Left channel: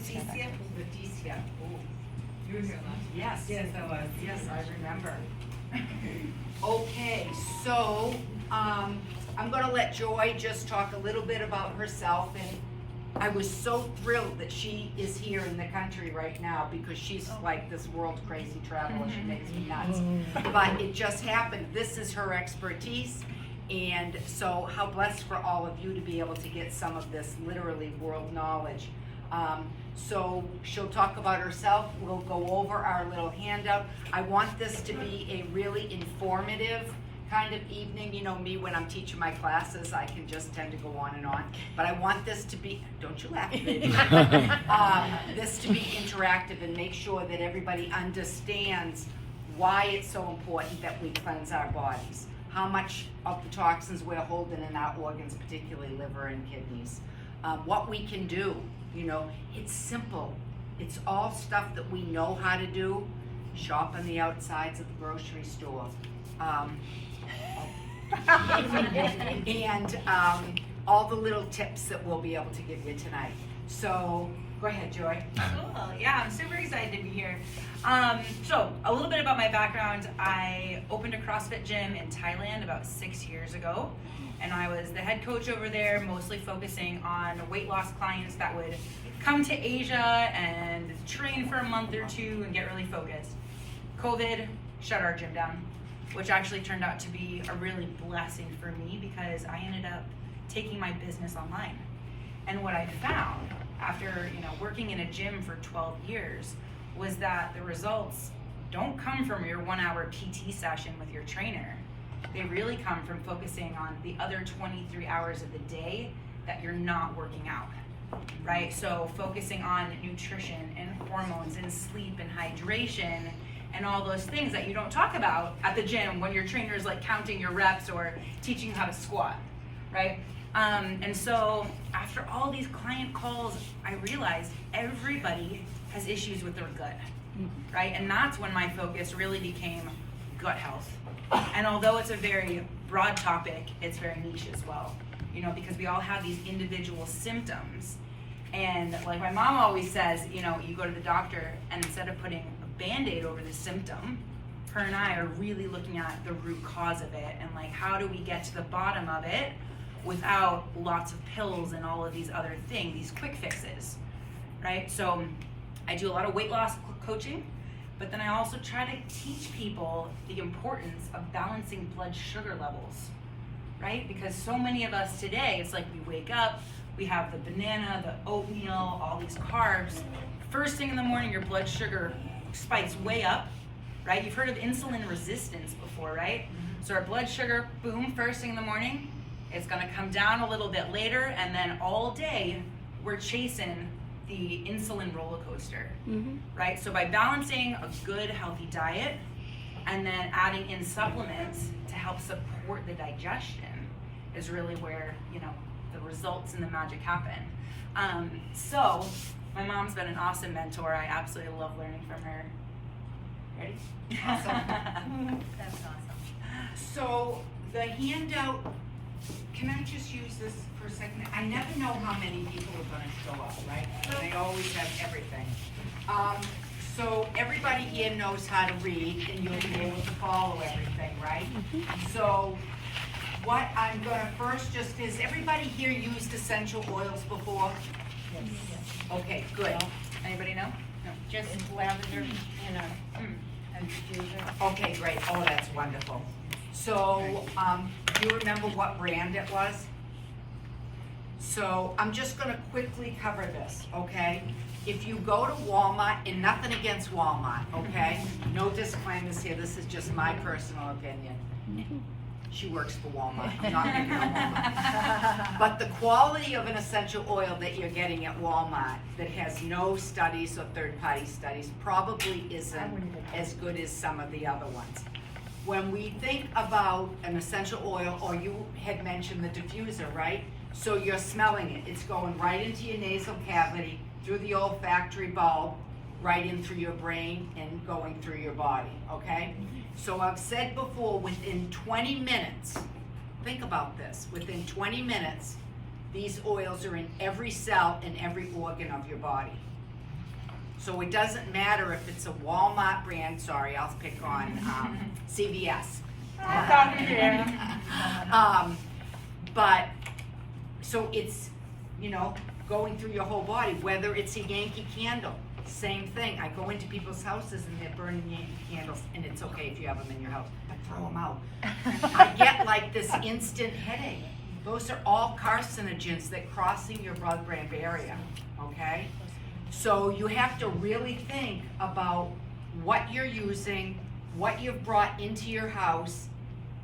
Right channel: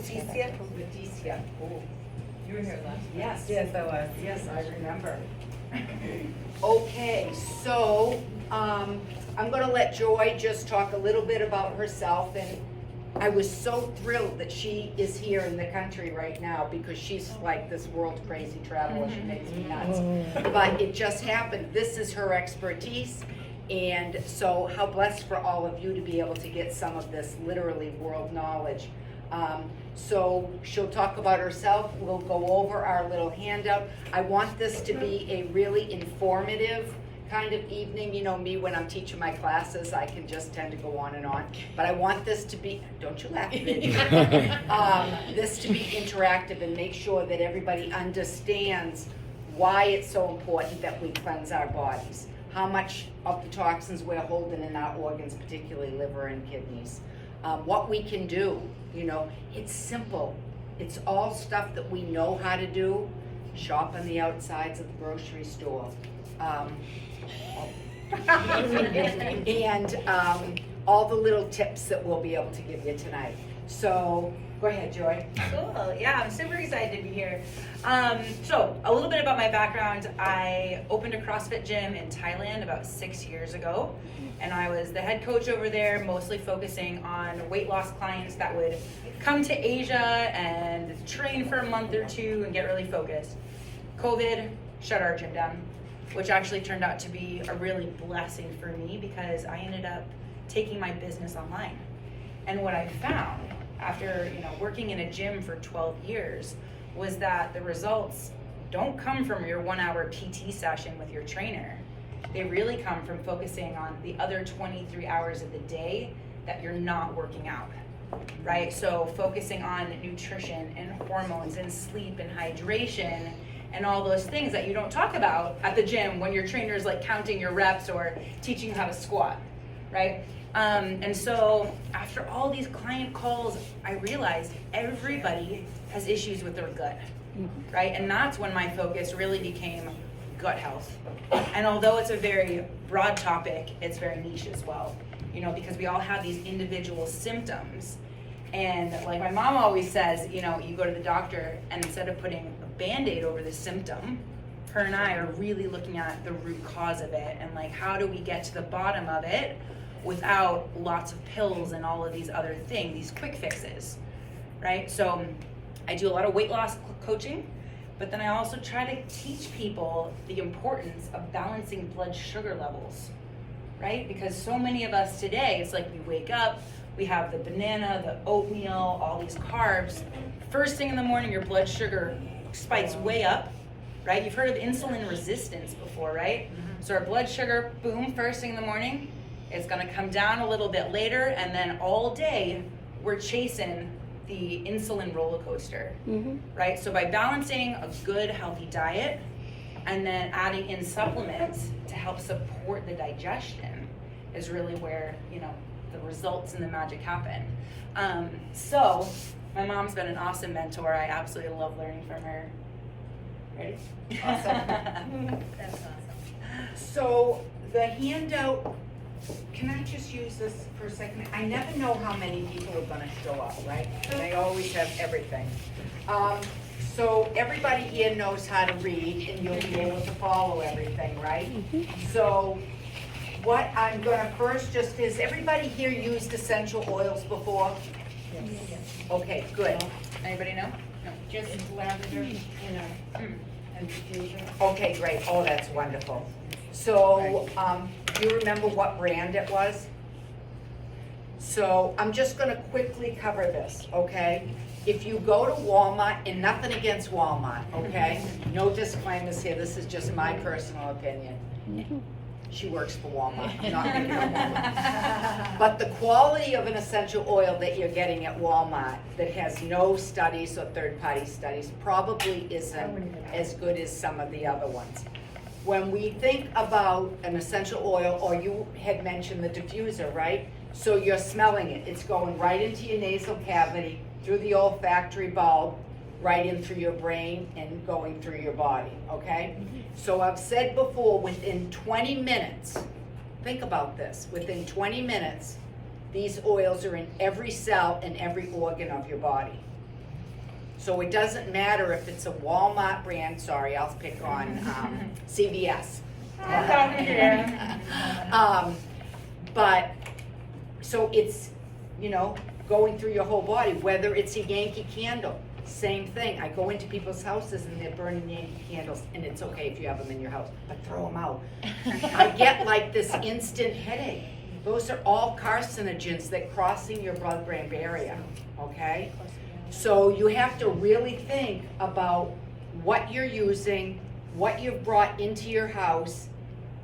Leticia? Leticia. Oh. You were here last. Yes. Yes, I was. Yes, I remember. Okay, so I'm going to let Joy just talk a little bit about herself, and I was so thrilled that she is here in the country right now because she's like this world crazy traveler. She makes me nuts. But it just happened. This is her expertise, and so how blessed for all of you to be able to get some of this literally world knowledge. So she'll talk about herself. We'll go over our little handout. I want this to be a really informative kind of evening. You know me, when I'm teaching my classes, I can just tend to go on and on. But I want this to be, don't you laugh, Rich. This to be interactive and make sure that everybody understands why it's so important that we cleanse our bodies. How much of the toxins we're holding in our organs, particularly liver and kidneys. What we can do, you know, it's simple. It's all stuff that we know how to do. Shop on the outsides of the grocery store. And all the little tips that we'll be able to give you tonight. So, go ahead, Joy. Cool. Yeah, I'm super excited to be here. So, a little bit about my background. I opened a CrossFit gym in Thailand about 6 years ago. And I was the head coach over there, mostly focusing on weight loss clients that would come to Asia and train for a month or two and get really focused. COVID shut our gym down, which actually turned out to be a really blessing for me because I ended up taking my business online. And what I found after, you know, working in a gym for 12 years was that the results don't come from your 1 hour PT session with your trainer. They really come from focusing on the other 23 hours of the day that you're not working out, right? So focusing on nutrition and hormones and sleep and hydration and all those things that you don't talk about at the gym when your trainer is like counting your reps or teaching you how to squat, right? And so after all these client calls, I realized everybody has issues with their gut, right? And that's when my focus really became gut health. And although it's a very broad topic, it's very niche as well, you know, because we all have these individual symptoms. And like my mom always says, you know, you go to the doctor and instead of putting a Band-Aid over the symptom, her and I are really looking at the root cause of it and like, how do we get to the bottom of it without lots of pills and all of these other things, these quick fixes, right? So I do a lot of weight loss coaching. But then I also try to teach people the importance of balancing blood sugar levels, right? Because so many of us today, it's like we wake up, we have the banana, the oatmeal, all these carbs. First thing in the morning, your blood sugar spikes way up, right? You've heard of insulin resistance before, right? So our blood sugar, boom, first thing in the morning, it's gonna come down a little bit later, and then all day, we're chasing the insulin roller coaster, right? So by balancing a good, healthy diet and then adding in supplements to help support the digestion is really where, you know, the results and the magic happen. So my mom's been an awesome mentor. I absolutely love learning from her. Ready? Awesome. That's awesome. So the handout, can I just use this for a second? I never know how many people are going to show up, right? They always have everything. So everybody here knows how to read and you'll be able to follow everything, right? So what I'm going to first just is, everybody here used essential oils before? Yes. Okay, good. Anybody know? No. Just lavender, you know, and diffuser. Okay, great. Oh, that's wonderful. So, do you remember what brand it was? So, I'm just going to quickly cover this, okay? If you go to Walmart, and nothing against Walmart, okay? No disclaimers here. This is just my personal opinion. She works for Walmart, not picking on Walmart. But the quality of an essential oil that you're getting at Walmart that has no studies or third-party studies probably isn't as good as some of the other ones. When we think about an essential oil, or you had mentioned the diffuser, right? So you're smelling it. It's going right into your nasal cavity, through the olfactory bulb, right in through your brain and going through your body, okay? So I've said before, within 20 minutes, think about this, within 20 minutes, these oils are in every cell and every organ of your body. So it doesn't matter if it's a Walmart brand, sorry, I'll pick on CVS. But, so it's, you know, going through your whole body, whether it's a Yankee candle, same thing. I go into people's houses and they're burning Yankee candles, and it's okay if you have them in your house, but throw them out. I get like this instant headache. Those are all carcinogens that crossing your blood-brain barrier, okay? So you have to really think about what you're using, what you've brought into your house,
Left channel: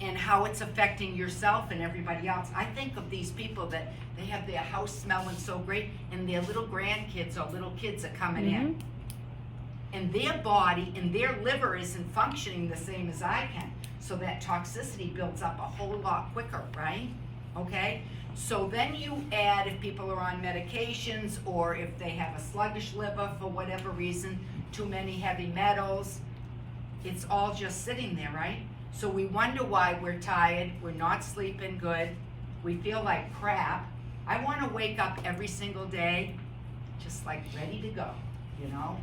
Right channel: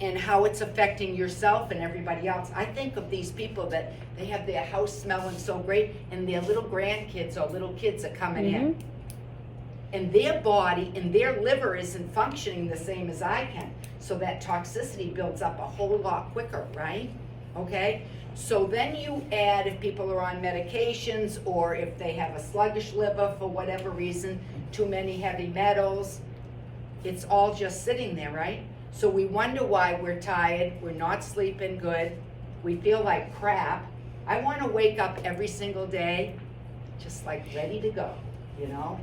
and how it's affecting yourself and everybody else. I think of these people that they have their house smelling so great, and their little grandkids or little kids are coming in. And their body and their liver isn't functioning the same as I can. So that toxicity builds up a whole lot quicker, right? Okay? So then you add, if people are on medications or if they have a sluggish liver for whatever reason, too many heavy metals, it's all just sitting there, right? So we wonder why we're tired, we're not sleeping good, we feel like crap. I want to wake up every single day just like ready to go, you know?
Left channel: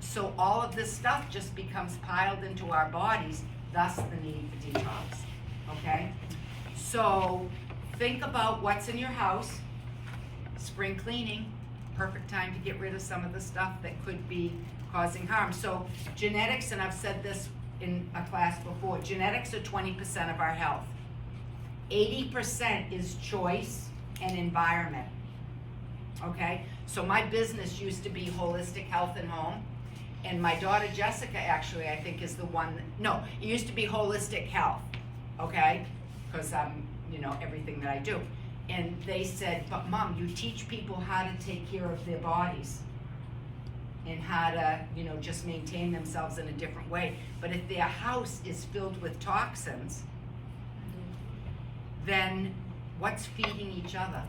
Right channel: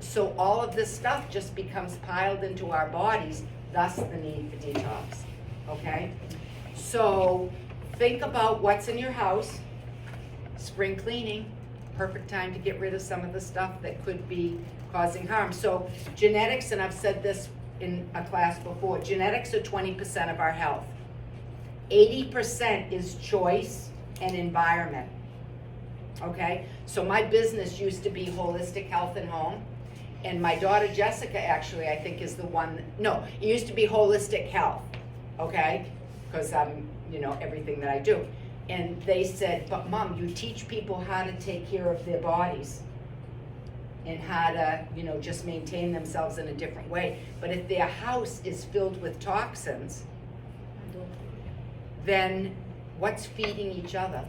So all of this stuff just becomes piled into our bodies, thus the need for detox, okay? So think about what's in your house. Spring cleaning, perfect time to get rid of some of the stuff that could be causing harm. So genetics, and I've said this in a class before, genetics are 20% of our health. 80% is choice and environment, okay? So my business used to be Holistic Health and Home, and my daughter Jessica actually, I think, is the one, no, it used to be Holistic Health, okay? Because I'm, you know, everything that I do. And they said, but Mom, you teach people how to take care of their bodies and how to, you know, just maintain themselves in a different way. But if their house is filled with toxins, then what's feeding each other?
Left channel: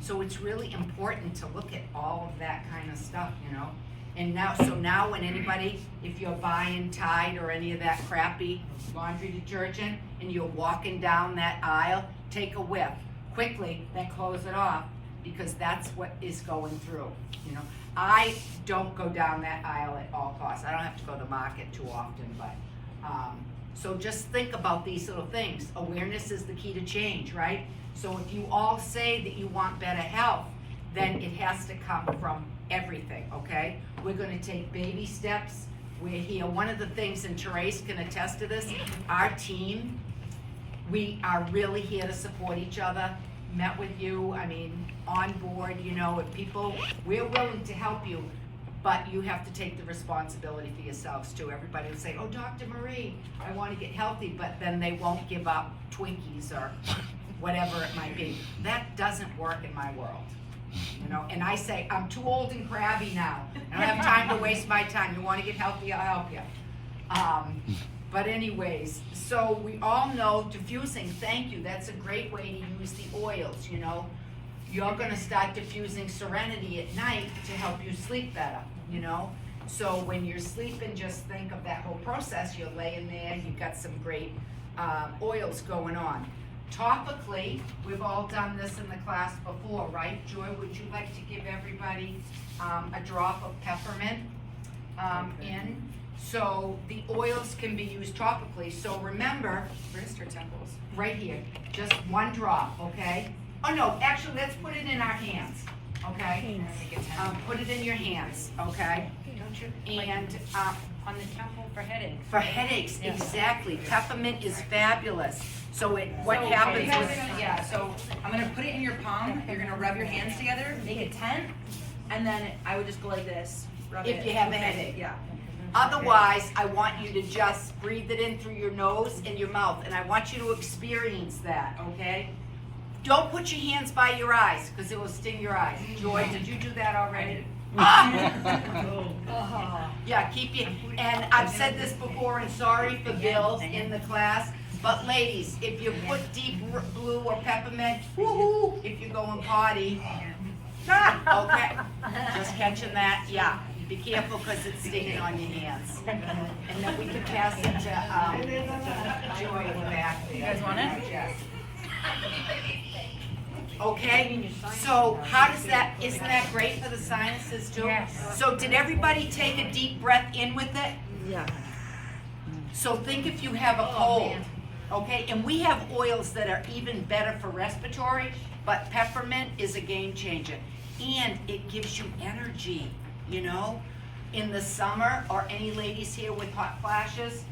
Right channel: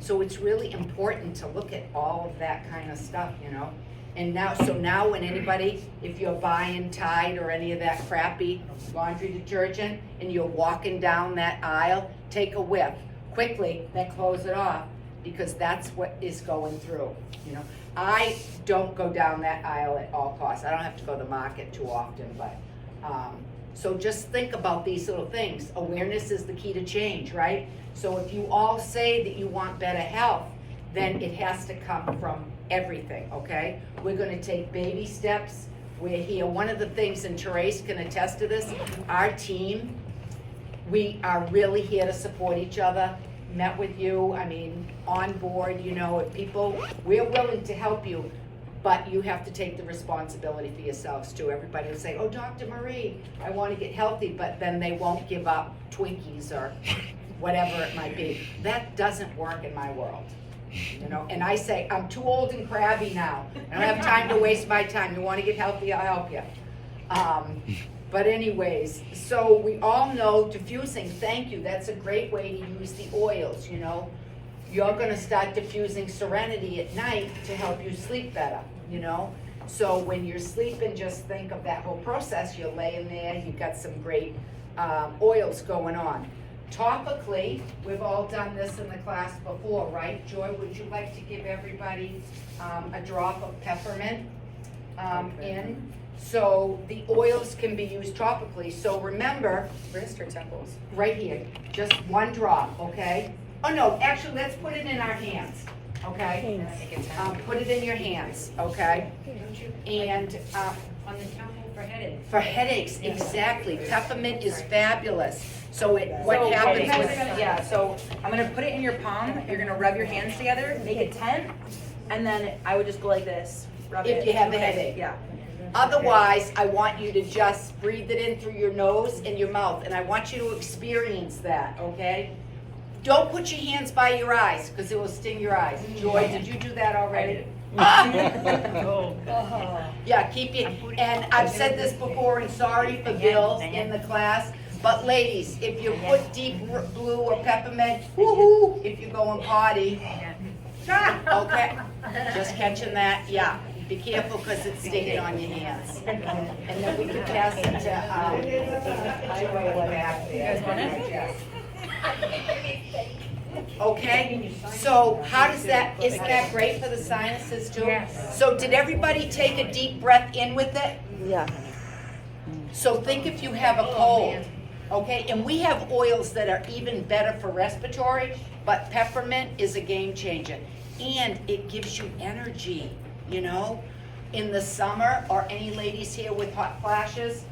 So it's really important to look at all of that kind of stuff, you know? And now, so now when anybody, if you're buying Tide or any of that crappy laundry detergent and you're walking down that aisle, take a whiff quickly, then close it off, because that's what is going through, you know? I don't go down that aisle at all costs. I don't have to go to the market too often, but, so just think about these little things. Awareness is the key to change, right? So if you all say that you want better health, then it has to come from everything, okay? We're gonna take baby steps. We're here. One of the things, and Therese can attest to this, our team, we are really here to support each other. Met with you, I mean, on board, you know, if people, we're willing to help you, but you have to take the responsibility for yourselves too. Everybody will say, oh, Dr. Marie, I want to get healthy, but then they won't give up Twinkies or whatever it might be. That doesn't work in my world, you know, and I say, I'm too old and crabby now. I don't have time to waste my time. You want to get healthy, I'll help you. But anyways, so we all know diffusing, thank you, that's a great way to use the oils, you know. You're gonna start diffusing Serenity at night to help you sleep better, you know. So when you're sleeping, just think of that whole process. You're laying there, you've got some great oils going on. Topically, we've all done this in the class before, right? Joy, would you like to give everybody a drop of peppermint in? So the oils can be used topically. So remember, Wrist or temples? right here, just one drop, okay? Oh no, actually, let's put it in our hands, okay? Put it in your hands, okay? And On the temple for headaches. for headaches, exactly. Peppermint is fabulous. So what happens Okay, with, yeah, so I'm gonna put it in your palm. You're gonna rub your hands together, make a tent, and then I would just go like this. Rub If it. you have a headache. Yeah. otherwise, I want you to just breathe it in through your nose and your mouth, and I want you to experience that, okay? Don't put your hands by your eyes, because it will sting your eyes. Joy, did you do that already? Yeah, keep it, and I've said this before, and sorry for Bill in the class, but ladies, if you put deep blue or peppermint, woo-hoo, if you're going potty, okay, just catching that, yeah. Be careful, because it's stinging on your hands. And then we can pass it to Joy in the back there. You guys want it? Yeah. Okay, so how does that, isn't that great for the sinuses too? Yes. So did everybody take a deep breath in with it? Yeah. So think if you have a cold, okay? And we have oils that are even better for respiratory, but peppermint is a game changer. And it gives you energy, you know? In the summer, or any ladies here with hot flashes,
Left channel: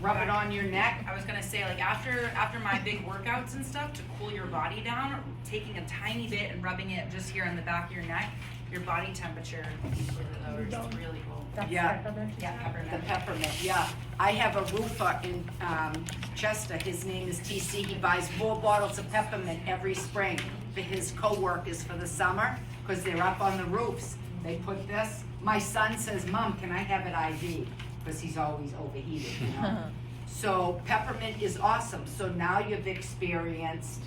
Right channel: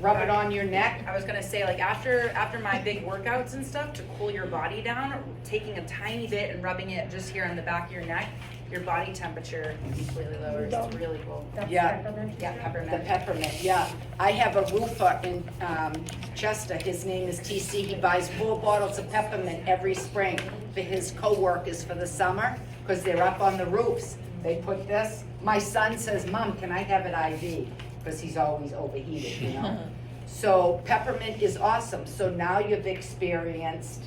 rub it on your neck. I was gonna say, like, after my big workouts and stuff, to cool your body down, taking a tiny bit and rubbing it just here on the back of your neck, your body temperature completely lowers. It's really cool. Yeah. Yeah, The peppermint. peppermint, yeah. I have a roofer in Chester, his name is TC, he buys 4 bottles of peppermint every spring for his co-workers for the summer, because they're up on the roofs. They put this, my son says, Mom, can I have it IV? Because he's always overheated, you know? So peppermint is awesome, so now you've experienced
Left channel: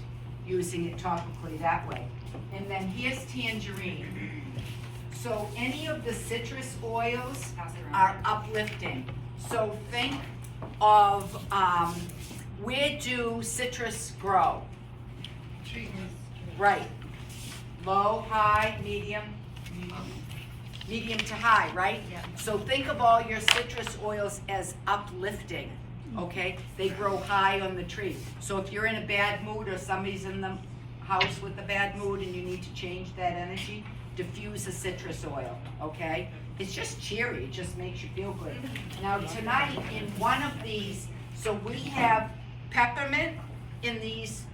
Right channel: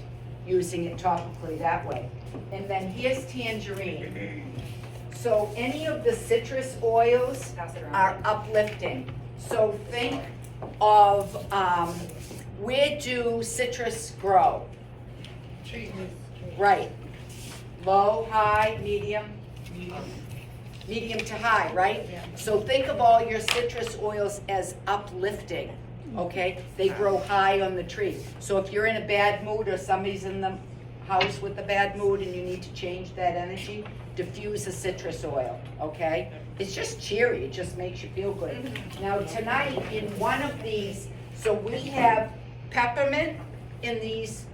using it topically that way. And then here's tangerine. So any of the citrus oils Pass it around. are uplifting. So think of, where do citrus grow? Right. Low, high, medium? Medium to high, right? Yeah. So think of all your citrus oils as uplifting, okay? They grow high on the tree. So if you're in a bad mood or somebody's in the house with a bad mood and you need to change that energy, diffuse a citrus oil, okay? It's just cheery, it just makes you feel good. Now tonight, in one of these, so we have peppermint in these,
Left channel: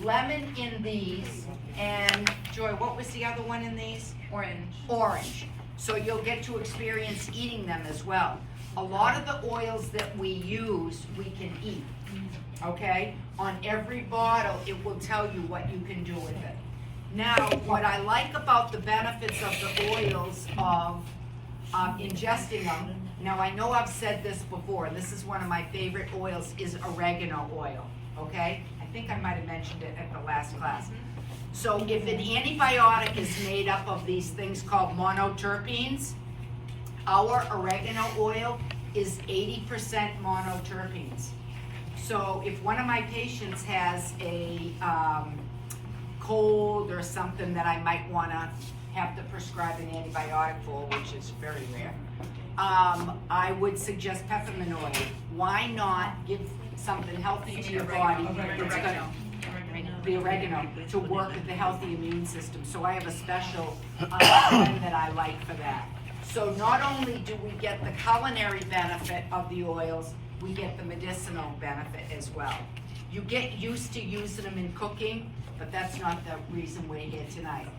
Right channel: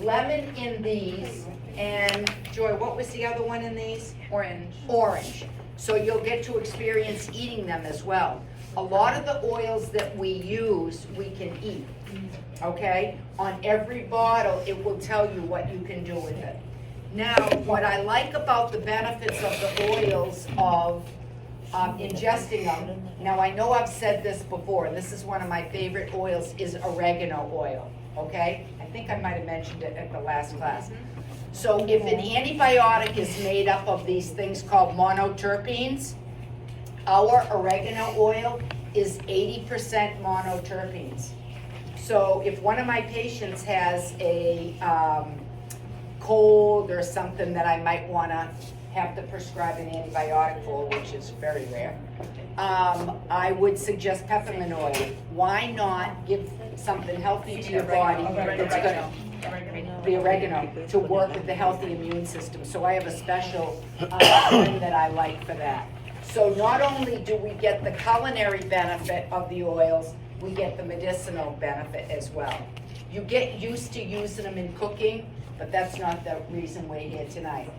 lemon in these, and Joy, what was the other one in these? Orange. Orange. So you'll get to experience eating them as well. A lot of the oils that we use, we can eat, okay? On every bottle, it will tell you what you can do with it. Now, what I like about the benefits of the oils of ingesting them, now I know I've said this before, and this is one of my favorite oils, is oregano oil, okay? I think I might have mentioned it at the last class. So if an antibiotic is made up of these things called monoterpenes, our oregano oil is 80% monoterpenes. So if one of my patients has a cold or something that I might wanna have to prescribe an antibiotic for, which is very rare, I would suggest peppermint oil. Why not give something healthy to your body that's gonna, the oregano, to work with the healthy immune system. So I have a special blend that I like for that. So not only do we get the culinary benefit of the oils, we get the medicinal benefit as well. You get used to using them in cooking, but that's not the reason we're here tonight.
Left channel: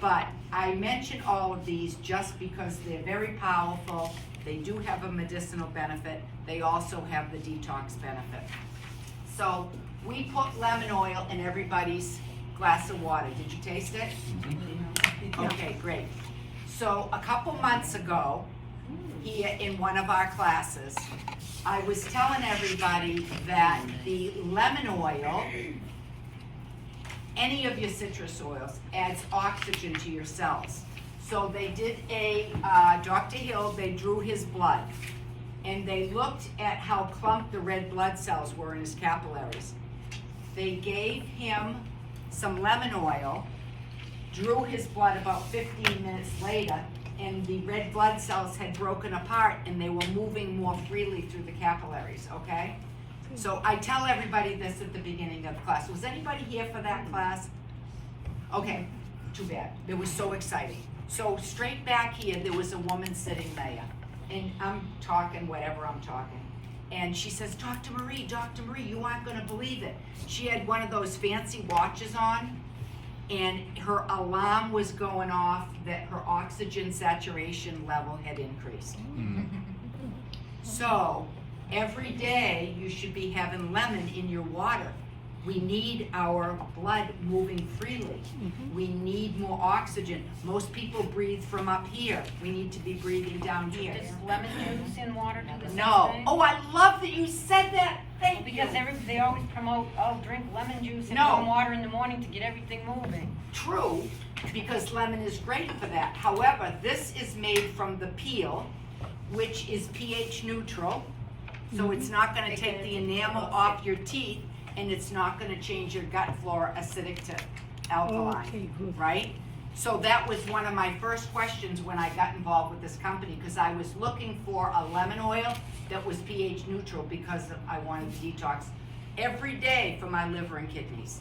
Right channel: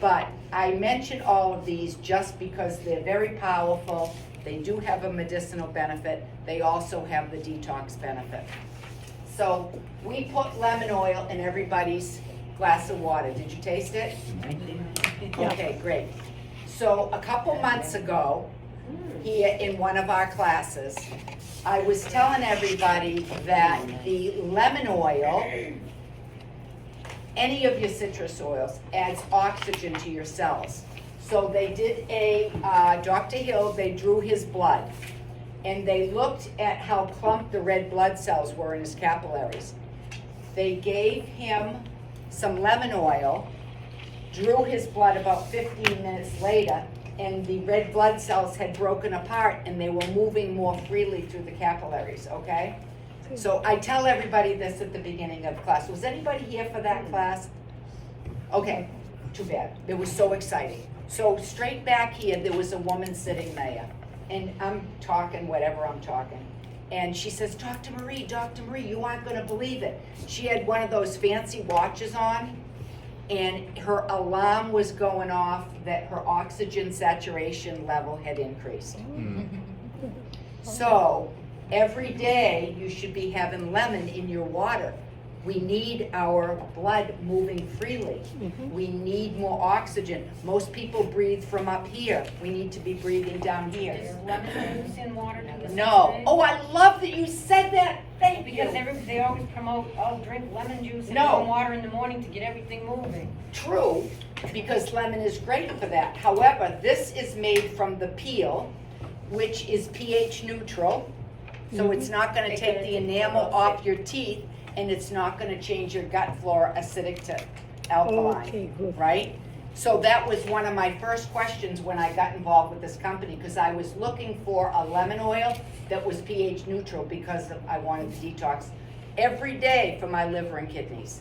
But I mention all of these just because they're very powerful. They do have a medicinal benefit. They also have the detox benefit. So we put lemon oil in everybody's glass of water. Did you taste it? Okay, great. So a couple months ago, here in one of our classes, I was telling everybody that the lemon oil, any of your citrus oils, adds oxygen to your cells. So they did a, Dr. Hill, they drew his blood, and they looked at how clumped the red blood cells were in his capillaries. They gave him some lemon oil, drew his blood about 15 minutes later, and the red blood cells had broken apart and they were moving more freely through the capillaries, okay? So I tell everybody this at the beginning of class. Was anybody here for that class? Okay, too bad. It was so exciting. So straight back here, there was a woman sitting there, and I'm talking whatever I'm talking. And she says, Dr. Marie, you aren't gonna believe it. She had one of those fancy watches on, and her alarm was going off that her oxygen saturation level had increased. So every day you should be having lemon in your water. We need our blood moving freely. We need more oxygen. Most people breathe from up here. We need to be breathing down here. Is lemon juice in water to the No. same? Oh, I love that you said that. Thank you. Because they always promote, oh, drink lemon juice and No. warm water in the morning to get everything moving. True, because lemon is great for that. However, this is made from the peel, which is pH neutral. So it's not gonna take the enamel off your teeth, and it's not gonna change your gut flora acidic to alkaline, Okay, good. right? So that was one of my first questions when I got involved with this company, because I was looking for a lemon oil that was pH neutral because I wanted to detox every day for my liver and kidneys.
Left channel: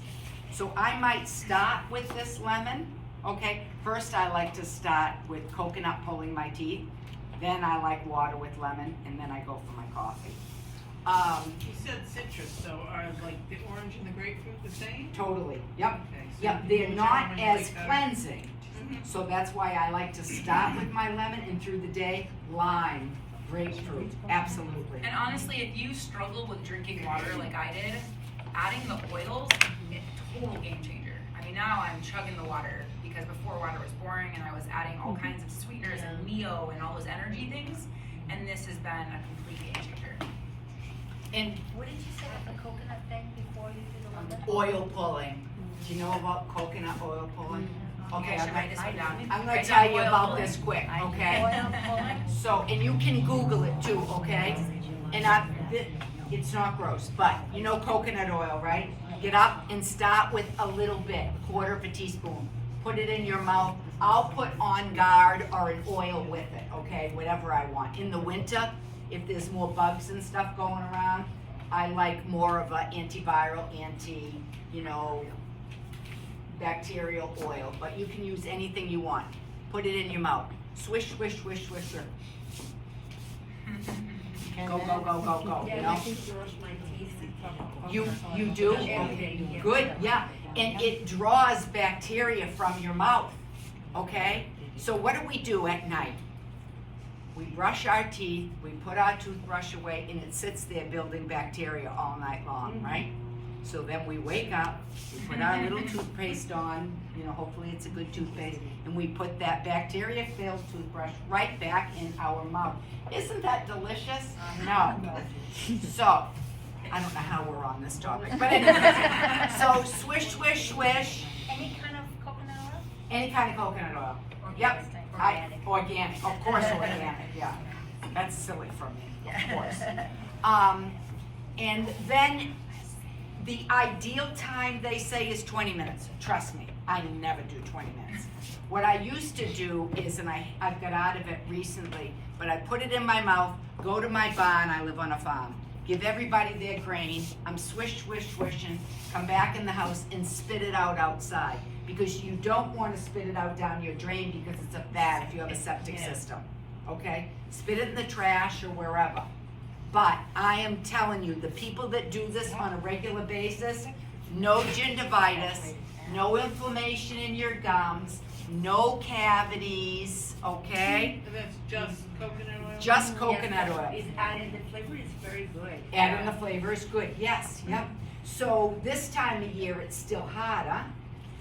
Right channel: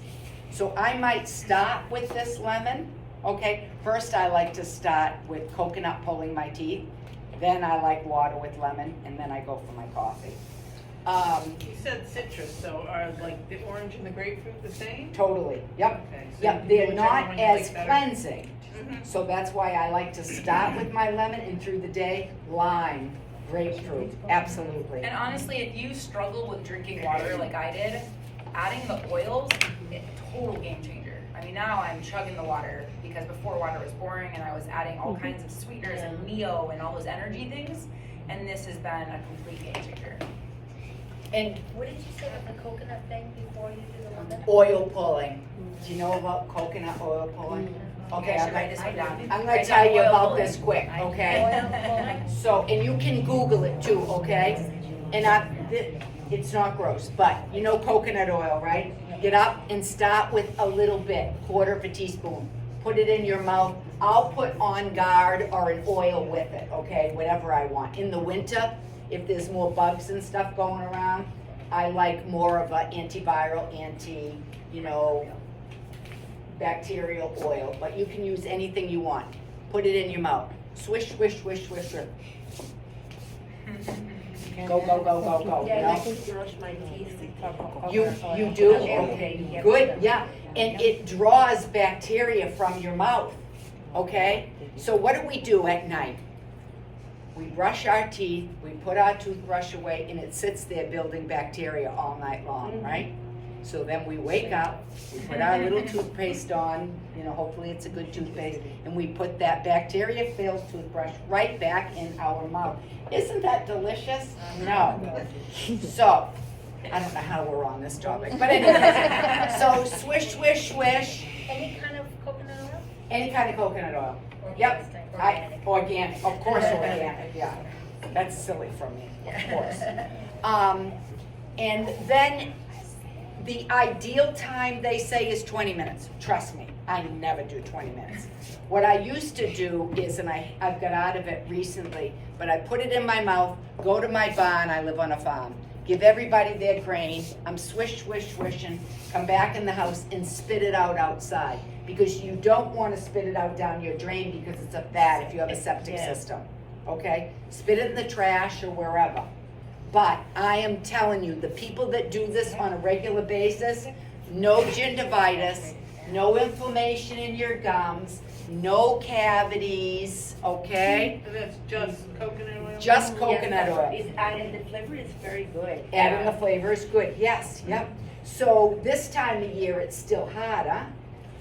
So I might start with this lemon, okay? First I like to start with coconut pulling my teeth, then I like water with lemon, and then I go for my coffee. You said citrus, so are like the orange and the grapefruit the same? Totally, yep. Okay, so Yep, whichever they're not one you as like better. cleansing, Mhm. so that's why I like to start with my lemon, and through the day, lime, grapefruit, absolutely. And honestly, if you struggle with drinking water like I did, adding the oils, total game changer. I mean, now I'm chugging the water because before water was boring and I was adding all kinds of sweeteners and Neo and all those energy things, and this has been a complete game changer. And What did you say about the coconut thing before you did the lemon? oil pulling, do you know about coconut oil pulling? Okay, I should I'm write this one down. gonna Write tell down you oil about pulling. this quick, okay? Oil pulling? So, and you can Google it too, okay? And it's not gross, but you know coconut oil, right? Get up and start with a little bit, quarter of a teaspoon. Put it in your mouth. I'll put On Guard or an oil with it, okay? Whatever I want. In the winter, if there's more bugs and stuff going around, I like more of an antiviral, bacterial oil, but you can use anything you want. Put it in your mouth. Swish, swish, swish, swish, swish. Go, go, go, go, go, you Yeah, I know? can brush my teeth. You do? Okay, good, yeah. And it draws bacteria from your mouth, okay? So what do we do at night? We brush our teeth, we put our toothbrush away, and it sits there building bacteria all night long, right? So then we wake up, we put our little toothpaste on, hopefully it's a good toothpaste, and we put that bacteria-filled toothbrush right back in our mouth. Isn't that delicious? No. So, I don't know how we're on this topic, but anyway, so swish, swish, swish, Any kind of coconut oil? any kind of coconut oil. Organic. Yep, Organic. organic, of course organic, yeah. That's silly from me, of course. And then the ideal time they say is 20 minutes. Trust me, I never do 20 minutes. What I used to do is, and I've got out of it recently, but I put it in my mouth, go to my barn, I live on a farm, give everybody their grain, I'm swish, swish, swishing, come back in the house and spit it out outside. Because you don't want to spit it out down your drain because it's a bad if you have a septic system, okay? Spit it in the trash or wherever. But I am telling you, the people that do this on a regular basis, no gingivitis, no inflammation in your gums, no cavities, okay? And that's just coconut oil? Just coconut oil. And the flavor is very good. Adding the flavor is good, yes, yep. So this time of year, it's still hotter,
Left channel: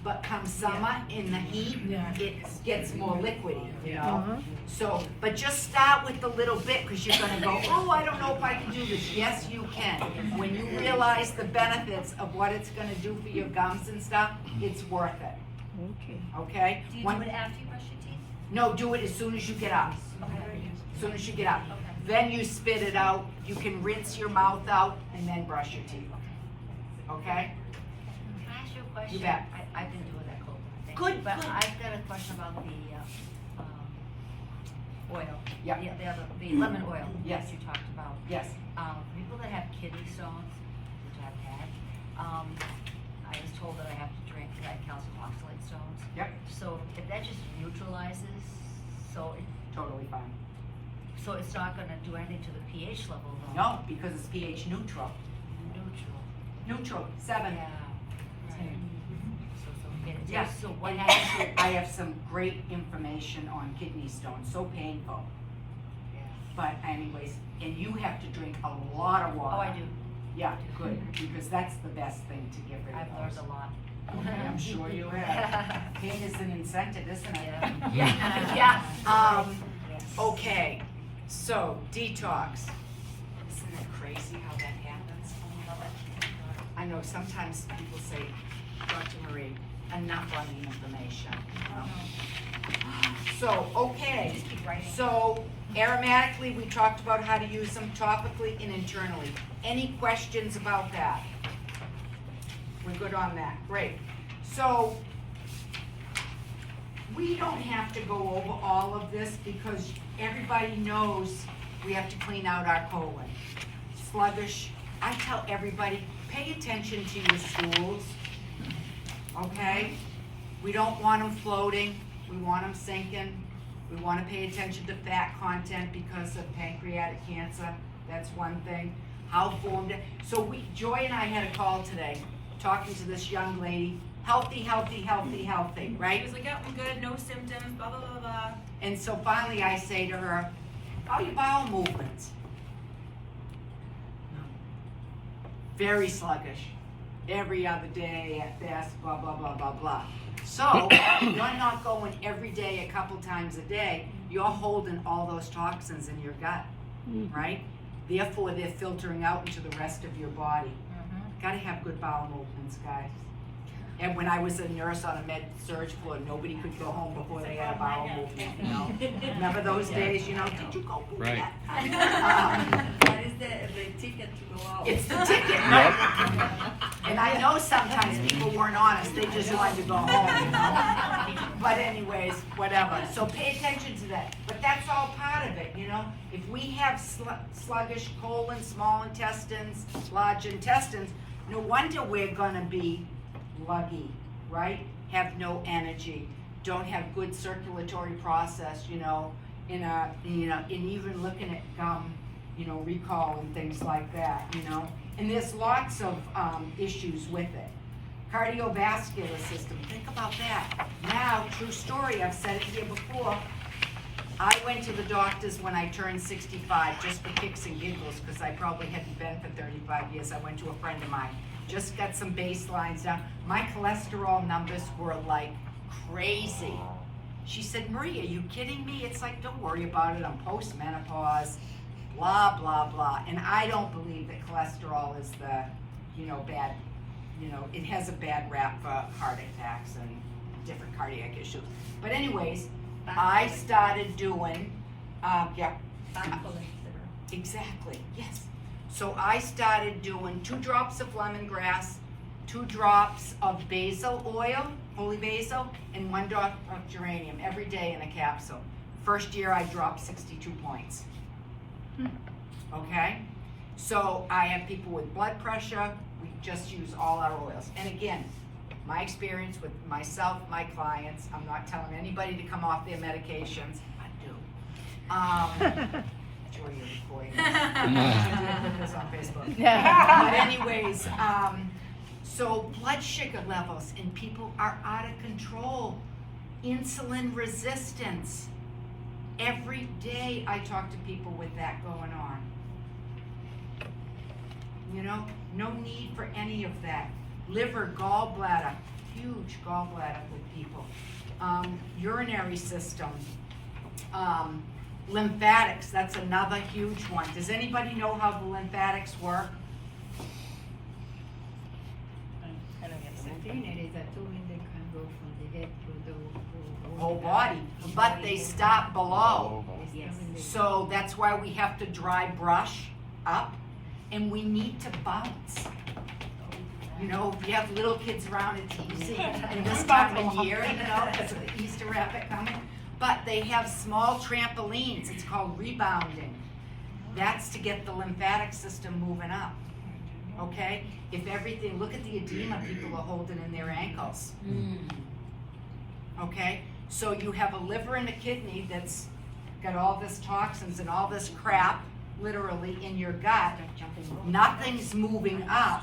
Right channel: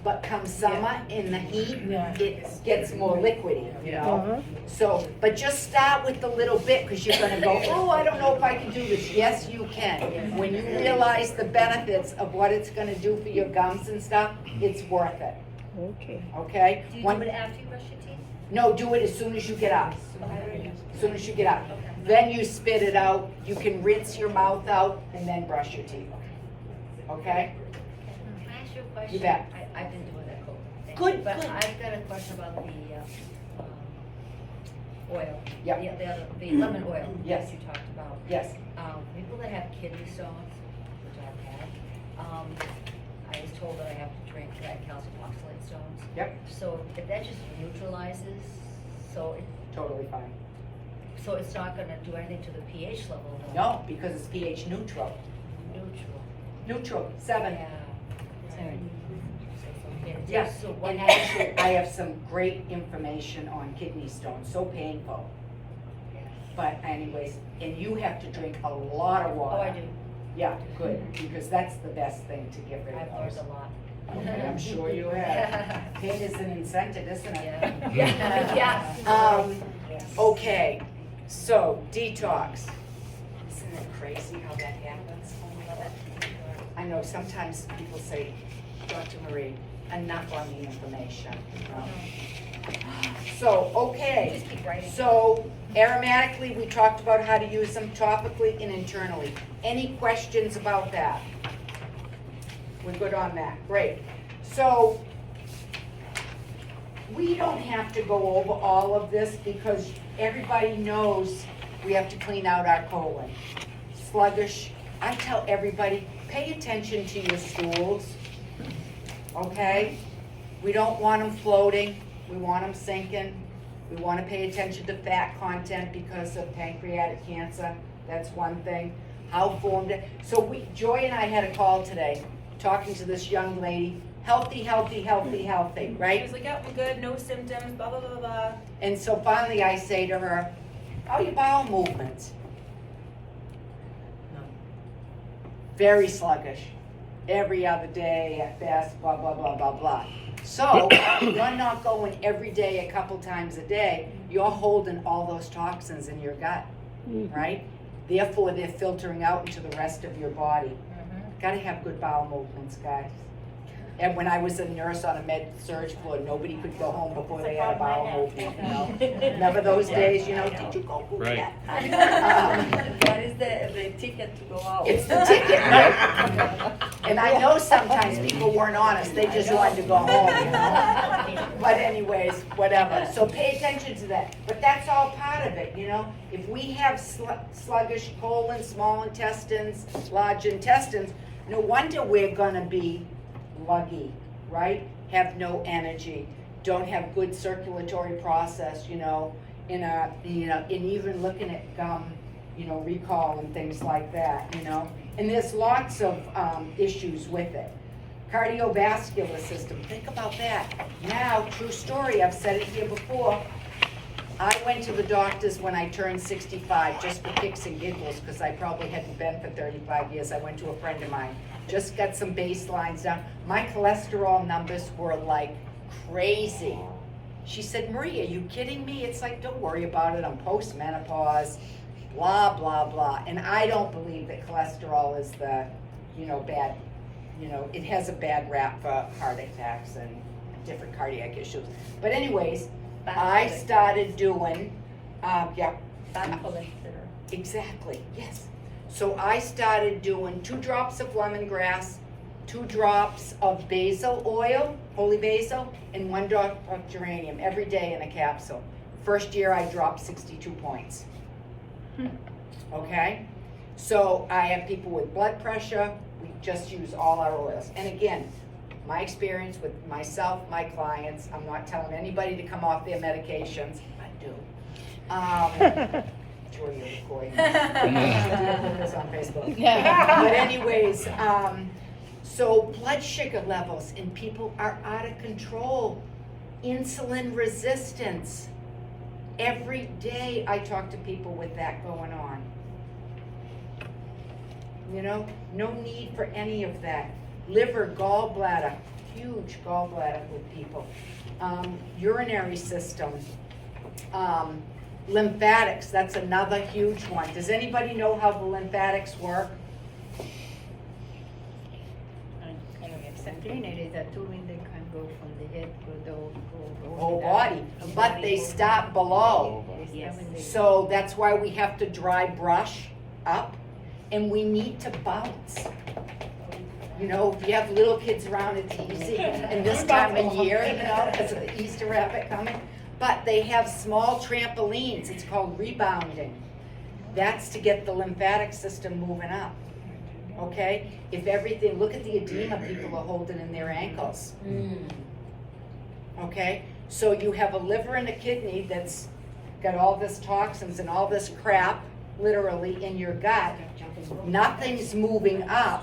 but come summer in the heat, it gets more liquidy, you know? So, but just start with the little bit, because you're gonna go, oh, I don't know if I can do this. Yes, you can. When you realize the benefits of what it's gonna do for your gums and stuff, it's worth it, Okay. okay? Do you do it after you brush your teeth? No, do it as soon as you get up. As soon as you get up. Then you spit it out, you can rinse your mouth out, and then brush your teeth. Okay? Can I ask you a question? You bet. I've been doing that cold thing. Good, But good. I've got a question about the, oil. Yep. The lemon oil. Yes. That you talked about. Yes. People that have kidney stones, which I've had, I was told that I have to drink calcium oxalate stones. Yep. So if that just neutralizes, so Totally fine. it's not gonna do anything to the pH level? No, because it's pH neutral. Neutral. Neutral, 7. Yeah. Right. Okay, Yes, So what and happens? actually, I have some great information on kidney stones, so painful. But anyways, and you have to drink a lot of water. Oh, I do. Yeah, good, because that's the best thing to get rid I've of learned those. a lot. Okay, I'm sure you have. Pain is an incentive, isn't it? Yeah. Okay, so detox. Isn't it crazy how that happens? I know sometimes people say, Dr. Marie, enough on the information, you know? So, okay, Just keep writing. so aromatically, we talked about how to use them topically and internally. Any questions about that? We're good on that, great. So, we don't have to go over all of this because everybody knows we have to clean out our colon. Sluggish, I tell everybody, pay attention to your stools, okay? We don't want them floating, we want them sinking. We want to pay attention to fat content because of pancreatic cancer. That's one thing. How formed it. So Joy and I had a call today, talking to this young lady. Healthy, healthy, healthy, healthy, She right? was like, "Yep, I'm good, no symptoms, blah, blah, blah, blah." And so finally I say to her, how are your bowel movements? No. Very sluggish. Every other day at best, blah, blah, blah, blah, blah. So, you're not going every day a couple times a day, you're holding all those toxins in your gut, right? Therefore, they're filtering out into the rest of your body. Gotta have good bowel movements, guys. And when I was a nurse on a med-surg floor, nobody could go home before they had a bowel movement, you know? Remember those days, you know, did you go do Right. that? What is the ticket to go out? It's the ticket, right? And I know sometimes people weren't honest, they just wanted to go home, you know? But anyways, whatever, so pay attention to that, but that's all part of it, you know? If we have sluggish colon, small intestines, large intestines, no wonder we're gonna be luggy, right? Have no energy, don't have good circulatory process, you know, in even looking at gum, you know, recall and things like that, you know? And there's lots of issues with it. Cardiovascular system, think about that. Now, true story, I've said it here before, I went to the doctors when I turned 65, just for kicks and giggles, because I probably hadn't been for 35 years. I went to a friend of mine, just got some baselines down. My cholesterol numbers were like crazy. She said, Marie, are you kidding me? It's like, don't worry about it, I'm post-menopause, blah, blah, blah. And I don't believe that cholesterol is the, you know, bad, you know, it has a bad rap for heart attacks and different cardiac issues. But anyways, I started doing, exactly, yes. So I started doing 2 drops of lemongrass, 2 drops of basil oil, holy basil, and 1 drop of geranium every day in a capsule. First year I dropped 62 points. Okay? So I have people with blood pressure, we just use all our oils. And again, my experience with myself, my clients, I'm not telling anybody to come off their medications. I do. Joy, you're recording this. I'm gonna put this on Facebook. But anyways, so blood sugar levels in people are out of control. Insulin resistance. Every day I talk to people with that going on. You know, no need for any of that. Liver, gallbladder, huge gallbladder with people. Urinary system, lymphatics, that's another huge one. Does anybody know how the lymphatics work? Whole body, but they stop below. So that's why we have to dry brush up, and we need to bounce. You know, if you have little kids around, it's easy, and this time of year, you know, because of the Easter rabbit coming. But they have small trampolines, it's called rebounding. That's to get the lymphatic system moving up, okay? If everything, look at the edema people are holding in their ankles. Okay, so you have a liver and a kidney that's got all this toxins and all this crap, literally, in your gut. Nothing's moving up,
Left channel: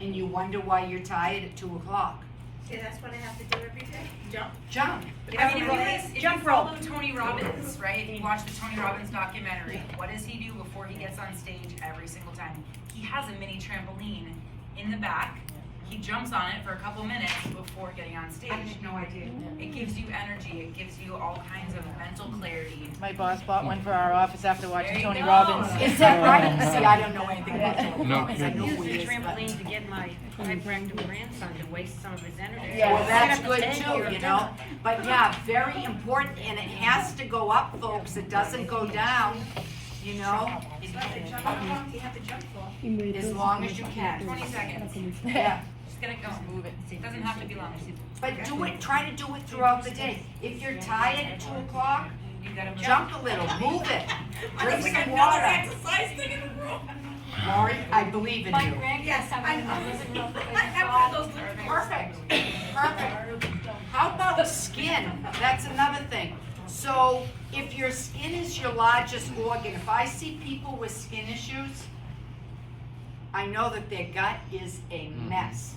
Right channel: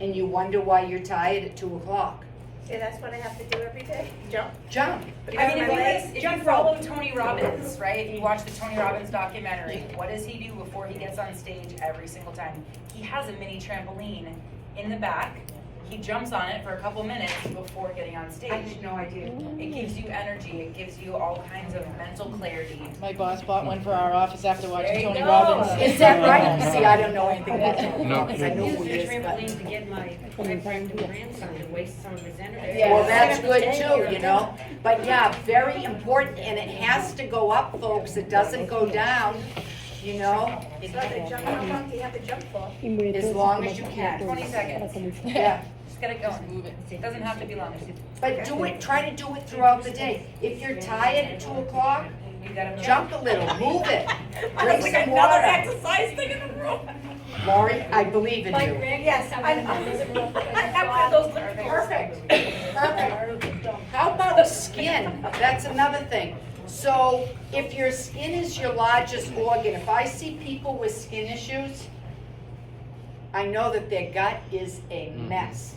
and you wonder why you're tired at 2 o'clock. Yeah, that's what I have to do every day, jump. Jump. I mean, if you follow Tony Robbins, right, and you watch the Tony Robbins documentary, what does he do before he gets on stage every single time? He has a mini trampoline in the back. He jumps on it for a couple minutes before getting on stage. I had no idea. It gives you energy. It gives you all kinds of mental clarity. My boss bought one for our office after There watching you Tony go. Robbins. Is that right? See, I don't know anything about Tony No. Robbins. I know Use who the he is, trampoline but. to get my hyperactive grandson to waste some of his energy. Yeah, well, that's good Thank too, you know, but yeah, very important, and it has to go up, folks, it doesn't go down, you know, So the jump, how long do you have to jump for? as long as you can. 20 seconds. Yeah, Just get it going. It doesn't have to be long. But do it, try to do it throughout the day. If you're tired at 2 o'clock, You gotta move. jump a little, move it. Drink Like some another water. exercise thing in the room. Lori, I believe in you. Yes, I'm one of those learners. Perfect, perfect. How about skin? That's another thing. So if your skin is your largest organ, if I see people with skin issues, I know that their gut is a mess.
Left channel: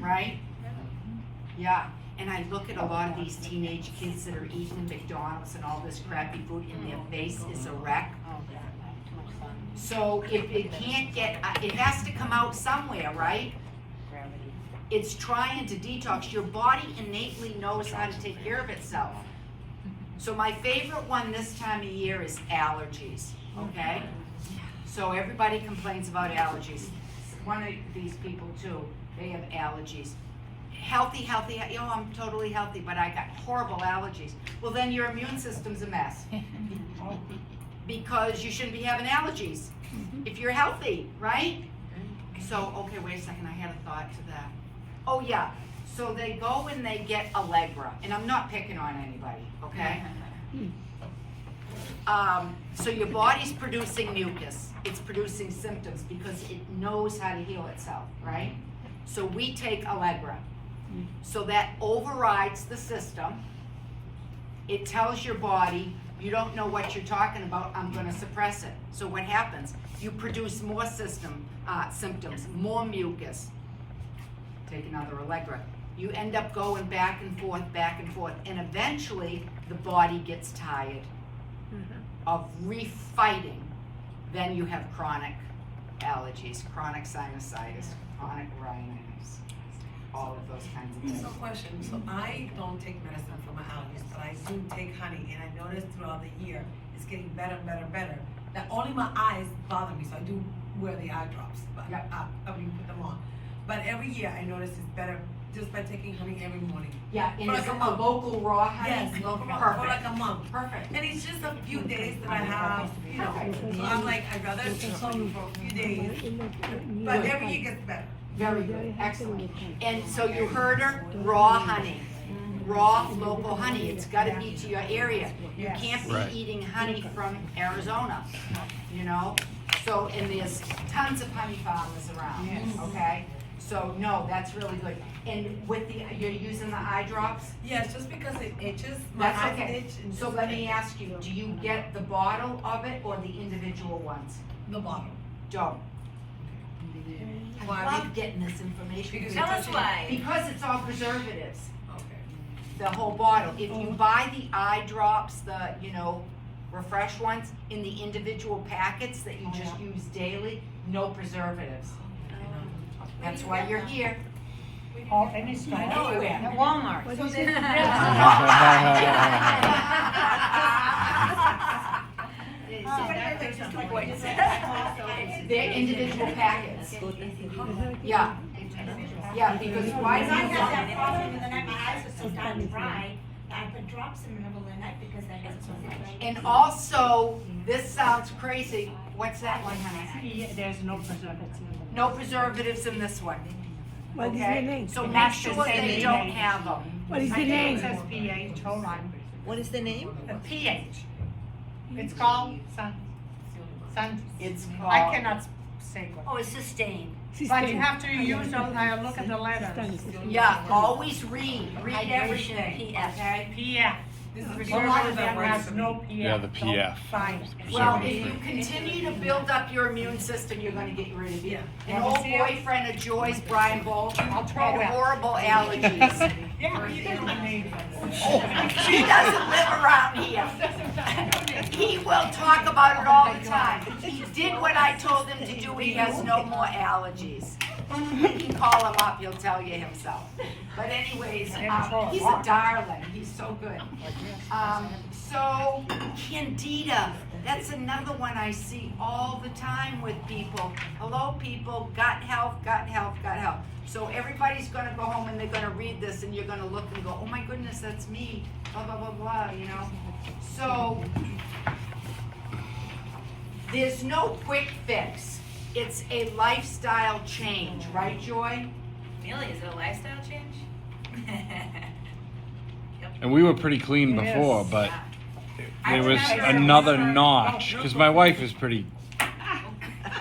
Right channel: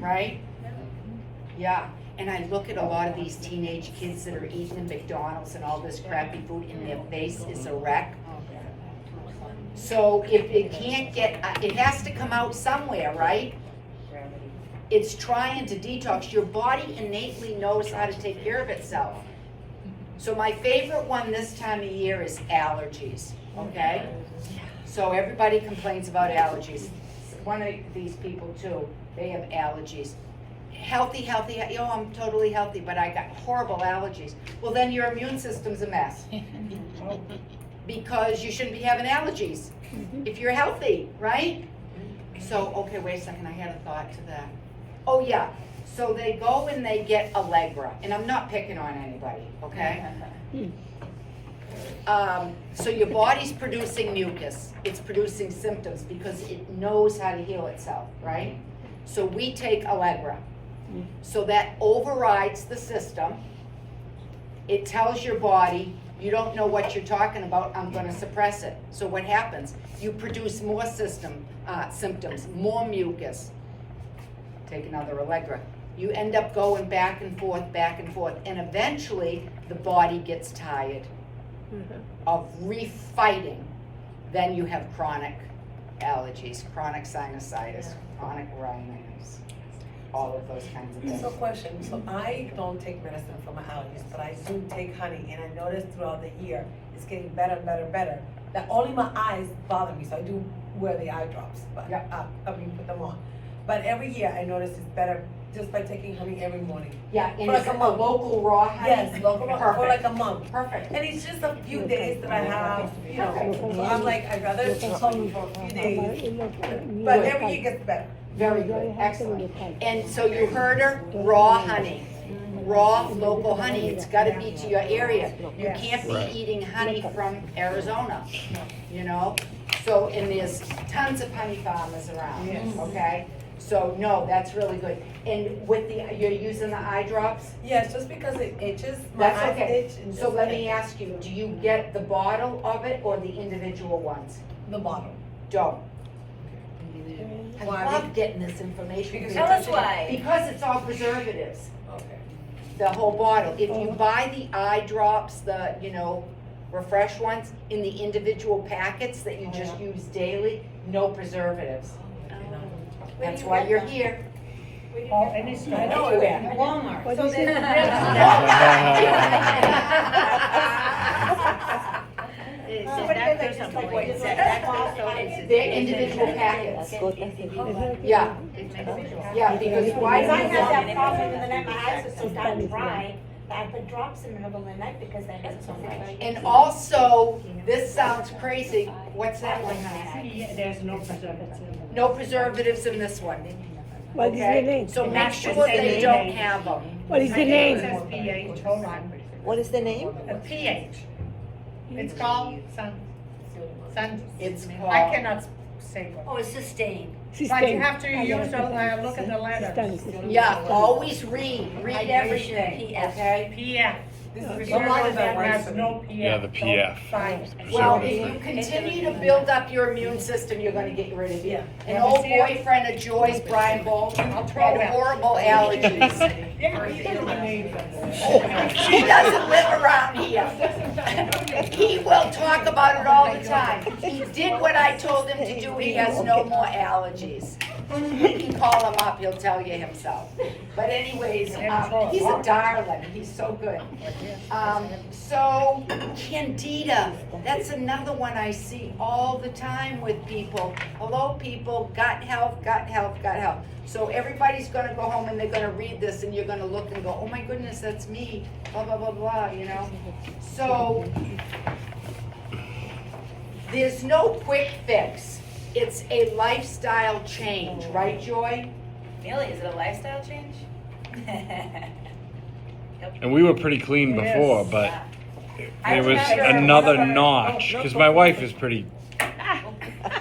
Right? Yeah. And I look at a lot of these teenage kids that are eating at McDonald's and all this crappy food, and their face is a wreck. So if it can't get, it has to come out somewhere, right? It's trying to detox. Your body innately knows how to take care of itself. So my favorite one this time of year is allergies, okay? So everybody complains about allergies. One of these people too, they have allergies. Healthy, I'm totally healthy, but I got horrible allergies. Well, then your immune system's a mess. Because you shouldn't be having allergies if you're healthy, right? So, okay, wait a second, I had a thought to that. Oh yeah, so they go and they get Allegra, and I'm not picking on anybody, okay? So your body's producing mucus, it's producing symptoms because it knows how to heal itself, right? So we take Allegra. So that overrides the system. It tells your body, you don't know what you're talking about, I'm gonna suppress it. So what happens? You produce more symptoms, more mucus. Take another Allegra. You end up going back and forth, and eventually the body gets tired of refighting. Then you have chronic allergies, chronic sinusitis, chronic rhinitis, all of those kinds of things. So question, so I don't take medicine for my allergies, but I do take honey, and I notice throughout the year, it's getting better and better and better. That only my eyes bother me, so I do wear the eye drops, but Yep. put them on. But every year, I notice it's better just by taking honey every morning. Yeah, and For it's like a a month. local raw honey? Yes, for like Perfect, a month. perfect. And it's just a few days that I have, you know, Okay. so I'm like, I'd rather take honey for a few days, but every year gets better. Very good, excellent. And so you heard her, raw honey, raw local honey. It's gotta be to your area. You can't be eating honey from Arizona, you know? So, and there's tons of honey farmers around, okay? So, no, that's really good. And with the, you're using the eye drops? Yes, just because it itches, my That's eyes okay. itch. And So just let like me ask you, do you get the bottle of it or the individual ones? the bottle. Don't. I Why? love getting this information. Because Tell us why. Because it's all preservatives, Okay. the whole bottle. If you buy the eye drops, the, you know, refresh ones, in the individual packets that you just use daily, no preservatives. That's why you're here. Anywhere. Walmart. So They're individual packets. Yeah. Yeah, because why I do you had that want? problem in the night, my eyes are so dark and dry, that I put drops in the middle of the night because they hurt so much. And also, this sounds crazy, what's that one, honey? There's no preservatives. No preservatives in this one, What is the okay? name? So make sure they don't have them. What is the It name? says pH, hold on. What is the name? A pH. It's called sun, It's I called, cannot say what. Oh, it's sustained. But you have to use the, look at the letter. yeah, always read everything, PF. okay? PF. This is Preservative that has for no me. PF. Yeah, the Don't PF. sign it. Well, if you continue to build up your immune system, you're gonna get rid of it. Yeah. An old boyfriend of Joy's, Brian Bolton, had horrible allergies. Yeah, you can amazing. He doesn't live around here. He will talk about it all the time. He did what I told him to do, he has no more allergies. You can call him up, he'll tell you himself. But anyways, he's a darling, he's so good. So Candida, that's another one I see all the time with people. Hello, people, gut health, gut health, gut health. So everybody's gonna go home and they're gonna read this and you're gonna look and go, oh my goodness, that's me, blah, blah, blah, blah, you know? So there's no quick fix. it's a lifestyle change, right, Joy? Millie, is it a lifestyle change? And we were pretty clean before, but Yeah. I there was remember another one of our- notch, because my wife is pretty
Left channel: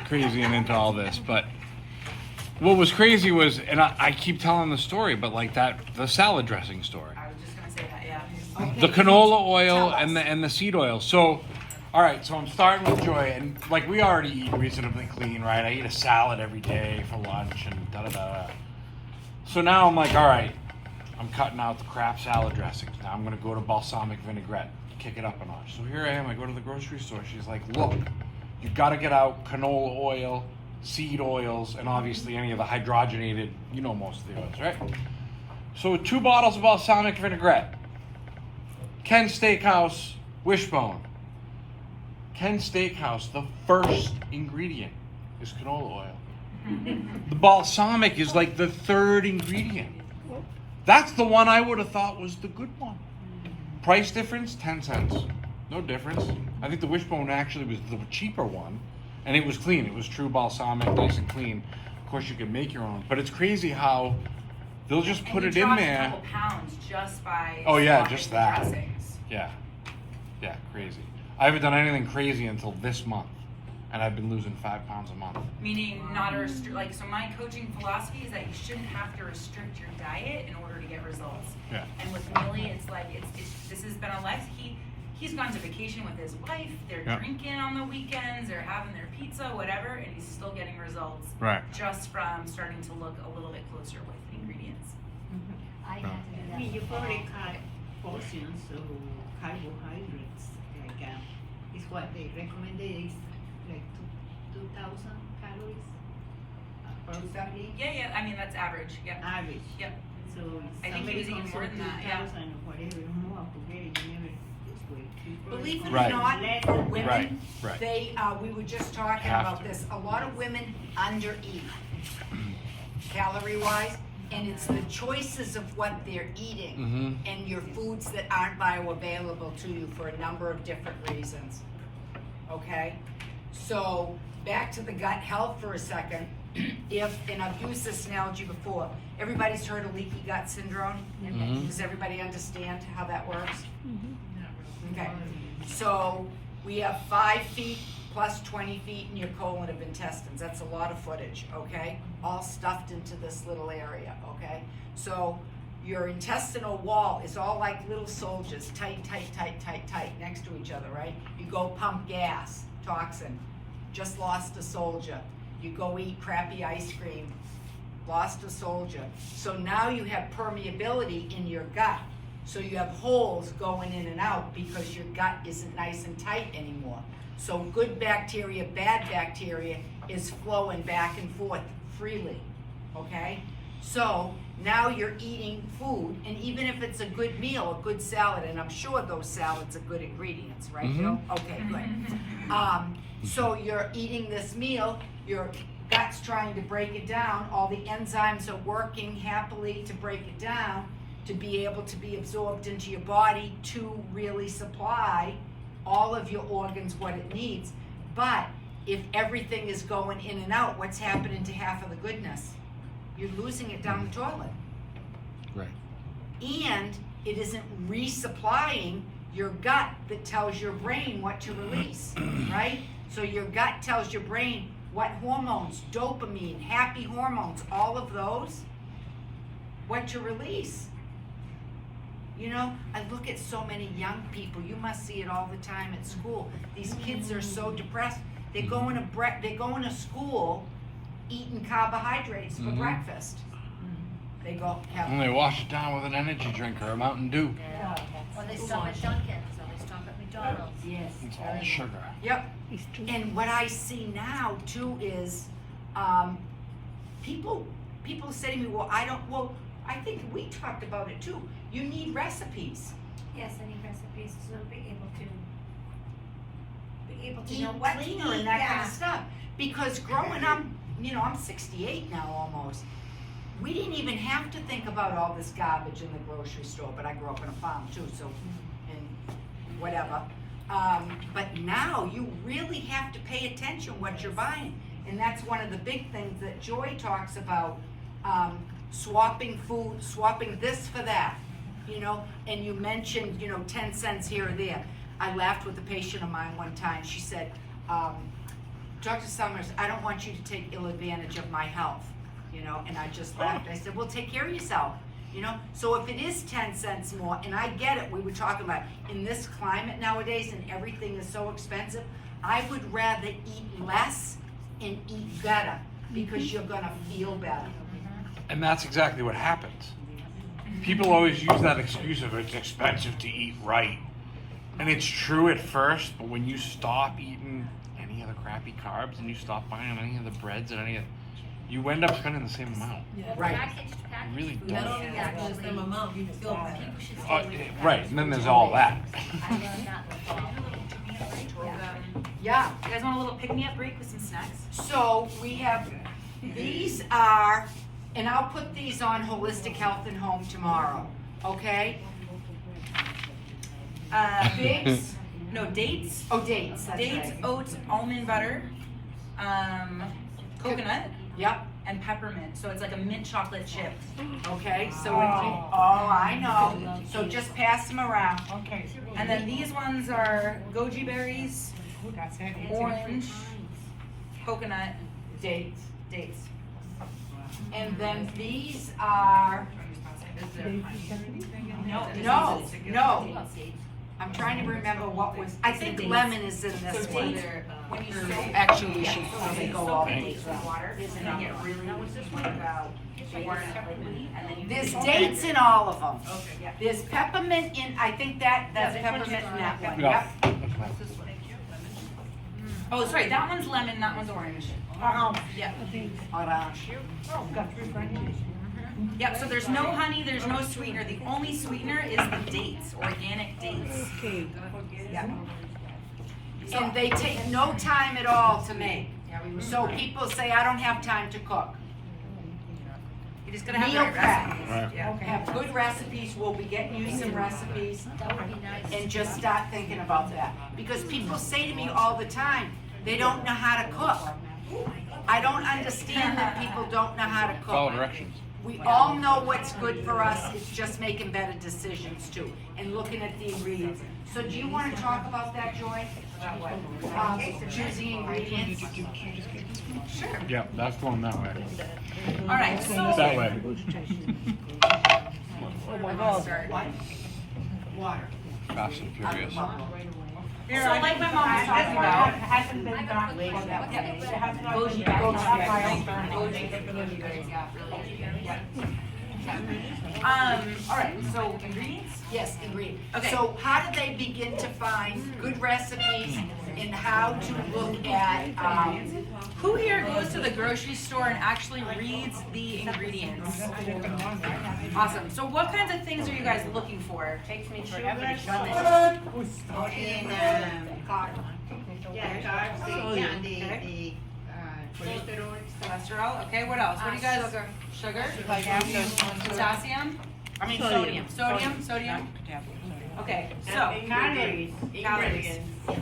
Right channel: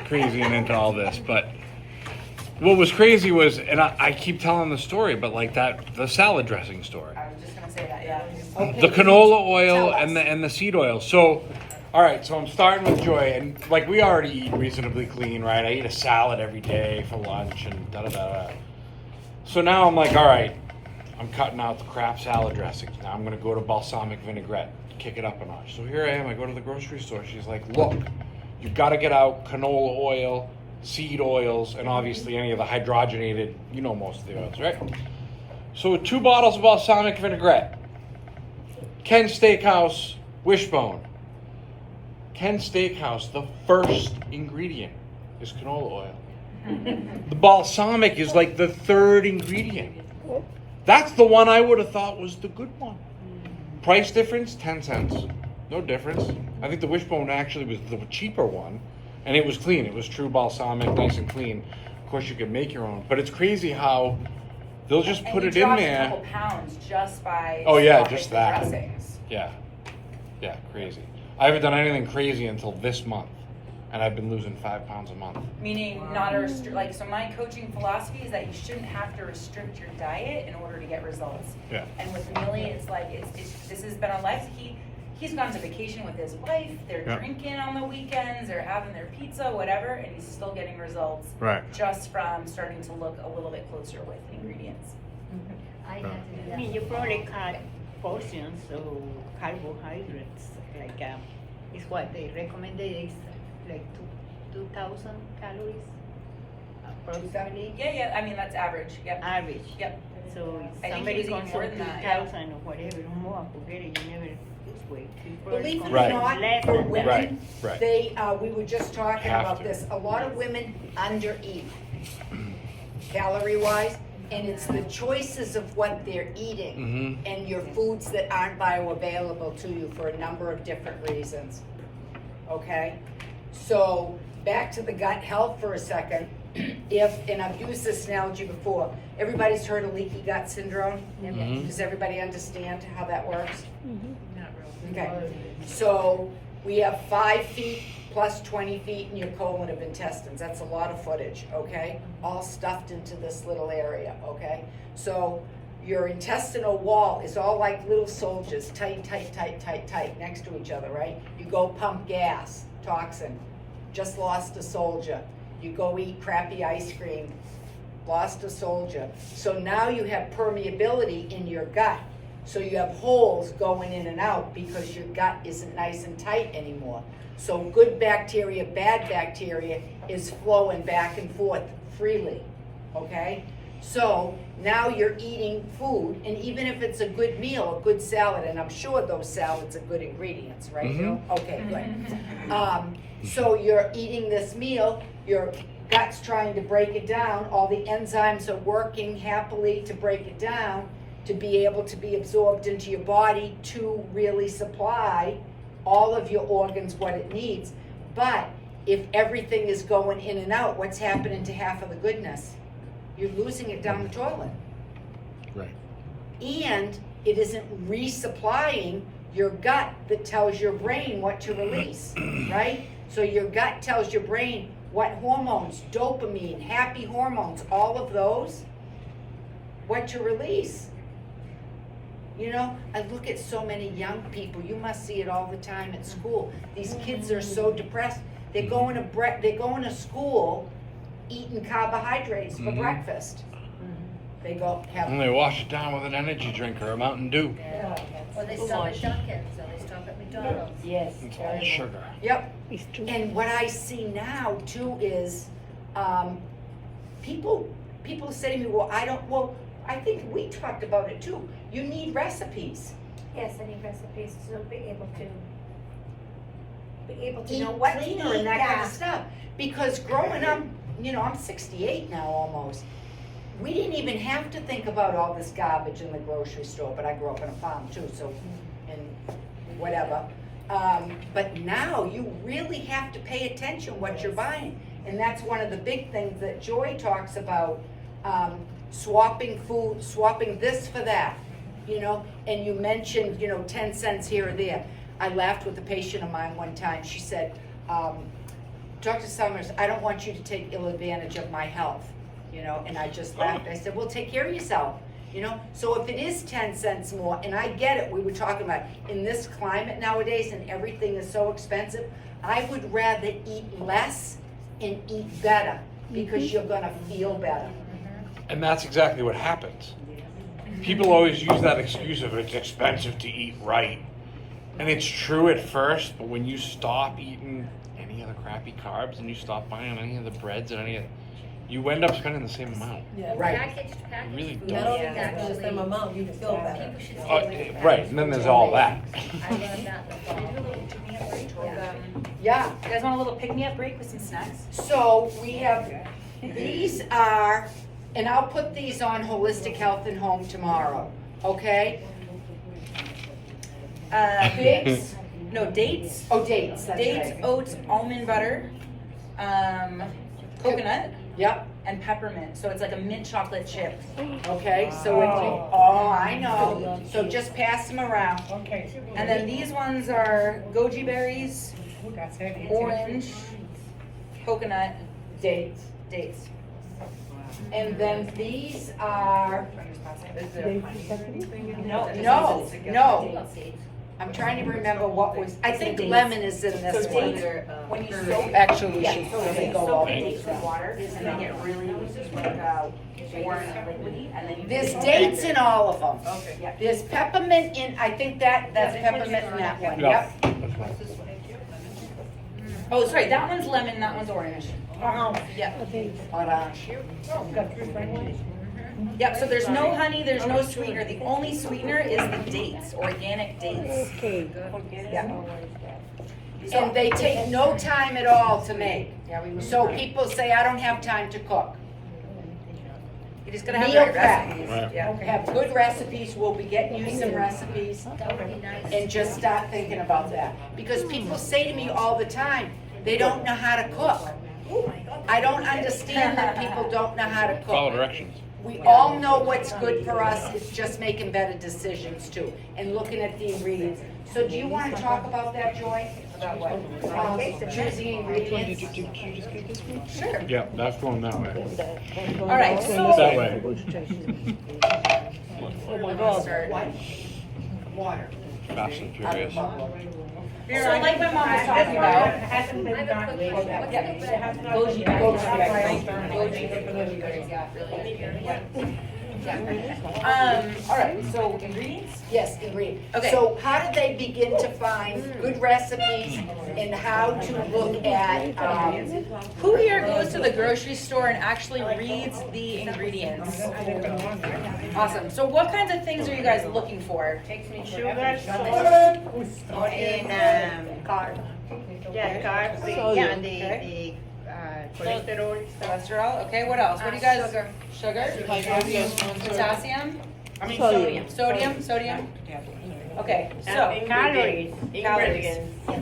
crazy and into all this, but what was crazy was, and I keep telling the story, but like the salad dressing story. I was just gonna say that, yeah. Okay. The canola oil Tell us. and the seed oil. So, all right. So I'm starting with Joy, and like we already eat reasonably clean, right? I eat a salad every day for lunch and da da da. So now I'm like, all right, I'm cutting out the crap salad dressings. Now I'm gonna go to balsamic vinaigrette, kick it up a notch. So here I am. I go to the grocery store. She's like, look, you got to get out canola oil, seed oils, and obviously any of the hydrogenated. You know most of the oils, right? So 2 bottles of balsamic vinaigrette. Ken Steakhouse Wishbone. Ken Steakhouse, the first ingredient is canola oil. The balsamic is like the third ingredient. That's the one I would have thought was the good one. Price difference, 10 cents. No difference. I think the Wishbone actually was the cheaper one, and it was clean. It was true balsamic, nice and clean. Of course, you can make your own, but it's crazy how they'll just And put you it in dropped there. a couple pounds just by Oh, yeah, swapping just the that. dressings. Yeah, crazy. I haven't done anything crazy until this month, and I've been losing 5 pounds a month. Meaning not a like, so my coaching philosophy is that you shouldn't have to restrict your diet in order to get results. Yeah. And with Millie, it's like, this has been a life, he's gone to vacation with his wife, they're Yeah. drinking on the weekends, they're having their pizza, whatever, and he's still getting results. Right. Just from starting to look a little bit closer with ingredients. I had to do I that. mean, you probably cut portions of carbohydrates, like, It's what they recommended is like 2,000 calories approximately. Yeah, I mean, that's average, yep. average. Yep. So I think somebody he was eating goes more on than that, yeah. 2,000 or whatever, more, forget it, you never lose weight. You probably Believe it come or Right. not, less for than women, Right. they, we were just talking Have about to. this, a lot of women undereat, calorie-wise, and it's the choices of what they're eating Mm-hmm. and your foods that aren't bioavailable to you for a number of different reasons, okay? So, back to the gut health for a second. And I've used this analogy before, everybody's heard of leaky gut syndrome? Mhm. Does everybody understand how that works? Not really. Okay, so we have 5 feet plus 20 feet in your colon of intestines. That's a lot of footage, okay? All stuffed into this little area, okay? So your intestinal wall is all like little soldiers, tight, tight, tight, tight, tight, next to each other, right? You go pump gas, toxin, just lost a soldier. You go eat crappy ice cream, lost a soldier. So now you have permeability in your gut. So you have holes going in and out because your gut isn't nice and tight anymore. So good bacteria, bad bacteria is flowing back and forth freely, okay? So now you're eating food, and even if it's a good meal, a good salad, and I'm sure those salads are good ingredients, right, Bill? Okay, good. So you're eating this meal, your gut's trying to break it down, all the enzymes are working happily to break it down, to be able to be absorbed into your body to really supply all of your organs what it needs. But if everything is going in and out, what's happening to half of the goodness? You're losing it down the toilet. Right. And it isn't resupplying your gut that tells your brain what to release, right? So your gut tells your brain what hormones, dopamine, happy hormones, all of those, what to release. You know, I look at so many young people, you must see it all the time at school. These kids are so depressed. They're going to school eating carbohydrates for Mhm. breakfast. They go have And they wash it down with an energy drink or a Mountain Dew. Yeah. Or they stop at Dunkin's, or they stop at McDonald's. Yes. It's all sugar. Yep. And what I see now too is, people say to me, well, I think we talked about it too. You need recipes. Yes, I need recipes to be able to Eat know what to cleaner eat, and that kind yeah. of stuff. Because growing up, you know, I'm 68 now almost. We didn't even have to think about all this garbage in the grocery store, but I grew up on a farm too, so, and whatever. But now you really have to pay attention what you're buying. And that's one of the big things that Joy talks about, swapping food, swapping this for that, you know? And you mentioned, 10 cents here or there. I laughed with a patient of mine one time. She said, Dr. Summers, I don't want you to take ill advantage of my health, and I just laughed. I said, well, take care of yourself, So if it is 10 cents more, and I get it, we were talking about in this climate nowadays and everything is so expensive, I would rather eat less and eat better because you're gonna feel better. And that's exactly what happens. People always use that excuse of it's expensive to eat right. And it's true at first, but when you stop eating any of the crappy carbs and you stop buying any of the breads and any of you end up spending the same amount. Yeah. Right. Packaged Really food do. Not only is that, but the same actually- amount, you feel better. People should stay away from Right, and then there's all that. I learned that in the fall. Yeah, You guys want a little pick-me-up break with some snacks? so we have, these are, and I'll put these on Holistic Health and Home tomorrow, okay? Figs, No, dates. oh, dates, that's Dates, right. oats, almond butter, coconut, Yep, and peppermint. So it's like a mint chocolate chip. okay, so it's, oh, I know, so just pass them around. Okay. And then these ones are goji berries, orange, coconut, Dates. dates. And then these are, No, no, I'm trying to remember what was, I think lemon is in this So one. dates, when you soak, Actually, we yeah, should so probably you go soak all the the dates in water and they get really warm and liquidy, and then you. There's dates in all of them. Okay. Yeah. There's peppermint in, I think that's peppermint in that one, yep. Oh, sorry, that one's lemon, that one's orange. Yeah. Orange. Yep, so there's no honey, there's no sweetener. The only sweetener is the dates, organic dates. Yeah. And they take no time at all to make. So people say, I don't have time to cook. You just gotta have the Meal right prep. recipes. Yeah. Have good recipes, we'll be getting you some recipes, and just start thinking about that. Because people say to me all the time, they don't know how to cook. I don't understand that people don't know how to Follow cook. directions. We all know what's good for us, it's just making better decisions too, and looking at the ingredients. So do you wanna talk about that, Joy? About what? Choosing ingredients? Sure. Yeah, that's going that way. All right, so. That way. Where do we wanna start? Water. Fast and furious. So like my mom was talking about. Hasn't been done. Goji berries. Goji berries, yeah, really. All right, so ingredients? Yes, ingredients. Okay. So how do they begin to find good recipes and how to look at, Who here goes to the grocery store and actually reads the ingredients? Awesome. So what kinds of things are you guys looking for? Takes me forever. And the cholesterol. Cholesterol. Okay, what else? What do you guys? Sugar. Potassium. Sodium. Okay, so. Calories.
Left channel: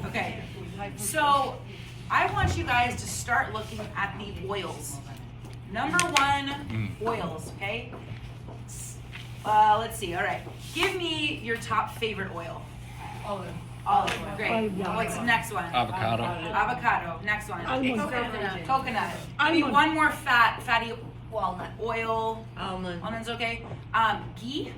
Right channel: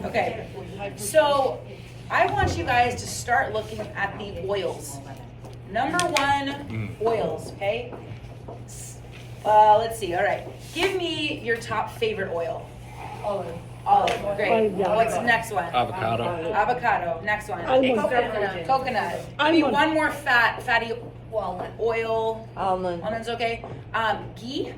Okay, so I want you guys to start looking at the oils. Number one, oils, okay? Let's see, all right. Give me your top favorite oil. Olive. Olive, great. What's the next one? Avocado. Avocado, next one. Coconut. Give me one more fatty Walnut. oil. Almonds, okay. Ghee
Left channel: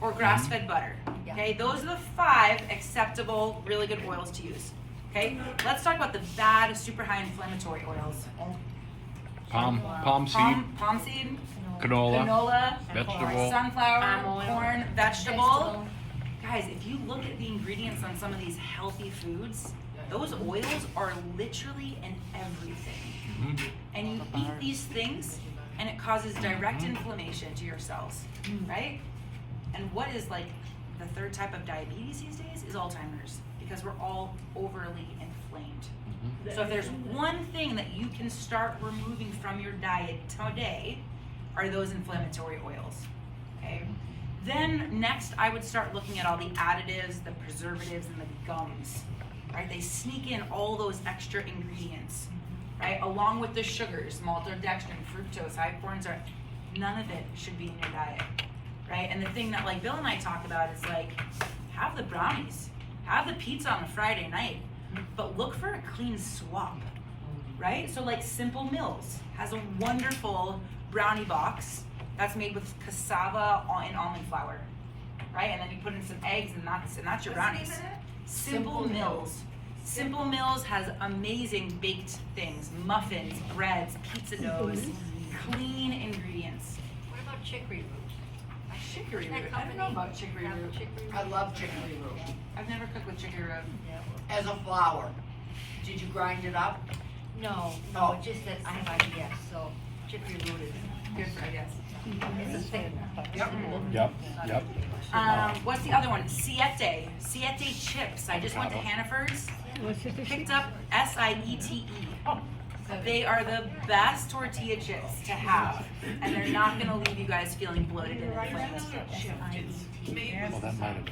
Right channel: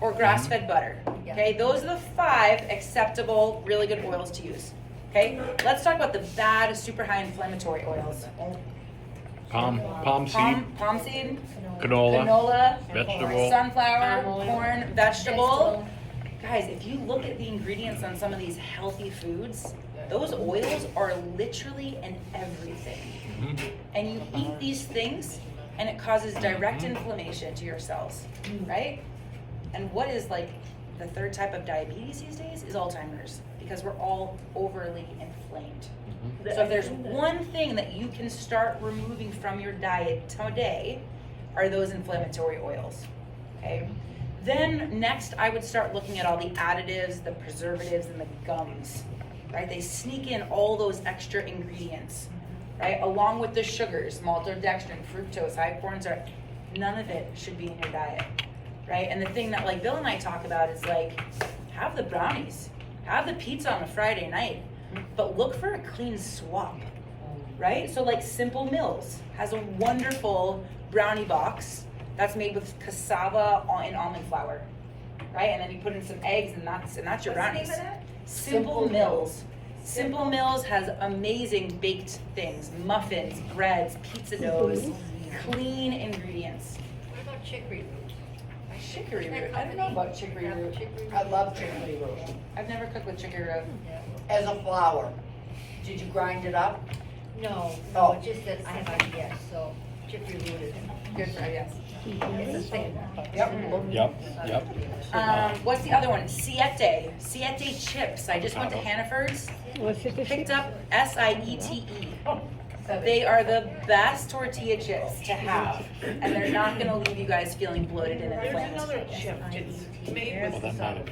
or grass-fed butter. Okay, those are the 5 acceptable, really good oils to use. Okay, let's talk about the bad, super high inflammatory oils. Palm seed, Palm seed, canola, canola, vegetable. sunflower, corn, vegetable. Guys, if you look at the ingredients on some of these healthy foods, those oils are literally in everything. Mhm. And you eat these things and it causes direct inflammation to your cells, right? And what is like the 3rd type of diabetes these days is Alzheimer's, because we're all overly inflamed. So if there's one thing that you can start removing from your diet today, are those inflammatory oils, okay? Then next, I would start looking at all the additives, the preservatives, and the gums, right? They sneak in all those extra ingredients, right? Along with the sugars, maltodextrin, fructose, high corn syrup, none of it should be in your diet, right? And the thing that like Bill and I talk about is like, have the brownies, have the pizza on a Friday night, but look for a clean swap, right? So like Simple Mills has a wonderful brownie box that's made with cassava and almond flour, right? And then you put in some eggs and that's your brownies. Simple Mills. Simple Mills has amazing baked things, muffins, breads, pizza doughs, clean ingredients. What about chicory root? Chicory root. I don't know about chicory root. I love chicory root. I've never cooked with chicory root. As a flour. Did you grind it up? No, Oh. just that I have IBS, so chicory root is, Good for yes. it's a thing. Yep. Yep. What's the other one? Siete. Siete chips. I just went to Hannaford's, picked up Siete. They are the best tortilla chips to have, and they're not gonna leave you guys feeling bloated and There's inflamed. another chip, it's made with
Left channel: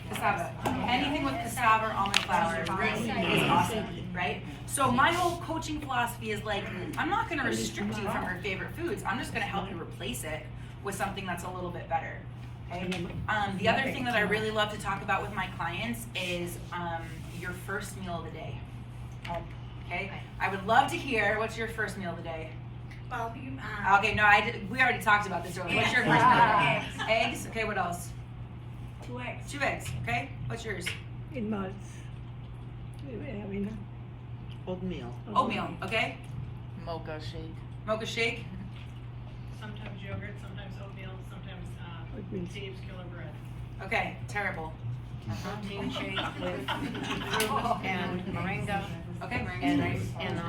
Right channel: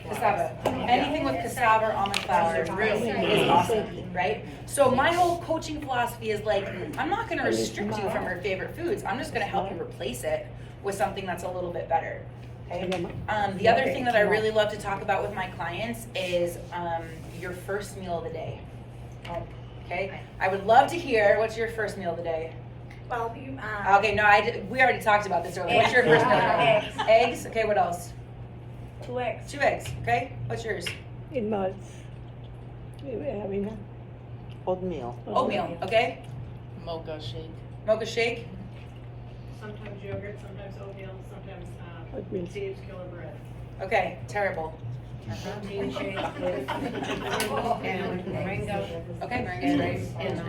Cassava. Anything with cassava or almond flour is awesome, right? So my whole coaching philosophy is like, I'm not gonna restrict you from your favorite foods. I'm just gonna help you replace it with something that's a little bit better. Okay? The other thing that I really love to talk about with my clients is your first meal of the day. Okay? I would love to hear, what's your first meal of the day? Well, you, Okay, no, we already talked about this earlier. What's your first meal of the day? Eggs? Okay, what else? 2 eggs. 2 eggs, okay? What's yours? Oatmeal. Oatmeal, okay? Mocha shake. Mocha shake? sometimes yogurt, sometimes oatmeal, sometimes Dave's Killer Bread. Okay, terrible. Protein shake and moringa Okay, moringa's and, great. and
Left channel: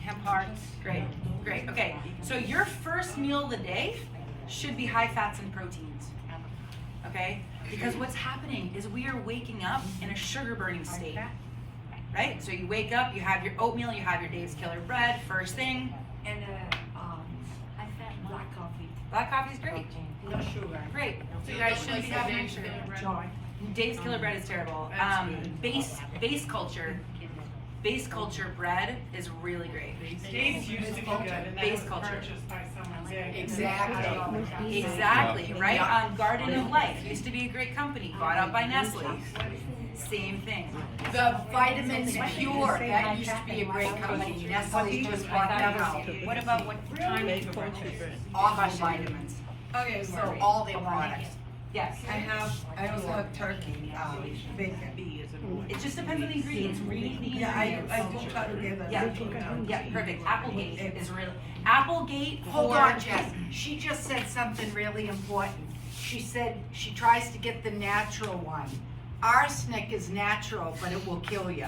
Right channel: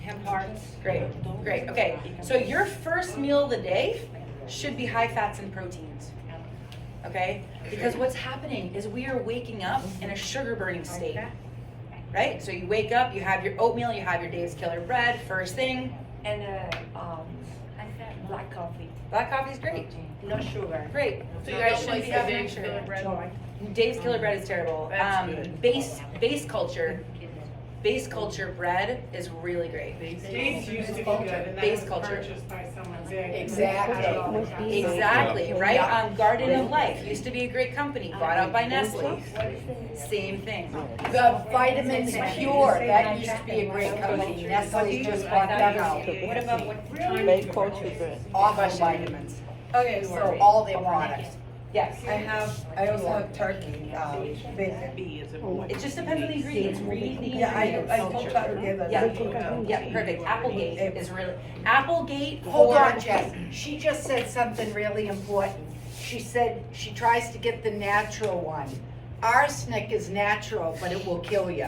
hemp hearts. Great, great. Okay, so your first meal of the day should be high fats and proteins. Okay? Because what's happening is we are waking up in a sugar burning state. Right? So you wake up, you have your oatmeal, you have your Dave's Killer Bread, first thing. And, black coffee. Black coffee is great. No sugar. Great. So you guys shouldn't be having any sugar. Dave's Killer Bread is terrible. Base culture bread is really great. Dave's used to be good, and Base that was culture. purchased by someone very. Exactly. Exactly, right? Yeah. Garden of Life used to be a great company, bought out by Nestle. Same thing. The Vitamins Pure, that used to be a great company. Nestle just bought them out. What about what time is your birthday? All the vitamins. Okay, So so all their products. Yes. I also have turkey, bacon. B is a. It just depends on the ingredients. Read the Yeah, ingredients. I do try to give a Yeah, natural. yeah, perfect. Applegate is really, Applegate. Hold for- on, Jess. She just said something really important. She said she tries to get the natural one. Arsenic is natural, but it will kill you.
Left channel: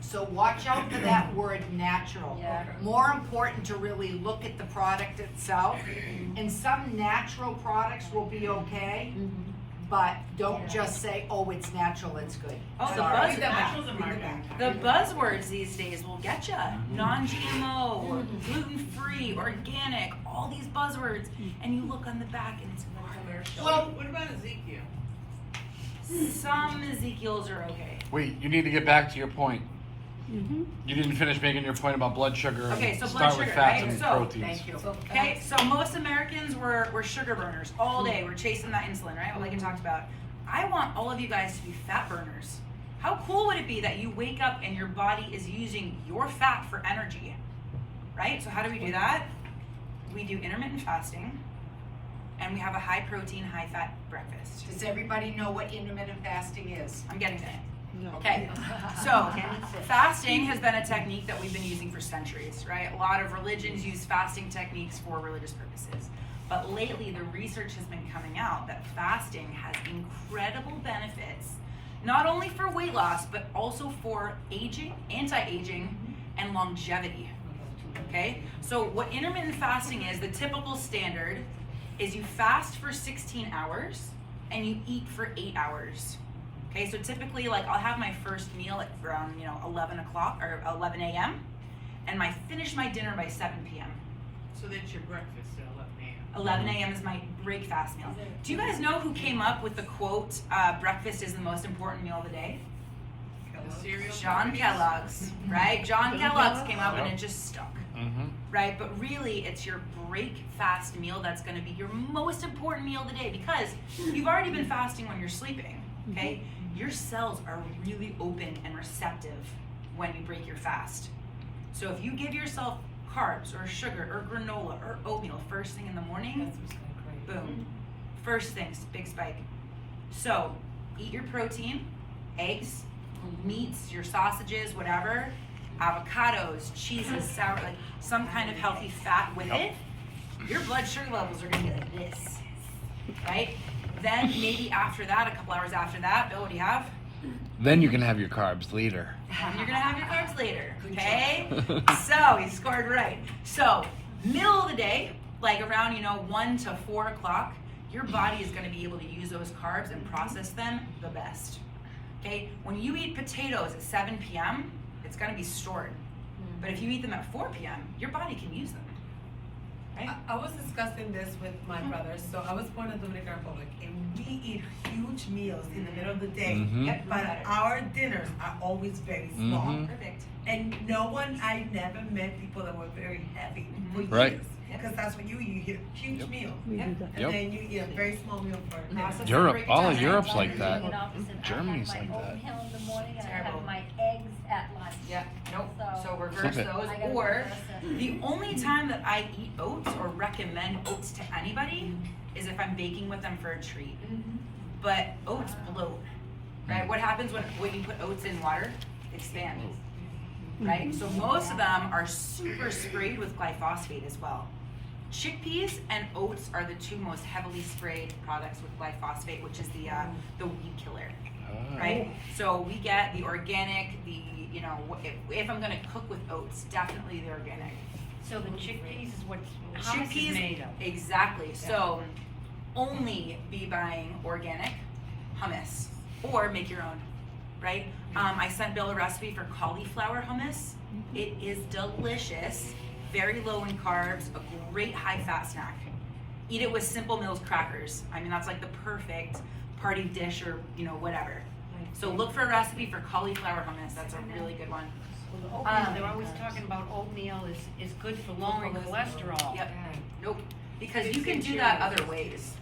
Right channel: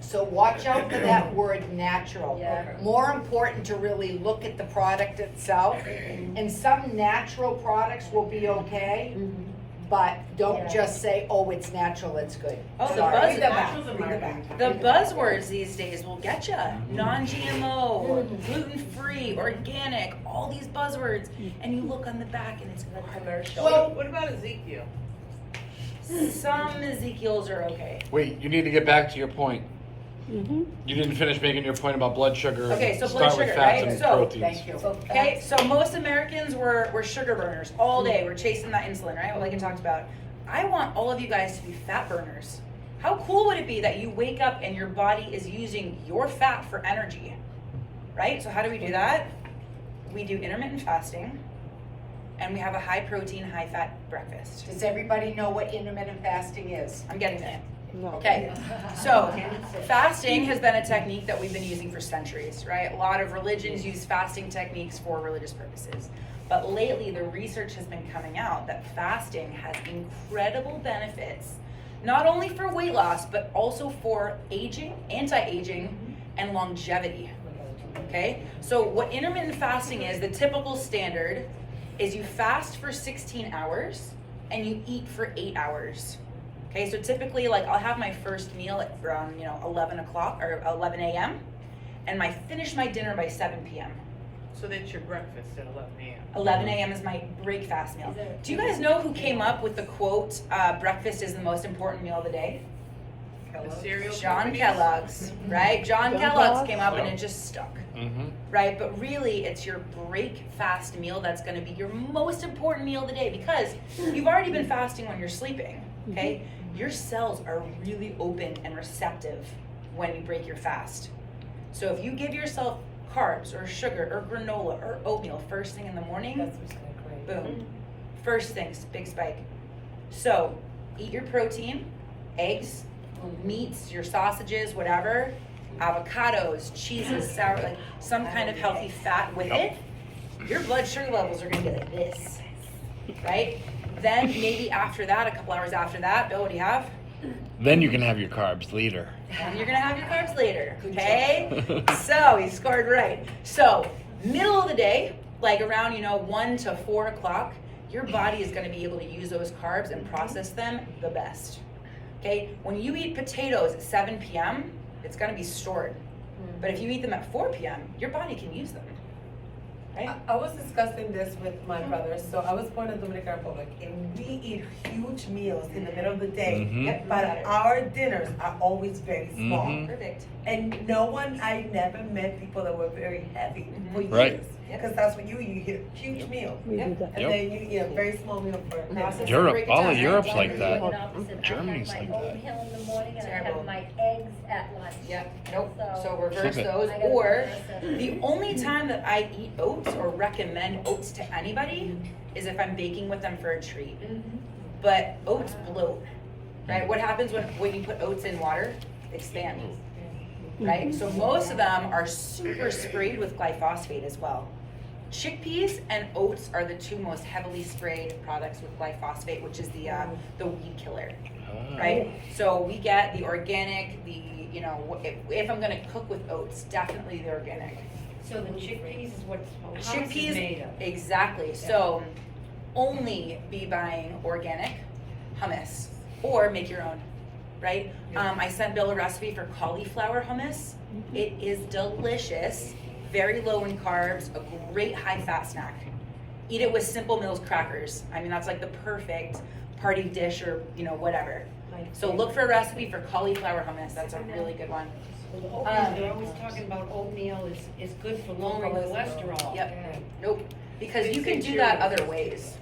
So watch out for that word natural. Yeah. More important to really look at the product itself. And some natural products will be okay, but don't just say, oh, it's natural, it's good. Oh, the Sorry. buzz- Read the back, read the back. The buzzwords these days will get you. Non-GMO, gluten-free, organic, all these buzzwords. And you look on the back and it's commercial. Well, what about Ezekiel? Some Ezekiels are okay. Wait, you need to get back to your point. You didn't finish making your point about blood sugar. Okay, so Start blood with sugar, fats right? and So, proteins. Thank you. Okay, so most Americans were sugar burners all day. We're chasing that insulin, right? Like I talked about. I want all of you guys to be fat burners. How cool would it be that you wake up and your body is using your fat for energy, right? So how do we do that? We do intermittent fasting, and we have a high protein, high fat breakfast. Does everybody know what intermittent fasting is? I'm getting there. Okay. So, fasting has been a technique that we've been using for centuries, right? A lot of religions use fasting techniques for religious purposes. But lately, the research has been coming out that fasting has incredible benefits, not only for weight loss, but also for aging, anti-aging, and longevity. Okay? So, what intermittent fasting is, the typical standard is you fast for 16 hours and you eat for 8 hours. Okay, so typically, like, I'll have my first meal at around, 11 o'clock or 11 a.m. and finish my dinner by 7 p.m. So that's your breakfast at 11 a.m. 11 a.m. is my breakfast meal. Do you guys know who came up with the quote, breakfast is the most important meal of the day? cereal John companies? Kellogg's, right? John Kellogg's came up and it just stuck. Mm-hmm. Right? But really, it's your break fast meal that's going to be your most important meal of the day, because you've already been fasting when you're sleeping, okay? Your cells are really open and receptive when you break your fast. So if you give yourself carbs or sugar or granola or oatmeal first thing in the morning, That's what's great. boom. First things, big spike. So eat your protein, eggs, meats, your sausages, whatever, avocados, cheeses, sour, like some kind of healthy fat with it. Your blood sugar levels are gonna be like this, right? Then maybe after that, a couple hours after that, Bill, what do you have? Then you can have your carbs later. And you're gonna have your carbs later, okay? So he scored right. So middle of the day, like around 1 to 4 o'clock, your body is gonna be able to use those carbs and process them the best. Okay? When you eat potatoes at 7 p.m., it's gonna be stored. But if you eat them at 4 p.m., your body can use them. Right? I was discussing this with my brothers. So I was born in Dominican Republic, and we eat huge meals in the middle of the day. Mhm. Yep, But got it. our dinners are always very small. Mhm. Perfect. And I never met people that were very heavy for years. Right. Because that's what you eat huge meals. Yep. And Yep. then you eat a very small meal for dinner. Process Europe, break it all down, of right? Europe's like that. Complete opposite. Germany's I like have my that. oatmeal in the morning and I Terrible. have my eggs at lunch. Yep. Nope. So So- reverse Keep it. those. I gotta Or do that. the only time that I eat oats or recommend oats to anybody is if I'm baking with them for a treat. But oats bloat, right? What happens when you put oats in water? They expand, right? So most of them are super sprayed with glyphosate as well. Chickpeas and oats are the two most heavily sprayed products with glyphosate, which is the weed killer, right? So we get the organic, if I'm gonna cook with oats, definitely the organic. So the chickpeas is what hummus is Chickpeas, made of. exactly. So only be buying organic hummus or make your own, right? I sent Bill a recipe for cauliflower hummus. It is delicious, very low in carbs, a great high fat snack. Eat it with Simple Mills crackers. I mean, that's like the perfect party dish or whatever. So look for a recipe for cauliflower hummus. That's a really good one. Well, the oatmeal, they're always talking about oatmeal is good for lowering cholesterol. Yep. Nope. Because you can do that other ways.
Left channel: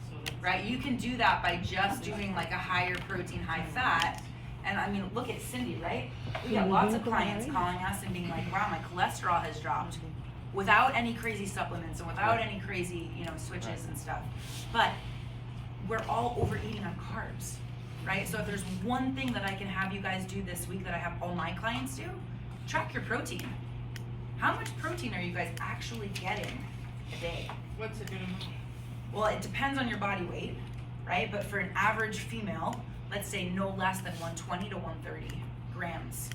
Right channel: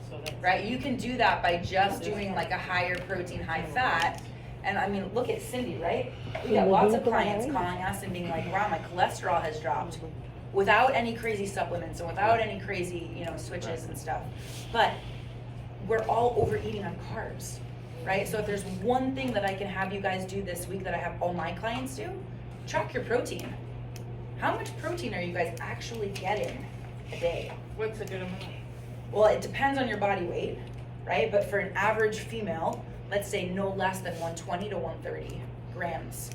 Right? You can do that by just doing like a higher protein, high fat. And I mean, look at Cindy, right? We got lots of clients calling us and being like, wow, my cholesterol has dropped without any crazy supplements and without any crazy, switches and stuff. But we're all overeating on carbs, right? So if there's one thing that I can have you guys do this week that I have all my clients do, track your protein. How much protein are you guys actually getting a day? What's a good amount? Well, it depends on your body weight, right? But for an average female, let's say no less than 120 to 130 grams.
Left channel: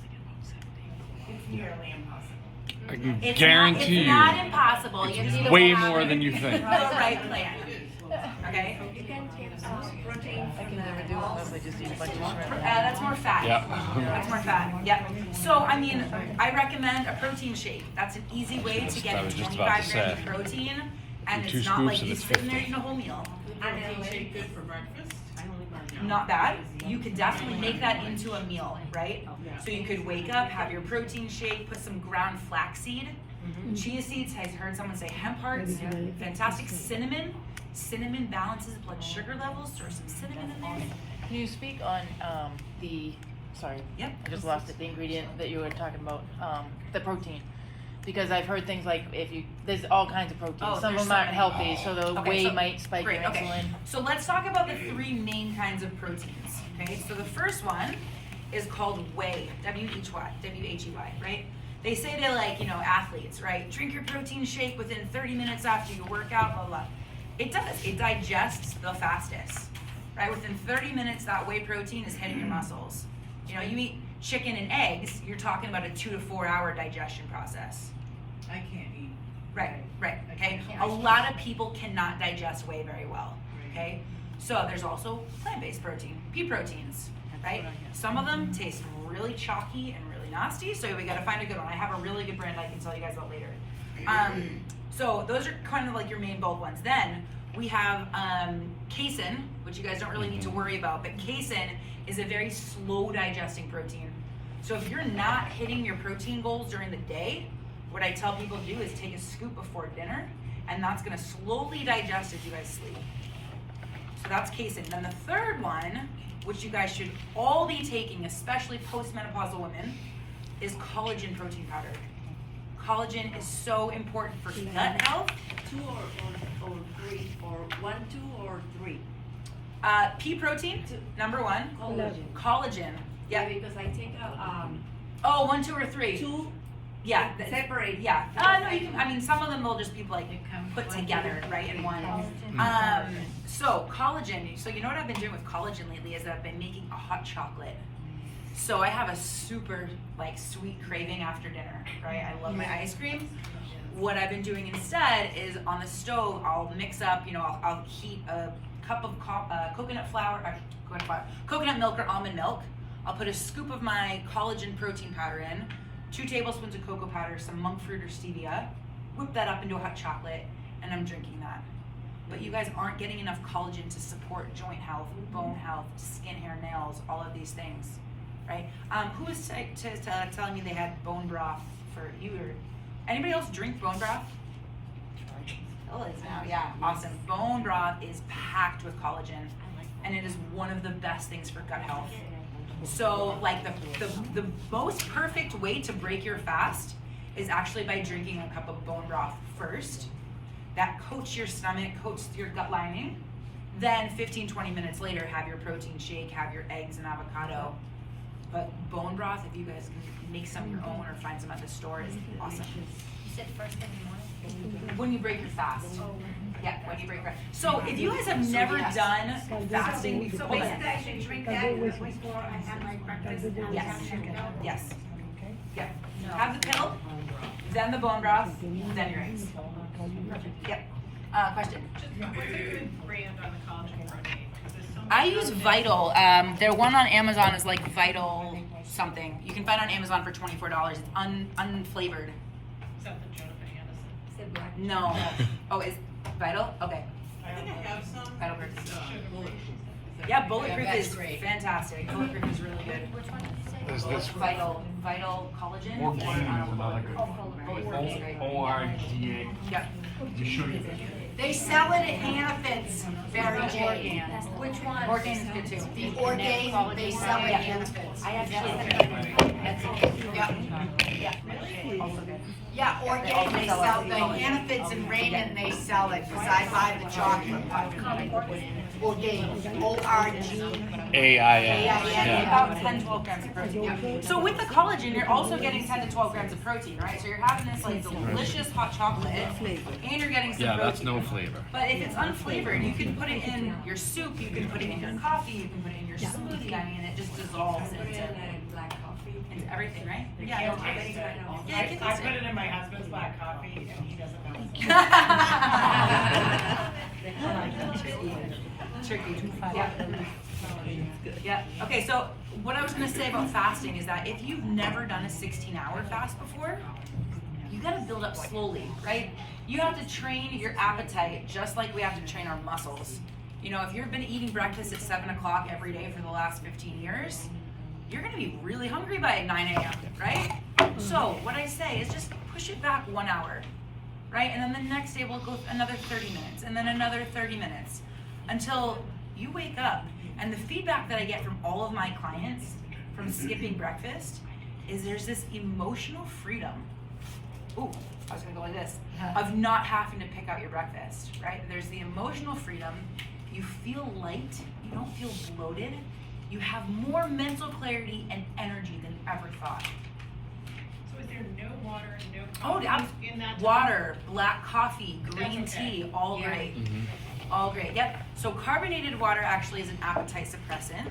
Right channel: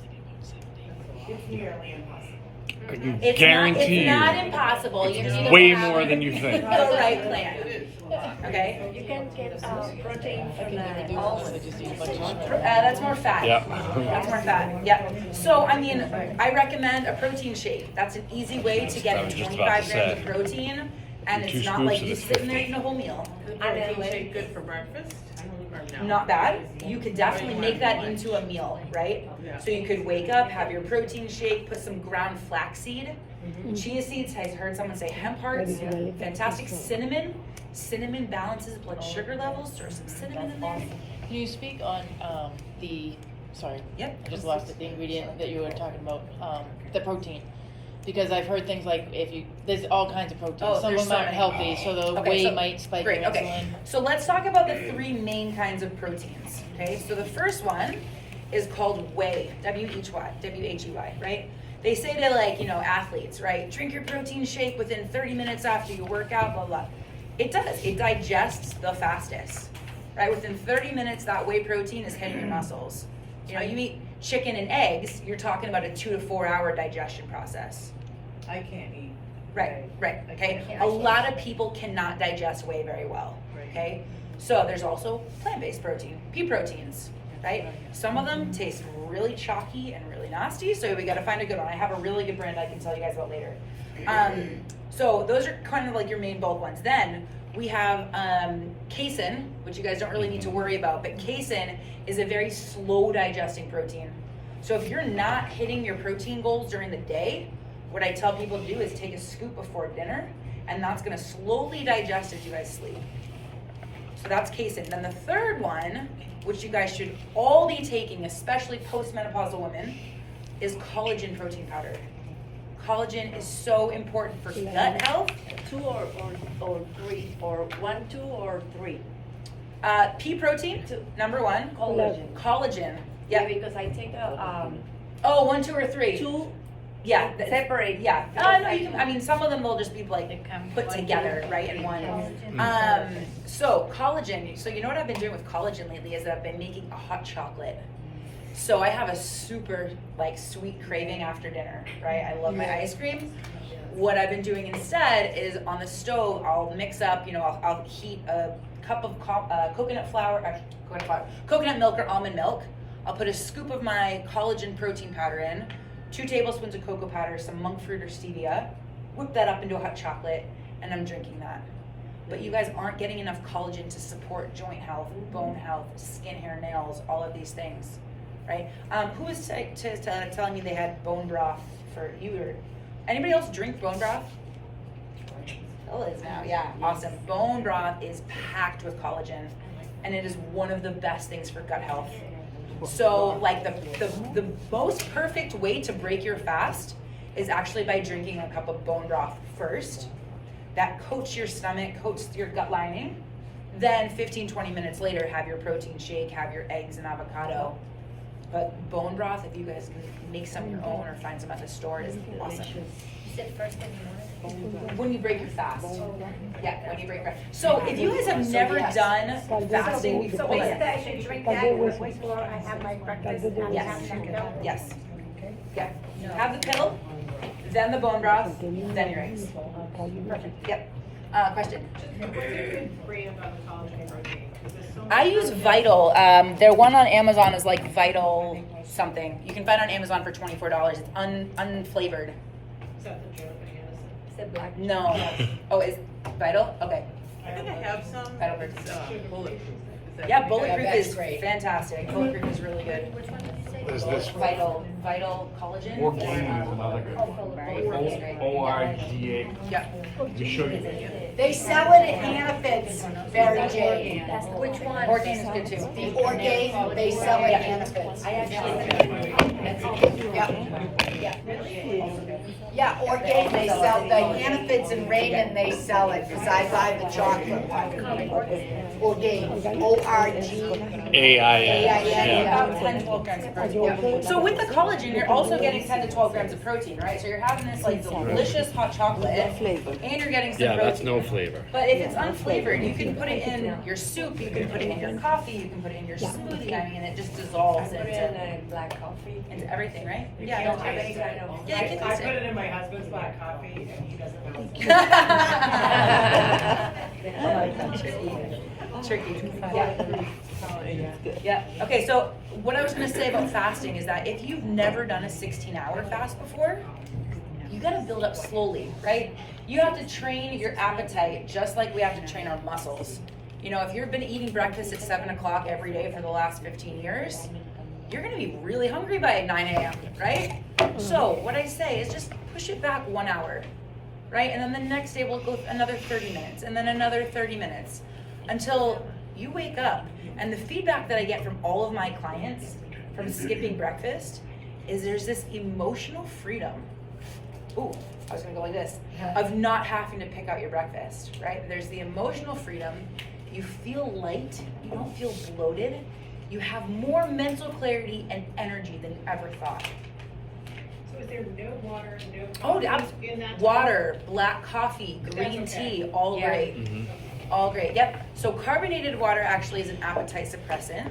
It's nearly impossible. I can It's guarantee not you, impossible. You just need way to have more than you think. the right plan. Okay? You can get protein from That's more fat. Yeah. That's more fat. Yep. So, I mean, I recommend a protein shake. That's an easy way to I get was just 25 about to grams say. of protein, and Two it's not scoops like of you're this sitting there 50. eating a whole meal. Protein shake good for breakfast? Or no? Not bad. You could definitely make that into a meal, right? Yeah. So you could wake up, have your protein shake, put some ground flaxseed, chia seeds. I've heard someone say hemp hearts, fantastic. Cinnamon balances blood sugar levels. Throw some cinnamon in there. Can you speak on sorry, Yep. I just lost it, the ingredient that you were talking about, the protein. Because I've heard things like there's all kinds of proteins. Oh, Some of there's them so aren't many. healthy, so the Okay, whey so- might spike Great, your okay. insulin. So let's talk about the three main kinds of proteins, okay? So the first one is called whey, W-H-E-Y, right? They say to athletes, right? Drink your protein shake within 30 minutes after you work out, blah, blah. It does, it digests the fastest, right? Within 30 minutes, that whey protein is hitting the muscles. You eat chicken and eggs, you're talking about a 2 to 4 hour digestion process. I can't eat. Right, okay? A lot of people cannot digest whey very well, okay? So there's also plant-based protein, pea proteins, right? Some of them taste really chalky and really nasty, so we gotta find a good one. I have a really good brand I can tell you guys about later. So those are kind of like your main bold ones. Then we have casein, which you guys don't really need to worry about, but casein is a very slow digesting protein. So if you're not hitting your protein goals during the day, what I tell people to do is take a scoop before dinner, and that's gonna slowly digest as you guys sleep. So that's casein. Then the third one, which you guys should all be taking, especially postmenopausal women, is collagen protein powder. Collagen is so important for gut health. 2 or 3, or 1, 2 or 3. Pea protein, number 1. Collagen. Collagen. Yeah, Yeah. because I take Oh, 1, 2, or 3. 2 Yeah. separate. Yeah. No, you can. I mean, some of them will just be like put together, right, in one. So collagen. So you know what I've been doing with collagen lately is that I've been making a hot chocolate. So I have a super like sweet craving after dinner, right? I love my ice cream. What I've been doing instead is on the stove, I'll mix up, I'll heat a cup of coconut milk or almond milk. I'll put a scoop of my collagen protein powder in, 2 tablespoons of cocoa powder, some monk fruit or stevia, whip that up into a hot chocolate, and I'm drinking that. But you guys aren't getting enough collagen to support joint health, bone health, skin, hair, nails, all of these things, right? Who was telling me they had bone broth for you? Or anybody else drink bone broth? Still is now, yeah, awesome. Bone broth is packed with collagen, and it is one of the best things for gut health. So like the most perfect way to break your fast is actually by drinking a cup of bone broth first. That coats your stomach, coats your gut lining. Then 15-20 minutes later, have your protein shake, have your eggs and avocado. But bone broth, if you guys can make some of your own or find some at the store, is awesome. You said first thing in the morning? When you break your fast. Yeah, when you break your fast. So if you guys have never done fasting So before, basically I should drink that before I have my breakfast and Yes. have that milk? yes. Yeah. Have the pill, then the bone broth, then your eggs. Perfect. Yep. Question. Brand on the collagen protein. 'Cause there's so I many use proteins. Vital. Their one on Amazon is like Vital something. You can find it on Amazon for $24. It's unflavored. Is that the Jonathan Anderson? Said black. No. Oh, is Vital? Okay. I think I have some. Vital Protein. It's, bulletproof. Is that- Yeah, Bulletproof that's is great. fantastic. Bulletproof is really good. Which one did you say? Is this Vital collagen. Or Gain, Right. Right. ORGA? Yeah. You sure? They sell it at Hannaford's, Mary Jane. Which one? Orgain is good too. The Orgain, they sell it at Hannaford's. I actually. Yeah. Yeah, Orgain, they sell, the Hannaford's in Raymond, they sell it, because I buy the chocolate one. Orgain, O-R-G. AIN. About 10-12 grams of protein. So with the collagen, you're also getting 10 to 12 grams of protein, right? So you're having this like delicious hot chocolate, and you're getting some Yeah, protein. that's no flavor. But if it's unflavored, you can put it in your soup, you can put it in your coffee, you can put it in your smoothie. I mean, it just dissolves into black coffee. everything, right? Yeah, Yeah, no, I it's- I yeah, you can put taste it it. in my husband's black coffee and he doesn't know. Tricky. Yeah. Yeah. Okay, so what I was gonna say about fasting is that if you've never done a 16-hour fast before, you gotta build up slowly, right? You have to train your appetite just like we have to train our muscles. If you've been eating breakfast at 7 o'clock every day for the last 15 years, you're gonna be really hungry by 9 a.m., right? So what I say is just push it back 1 hour, right? And then the next day we'll go another 30 minutes and then another 30 minutes until you wake up. And the feedback that I get from all of my clients from skipping breakfast is there's this emotional freedom. Ooh, I was gonna go like this, of not having to pick out your breakfast, right? There's the emotional freedom. You feel light, you don't feel bloated. You have more mental clarity and energy than you ever thought. So is there no water, no Oh, coffee yeah. in that? Water, black coffee, That's green okay. tea, all Yeah. great. All great, yep. So carbonated water actually is an appetite suppressant,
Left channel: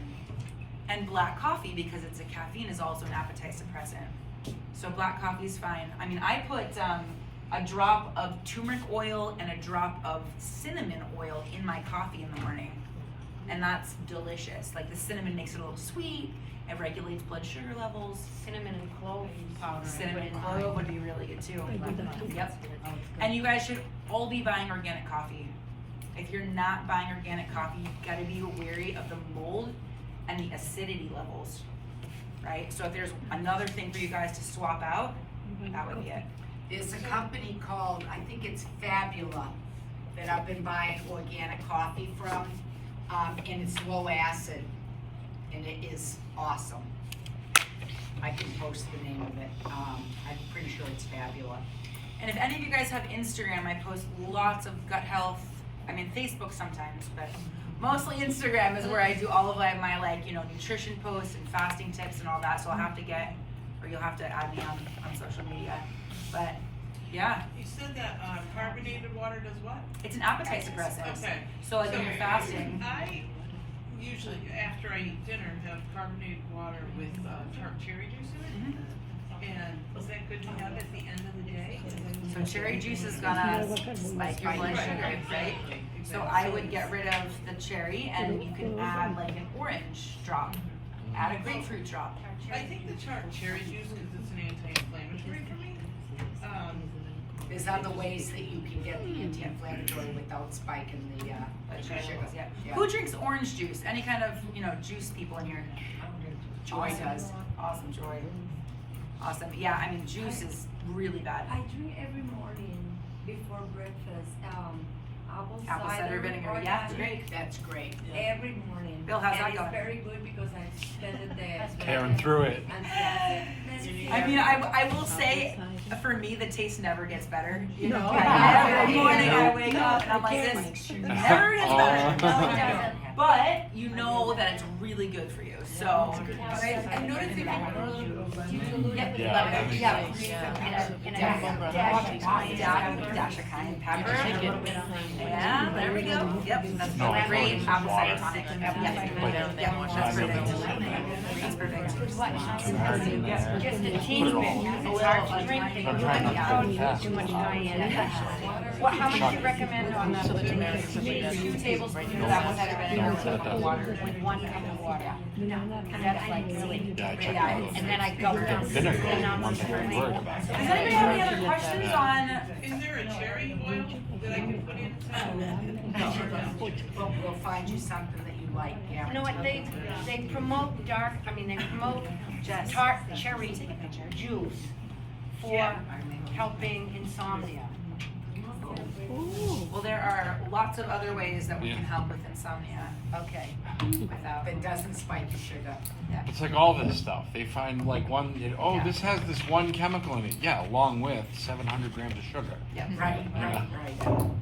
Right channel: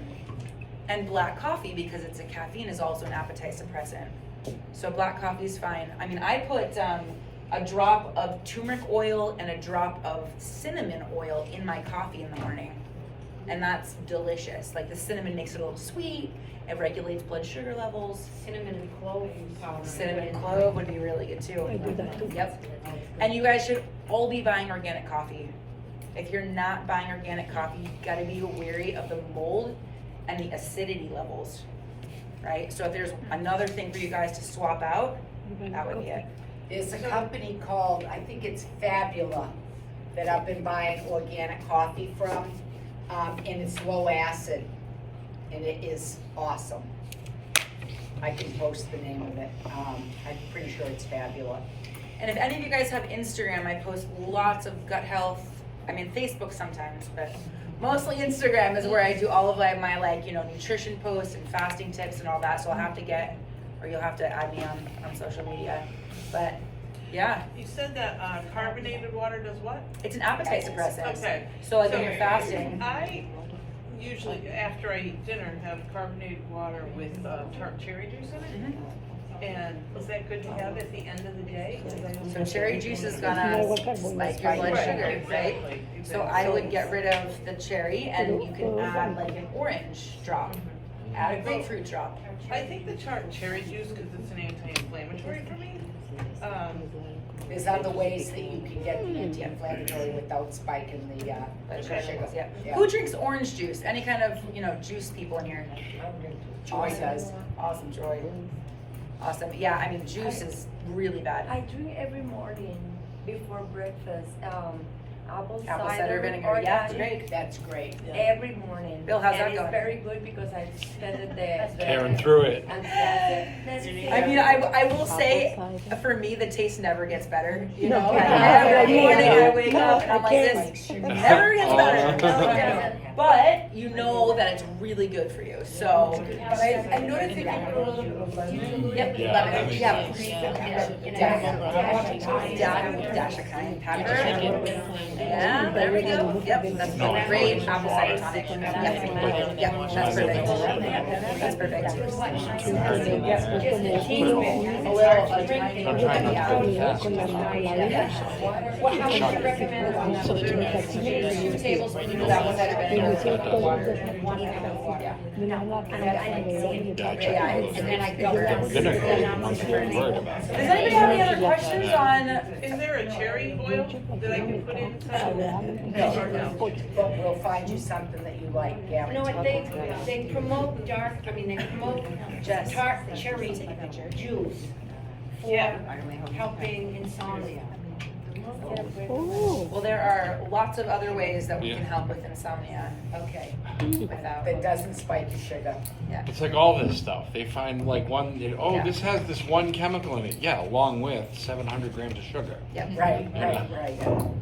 and black coffee, because it's a caffeine, is also an appetite suppressant. So black coffee is fine. I mean, I put a drop of turmeric oil and a drop of cinnamon oil in my coffee in the morning, and that's delicious. Like the cinnamon makes it a little sweet, it regulates blood sugar levels. Cinnamon and clove powder. Cinnamon and clove would be really good too. Yep. And you guys should all be buying organic coffee. If you're not buying organic coffee, you gotta be wary of the mold and the acidity levels, right? So if there's another thing for you guys to swap out, that would be it. There's a company called, I think it's Fabula, that I've been buying organic coffee from, and it's low acid, and it is awesome. I can post the name of it. I'm pretty sure it's Fabula. And if any of you guys have Instagram, I post lots of gut health. I mean, Facebook sometimes, but mostly Instagram is where I do all of my like, nutrition posts and fasting tips and all that. So I'll have to you'll have to add me on social media. But yeah, You said that carbonated water does what? it's an appetite suppressant. Okay. So like when you're fasting, I usually, after I eat dinner, have carbonated water with tart cherry juice in it. Mhm. And is that good to have at the end of the day? 'Cause I don't- so cherry juice is gonna spike your blood sugar, right? Exactly. So I would get rid of the cherry and you can add like an orange drop, add a grapefruit drop. I think the tart cherry juice, because it's an anti-inflammatory for me. There's other ways that you can get the anti-inflammatory without spiking the blood sugar. Yeah. Yeah. Who drinks orange juice? Any kind of, juice people in here? Joy does. Awesome, Joy. Awesome. Yeah, I mean, juice is really bad. I drink every morning before breakfast, apple Cider vinegar, yeah, it's organic, great. That's great. every morning. Bill, how's that And going? it's very good because I studied the. Tearing through it. And that's it. I mean, I will say, for me, the taste never gets better. No, Every morning I wake up and I'm like, this never gets better. But you know that it's really good for you. So, But I noticed if you put a little bit of lemon. yep, Yeah. lemon, yeah, dash of cayenne pepper. Yeah, there we go. Yep, that's a great apple cider tonic. Yep, yep, that's perfect. That's perfect. Just a teeny bit. A little, a tiny, yeah. How much do you recommend on that? 2 tablespoons of apple cider vinegar with a cup of water. With 1 cup of water. Yeah. No, I didn't see it. Yeah, and then I go down. Vinegar, once you're in word. Does anybody have any other questions on? Is there a cherry oil that I can put inside? No, but we'll find you something that you like, You guaranteed. know what, they promote they promote tart cherry juice for helping insomnia. Well, there are lots of other ways that we can help with insomnia. Okay, Without. that doesn't spike the sugar. It's like all this stuff. They find like Yeah. this has this one chemical in it. Yeah, along with 700 grams of sugar. Yep. Right. Yeah.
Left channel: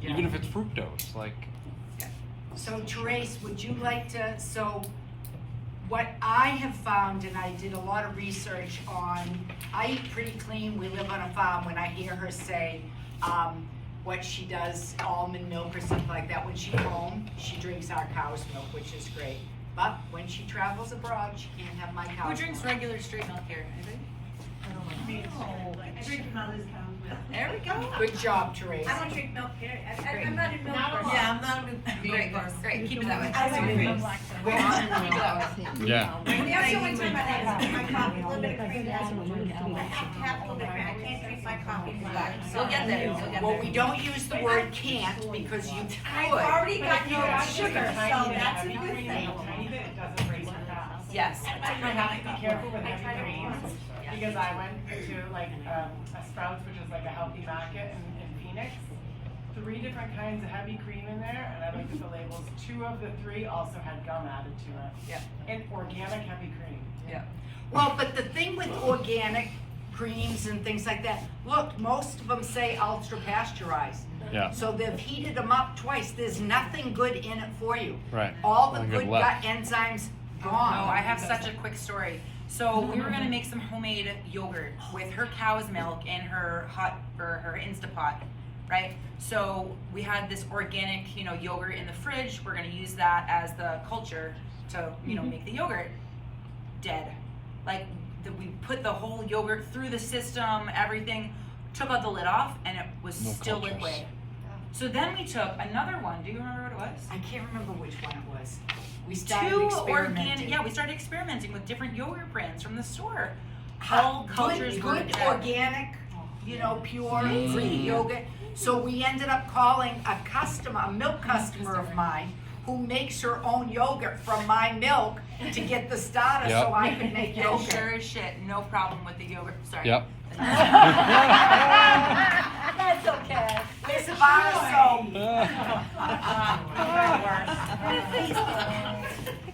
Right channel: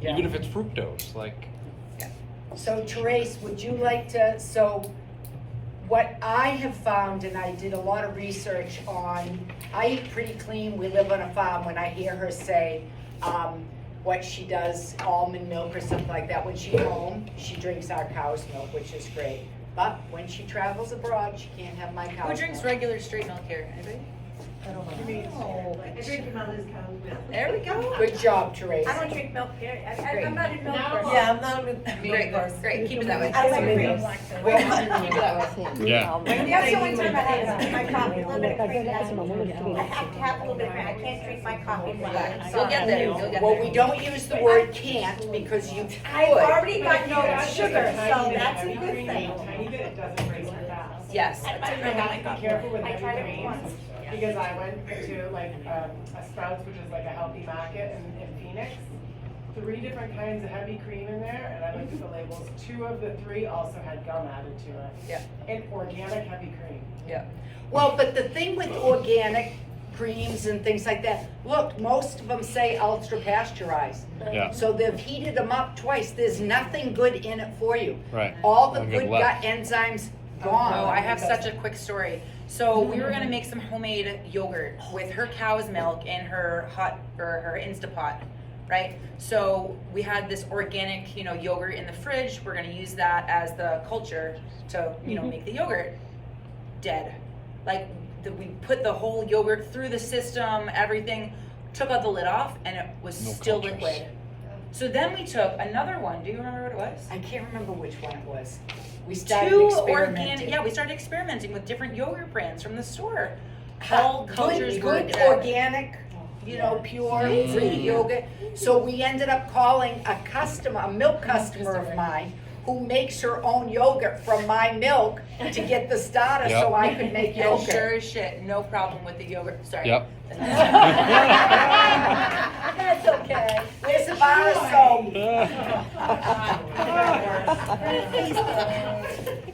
Even if it's fructose, like. So Therese, would you like to, what I have found, and I did a lot of research on, I eat pretty clean, we live on a farm. When I hear her say, what she does, almond milk or something like that, when she's home, she drinks our cow's milk, which is great. But when she travels abroad, she can't have my cow's Who drinks milk. regular straight milk here? Anybody? I drink mother's cow's milk. There we go. Good job, Therese. I don't drink milk, period. I'm not a milk person. Yeah, I'm not a Great, great. Keep it that way. I like milk. Well, Keep it that way. Yeah. That's the only time I have my coffee, a little bit of cream. I have to have a little bit of cream. I can't drink my coffee flat. You'll get there. You'll get Well, there. we don't use the word can't because you I've could. already got no sugar, so that's a good thing. Yes. I tried it once. Because I went to like a Sprouts, which is like a healthy market in Phoenix. 3 different kinds of heavy cream in there, and I looked at the labels. 2 of the 3 also had gum added to it. Yeah. And organic heavy cream. Yeah. Well, but the thing with organic creams and things like that, look, most of them say ultra pasteurized. Yeah. So they've heated them up twice. There's nothing good in it for you. Right. All the Nothing good left. gut enzymes Oh, gone. I have such a quick story. So we were gonna make some homemade yogurt with her cow's milk in her her Instapot, right? So we had this organic, yogurt in the fridge. We're gonna use that as the culture to, make the yogurt. Dead. Like we put the whole yogurt through the system, everything, took out the lid off, and it was No still cultures. liquid. So then we took another one. Do you remember what it was? I can't remember which one it was. We started 2 experimenting. organic. Yeah, we started experimenting with different yogurt brands from the store. All cultures were good dead. organic, pure Greek yogurt. So we ended up calling a milk customer of mine, who makes her own yogurt from my milk to get the starter Yep. so I could make And yogurt. sure as shit, no problem with the yogurt. Sorry. Yep. That's okay. Where's the bar soap?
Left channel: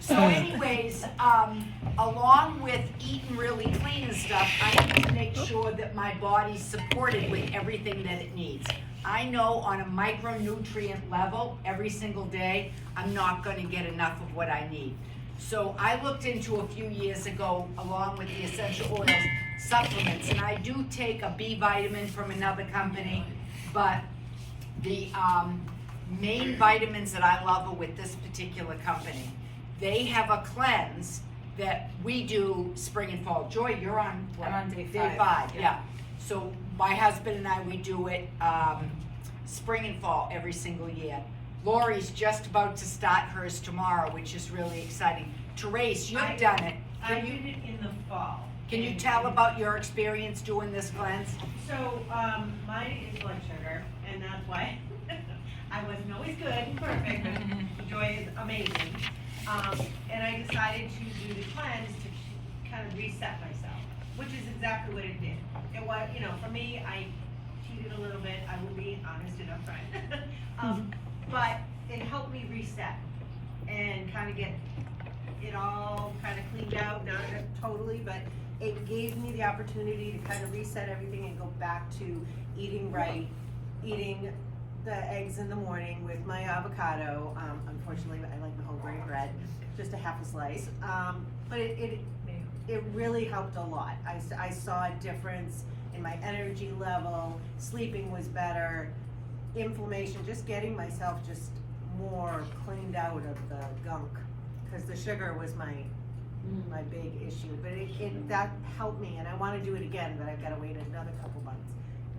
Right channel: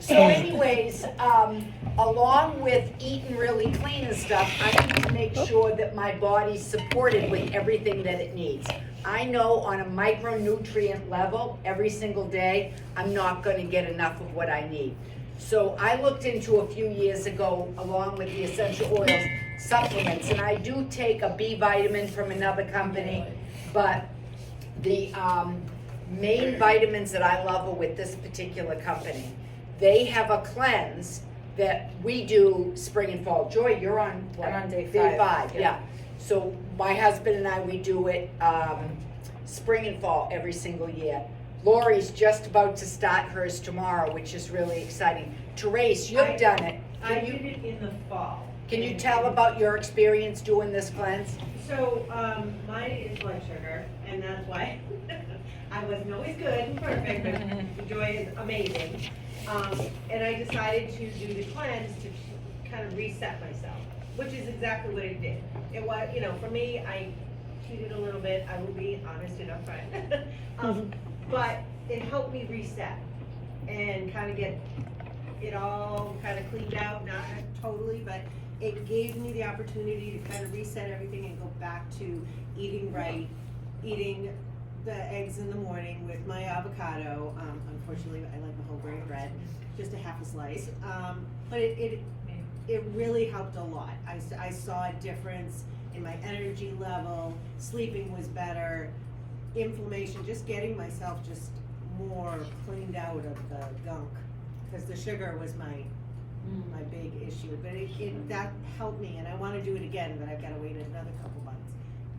So anyways, along with eating really clean and stuff, I need to make sure that my body's supported with everything that it needs. I know on a micronutrient level, every single day, I'm not gonna get enough of what I need. So I looked into a few years ago, along with the essential oils, supplements, and I do take a B vitamin from another company, but the main vitamins that I love are with this particular company. They have a cleanse that we do spring and fall. Joy, you're on what? I'm on day Day 5, yeah. So my husband and I, we do it spring and fall every single year. Lori's just about to start hers tomorrow, which is really exciting. Therese, you've done it. I did it in the fall. Can you tell about your experience doing this cleanse? So, mine is blood sugar, and that's why I wasn't always good, perfect, but Joy is amazing. And I decided to do the cleanse to kind of reset myself, which is exactly what it did. It was, you know, for me, I cheated a little bit, I will be honest and upfront. But it helped me reset and kind of get it all kind of cleaned out, not totally, but it gave me the opportunity to kind of reset everything and go back to eating right, eating the eggs in the morning with my avocado. Unfortunately, I like the whole grain bread, just a half a slice. But it really helped a lot. I saw a difference in my energy level, sleeping was better, inflammation, just getting myself just more cleaned out of the gunk, because the sugar was my big issue. But that helped me, and I want to do it again, but I've got to wait another couple months.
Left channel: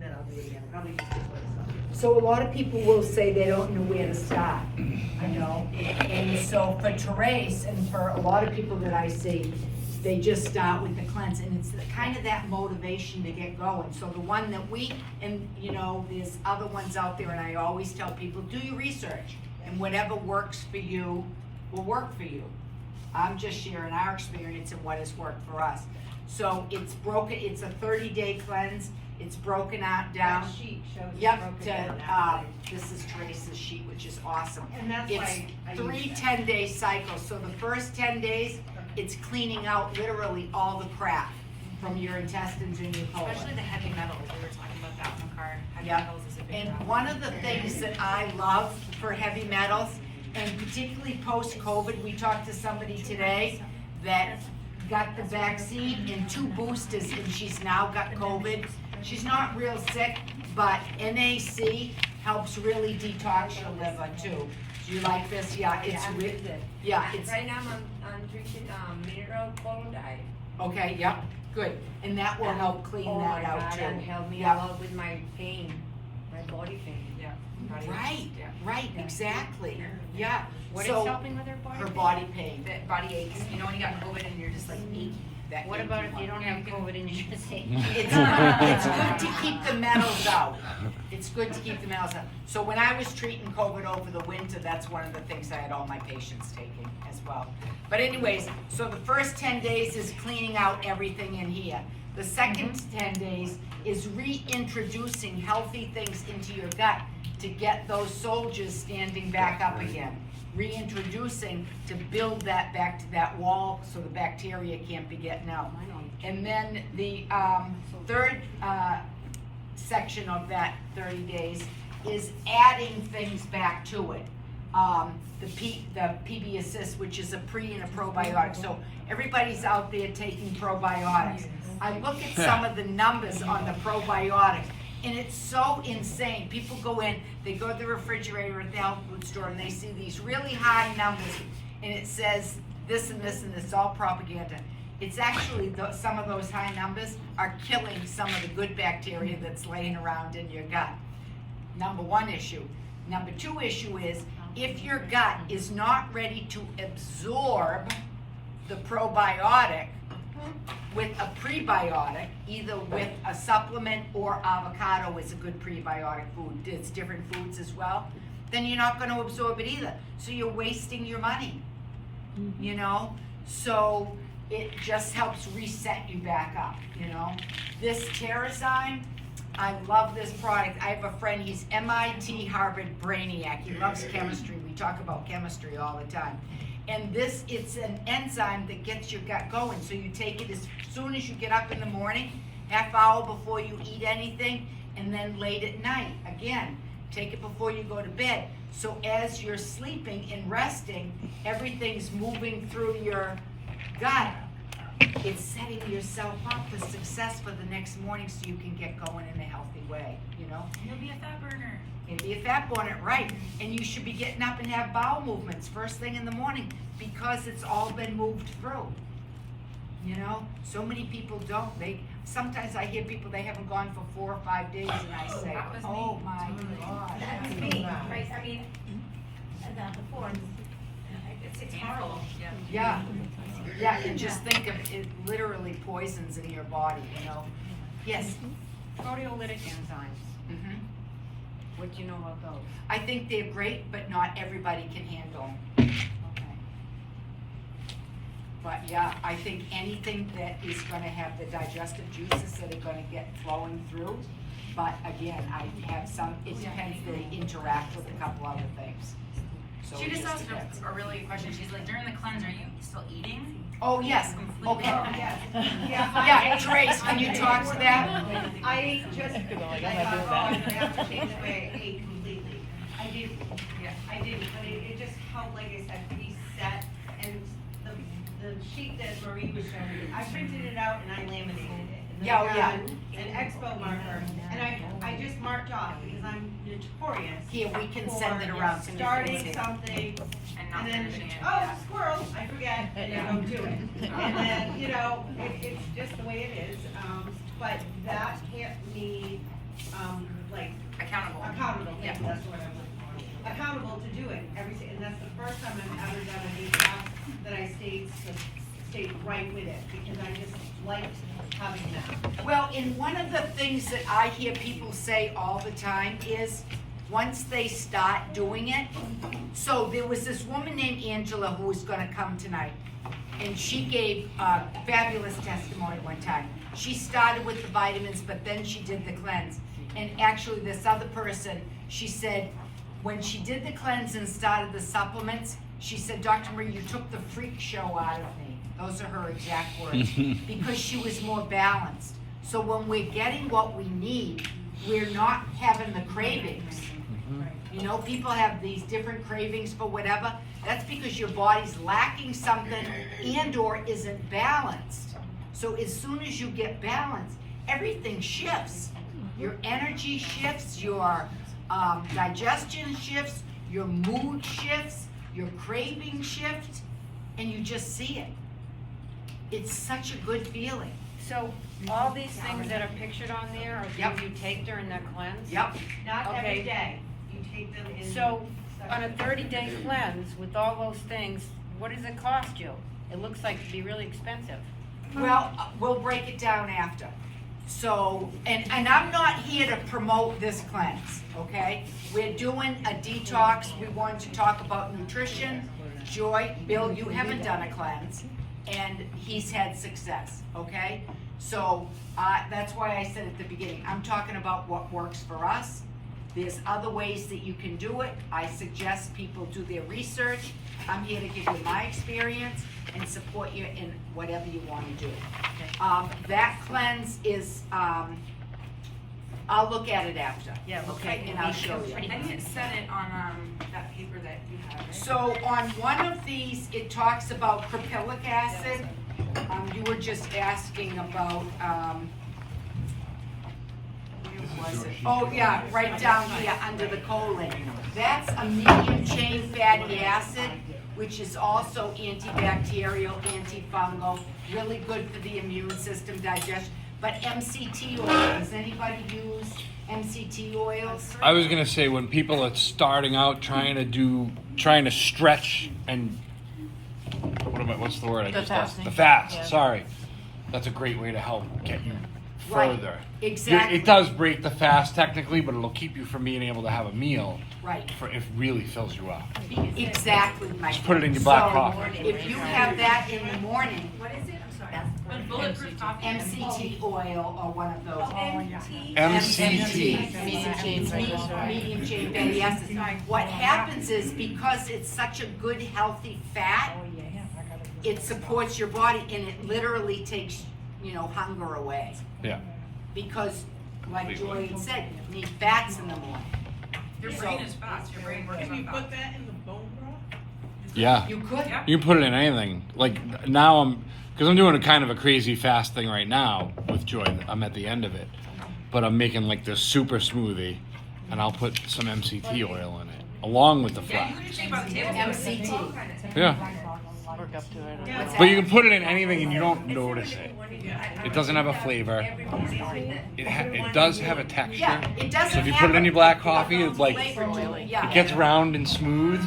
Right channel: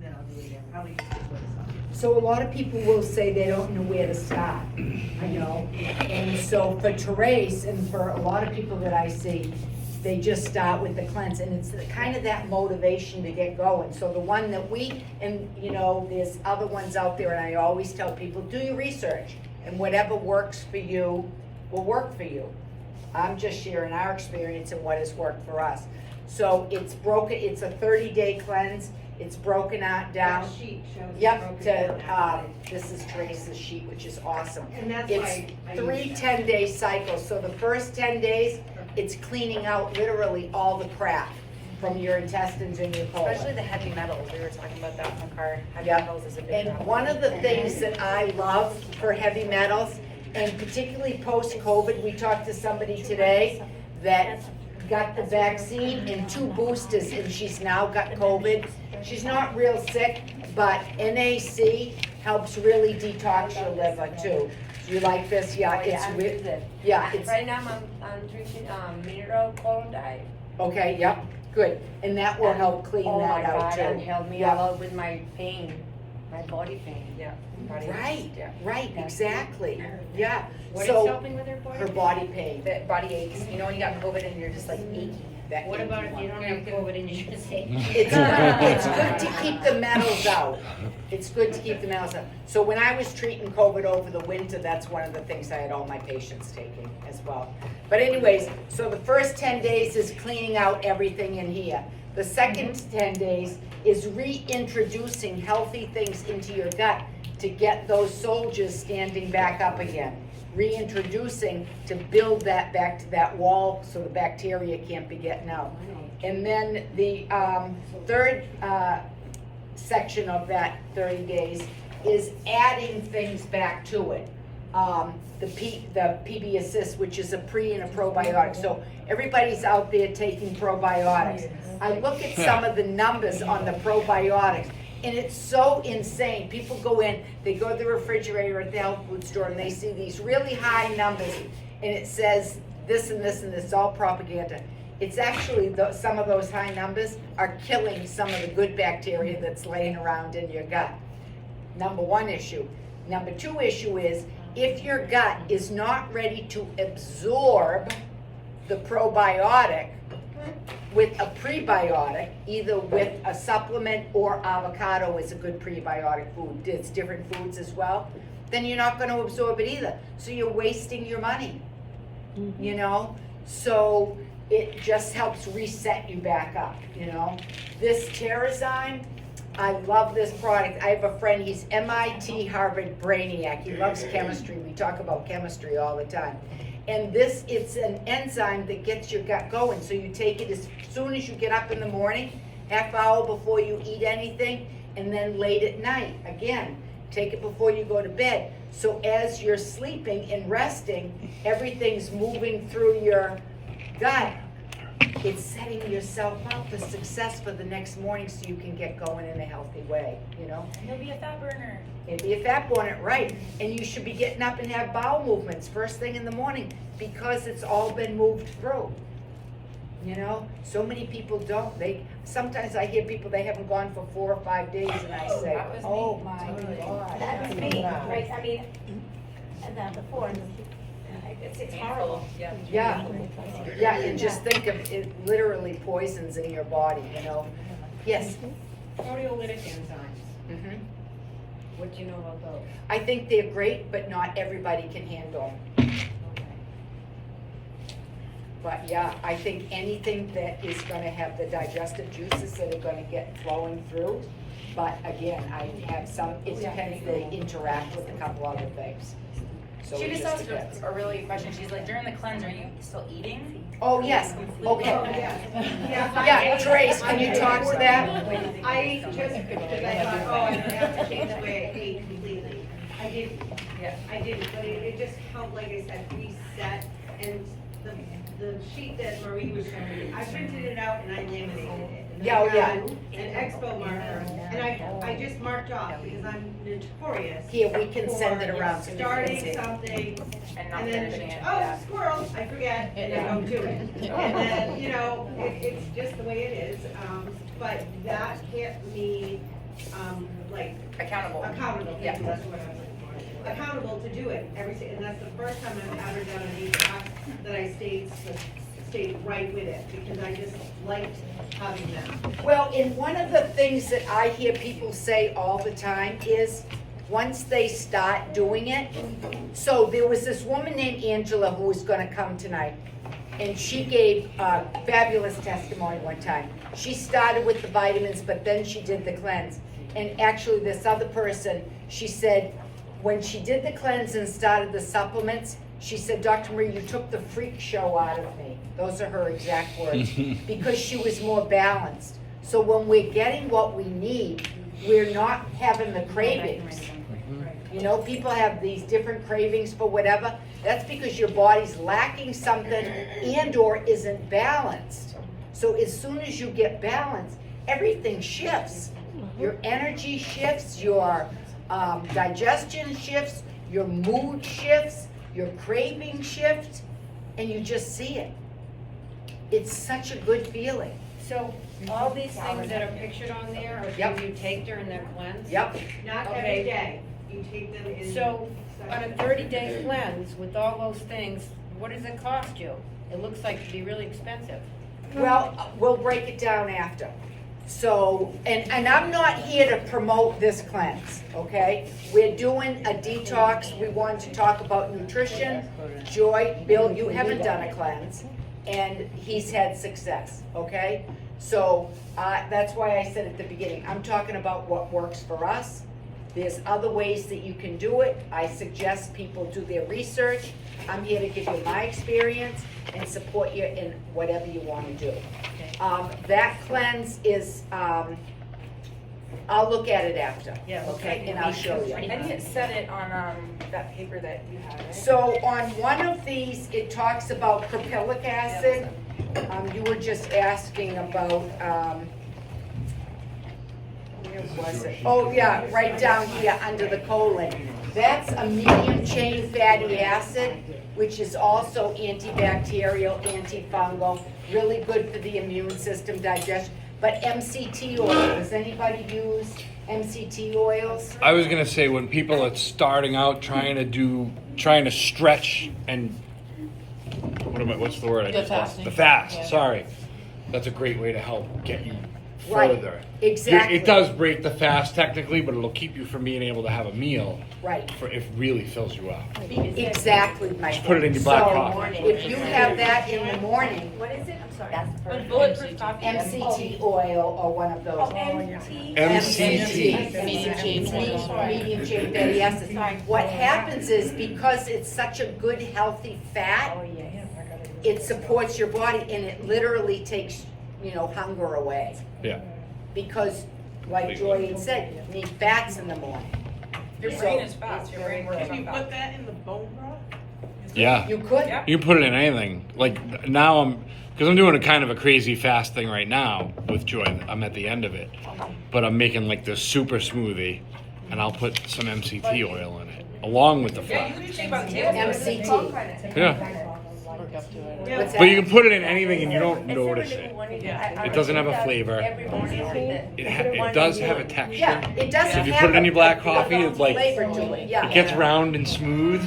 Then I'll do it again. I'll eat this. So a lot of people will say they don't know where to start, you know? And so for Therese and for a lot of people that I see, they just start with the cleanse, and it's kind of that motivation to get going. So the one that and you know, there's other ones out there, and I always tell people, do your research, and whatever works for you will work for you. I'm just sharing our experience and what has worked for us. So it's a 30-day cleanse. It's broken out down. That sheet shows Yep, broken down. this is Teresa's sheet, which is awesome. And that's It's why I 3 use 10-day cycles. So the first 10 days, it's cleaning out literally all the crap from your intestines and your colon. Especially the heavy metals. We were talking about that in the car. Heavy Yep. metals is a big And problem. one of the things that I love for heavy metals, and particularly post-COVID, we talked to somebody today that got the vaccine and 2 boosters, and she's now got COVID. She's not real sick, but NAC helps really detox your liver too. Do you like this? Yeah, it's it's Right now I'm drinking mineral bone diet. okay. Yep, good, and that will help clean that out too. And help me Yeah. a lot with my pain, my body pain. Yeah. Body Right, aches, yeah. right, exactly. Yeah. What is So helping with her body? her body pain. The body aches. You know when you got COVID and you're just like achy. That What about if you don't have COVID and you just say? It's good to keep the metals out. It's good to keep the metals out. So when I was treating COVID over the winter, that's one of the things I had all my patients taking as well. But anyways, so the first 10 days is cleaning out everything in here. The second 10 days is reintroducing healthy things into your gut to get those soldiers standing back up again. Reintroducing to build that back to that wall so the bacteria can't be getting out. And then the third section of that 30 days is adding things back to it. The PB Assist, which is a pre and a probiotic. So everybody's out there taking probiotics. I look at some of the numbers on the probiotics, and it's so insane. People go in, they go to the refrigerator at the health food store, and they see these really high numbers, and it says this and this and this, all propaganda. It's actually, some of those high numbers are killing some of the good bacteria that's laying around in your gut. Number 1 issue. Number 2 issue is, if your gut is not ready to absorb the probiotic with a prebiotic, either with a supplement or avocado is a good prebiotic food. It's different foods as well. then you're not gonna absorb it either. So you're wasting your money, you know? So it just helps reset you back up, you know? This Terrazyme, I love this product. I have a friend, he's MIT Harvard brainiac. He loves chemistry. We talk about chemistry all the time. And this, it's an enzyme that gets your gut going. So you take it as soon as you get up in the morning, half hour before you eat anything, and then late at night. Again, take it before you go to bed. So as you're sleeping and resting, everything's moving through your gut. It's setting yourself up for success for the next morning so you can get going in a healthy way, you know? And you'll be a fat burner. It'd be a fat burner, right? And you should be getting up and have bowel movements first thing in the morning because it's all been moved through. You know, so many people don't. Sometimes I hear people, they haven't gone for 4 or 5 days, and I say, oh my God. That was me, right, I mean, before, it's horrible. Yeah, yeah, and just think of it, literally poisons in your body, you know? Yes? Proteolytic enzymes, Mhm. what do you know about those? I think they're great, but not everybody can handle them. Okay. But yeah, I think anything that is gonna have the digestive juices that are gonna get flowing through. But again, I have some, it depends, they interact with a couple other things. So She it just asked depends. a really good question. She's like, during the cleanse, are you still eating? Oh, yes, okay. Yeah. Yeah, Trace, can you talk to that? I just, because I thought, oh, I have to change the way I eat completely. I didn't, I didn't, but it just helped, like I said, reset, and the sheet that Marie was showing me, I printed it out and I laminated it. Yeah, oh, yeah. An expo marker, and I just marked off, because I'm notorious. Here, we can send it for around so you can starting see. something, And not and finishing then, it, oh, yeah. squirrel, I forget, and I don't do it. And then, you know, it's just the way it is, but that kept me, like, Accountable. accountable, Yeah. that's what I'm looking for. Accountable to do it and that's the first time I've ever done a detox that I stayed right with it, because I just liked having that. Well, and one of the things that I hear people say all the time is, once they start doing it, so there was this woman named Angela who was gonna come tonight, and she gave a fabulous testimony one time. She started with the vitamins, but then she did the cleanse. And actually, this other person, she said, when she did the cleanse and started the supplements, she said, Dr. Marie, you took the freak show out of me. Those are her exact words, because she was more balanced. So when we're getting what we need, we're not having the cravings. You know, people have these different cravings for whatever. That's because your body's lacking something and or isn't balanced. So as soon as you get balanced, everything shifts. Your energy shifts, your digestion shifts, your mood shifts, your craving shifts, and you just see it. It's such a good feeling. So, all these things that are pictured on there, are Yep. things you take during that cleanse? Yep. Not every Okay. day, you take them in. So, on a 30-day cleanse, with all those things, what does it cost you? It looks like it'd be really expensive. Well, we'll break it down after. So, and I'm not here to promote this cleanse, okay? We're doing a detox. We want to talk about nutrition. Joy, Bill, you haven't done a cleanse, and he's had success, okay? So, that's why I said at the beginning, I'm talking about what works for us. There's other ways that you can do it. I suggest people do their research. I'm here to give you my experience and support you in whatever you want to do. That cleanse is, I'll look at it after. Yeah, Okay, and I'll show you. I think it said it on that paper that you had, right? So on one of these, it talks about caprylic acid. You were just asking about, where was it? Oh, yeah, right down here under the colon. That's a medium chain fatty acid, which is also antibacterial, antifungal, really good for the immune system, digestion. But MCT oil, does anybody use MCT oils? I was gonna say, when people are starting out trying to stretch and, what's the word? The fasting. The fast, Yeah. sorry. That's a great way to help get you Right. further. Exactly. It does break the fast technically, but it'll keep you from being able to have a meal Right. if it really fills you up. Exactly, my Just put it in your black So, coffee. if you have that in the morning, What is it? I'm sorry. But bulletproof coffee. MCT oil or one of those. MT. MCT. Medium chain fatty acids. What happens is because it's such a good healthy fat, it supports your body and it literally takes, hunger away. Yeah. Because, like Joy had said, you need fats in the morning. Your brain is fast. Your brain works Can you on put fast. that in the bone broth? Yeah. You could. Yeah. You can put it in anything. Like now because I'm doing a kind of a crazy fast thing right now with Joy. I'm at the end of it. But I'm making like this super smoothie and I'll put some MCT oil in it. Along with the Yeah, fat. you can shake on the table. MCT. Yeah. What's But you that? can put it in anything and you don't notice it. It doesn't have a flavor. It does have a texture. Yeah, it doesn't So if you have put it in a your black coffee, it's like flavor to it, yeah. it gets round and smooth.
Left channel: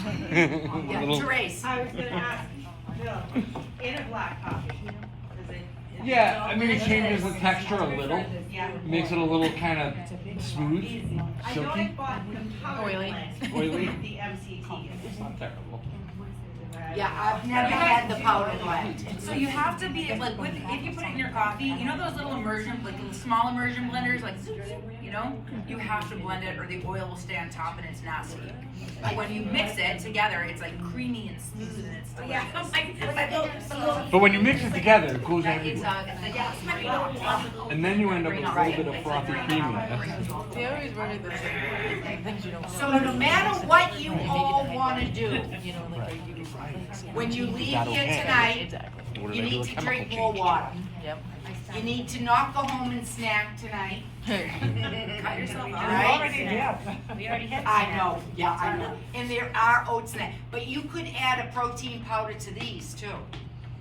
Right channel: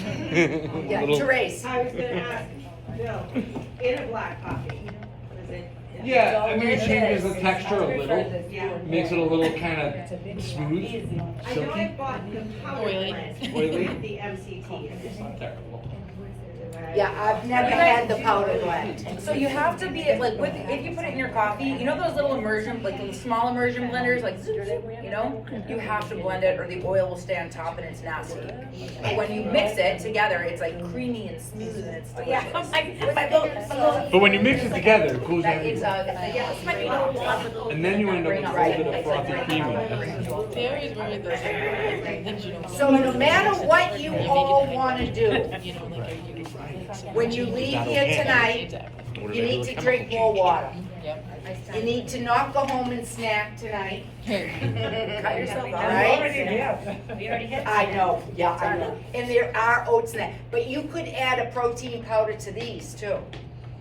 Yeah, Little- Therese. I was gonna ask, no, in a black coffee. Yeah, I mean it changes the texture a little. Yeah. Makes it a little kind of smooth, I know I silky. bought the powder Oily. blend Oily. with the MCT. It's not terrible. Yeah, I've never had the powder blend. So you have to be like with if you put it in your coffee, you know those little immersion, like those small immersion blenders, like you have to blend it or the oil will stay on top and it's nasty. But when you mix it together, it's like creamy and smooth and it's delicious. But when you mix it together, it cools That you. is And then you end up with a little bit of frothy creaminess. Berries were with the things you don't So no matter what you all wanna do, when you leave here tonight, you need to drink more water. Yep. You need to not go home and snack tonight. Cut yourself out. Right? I know, yeah, I know. And there are oats in that, but you could add a protein powder to these too.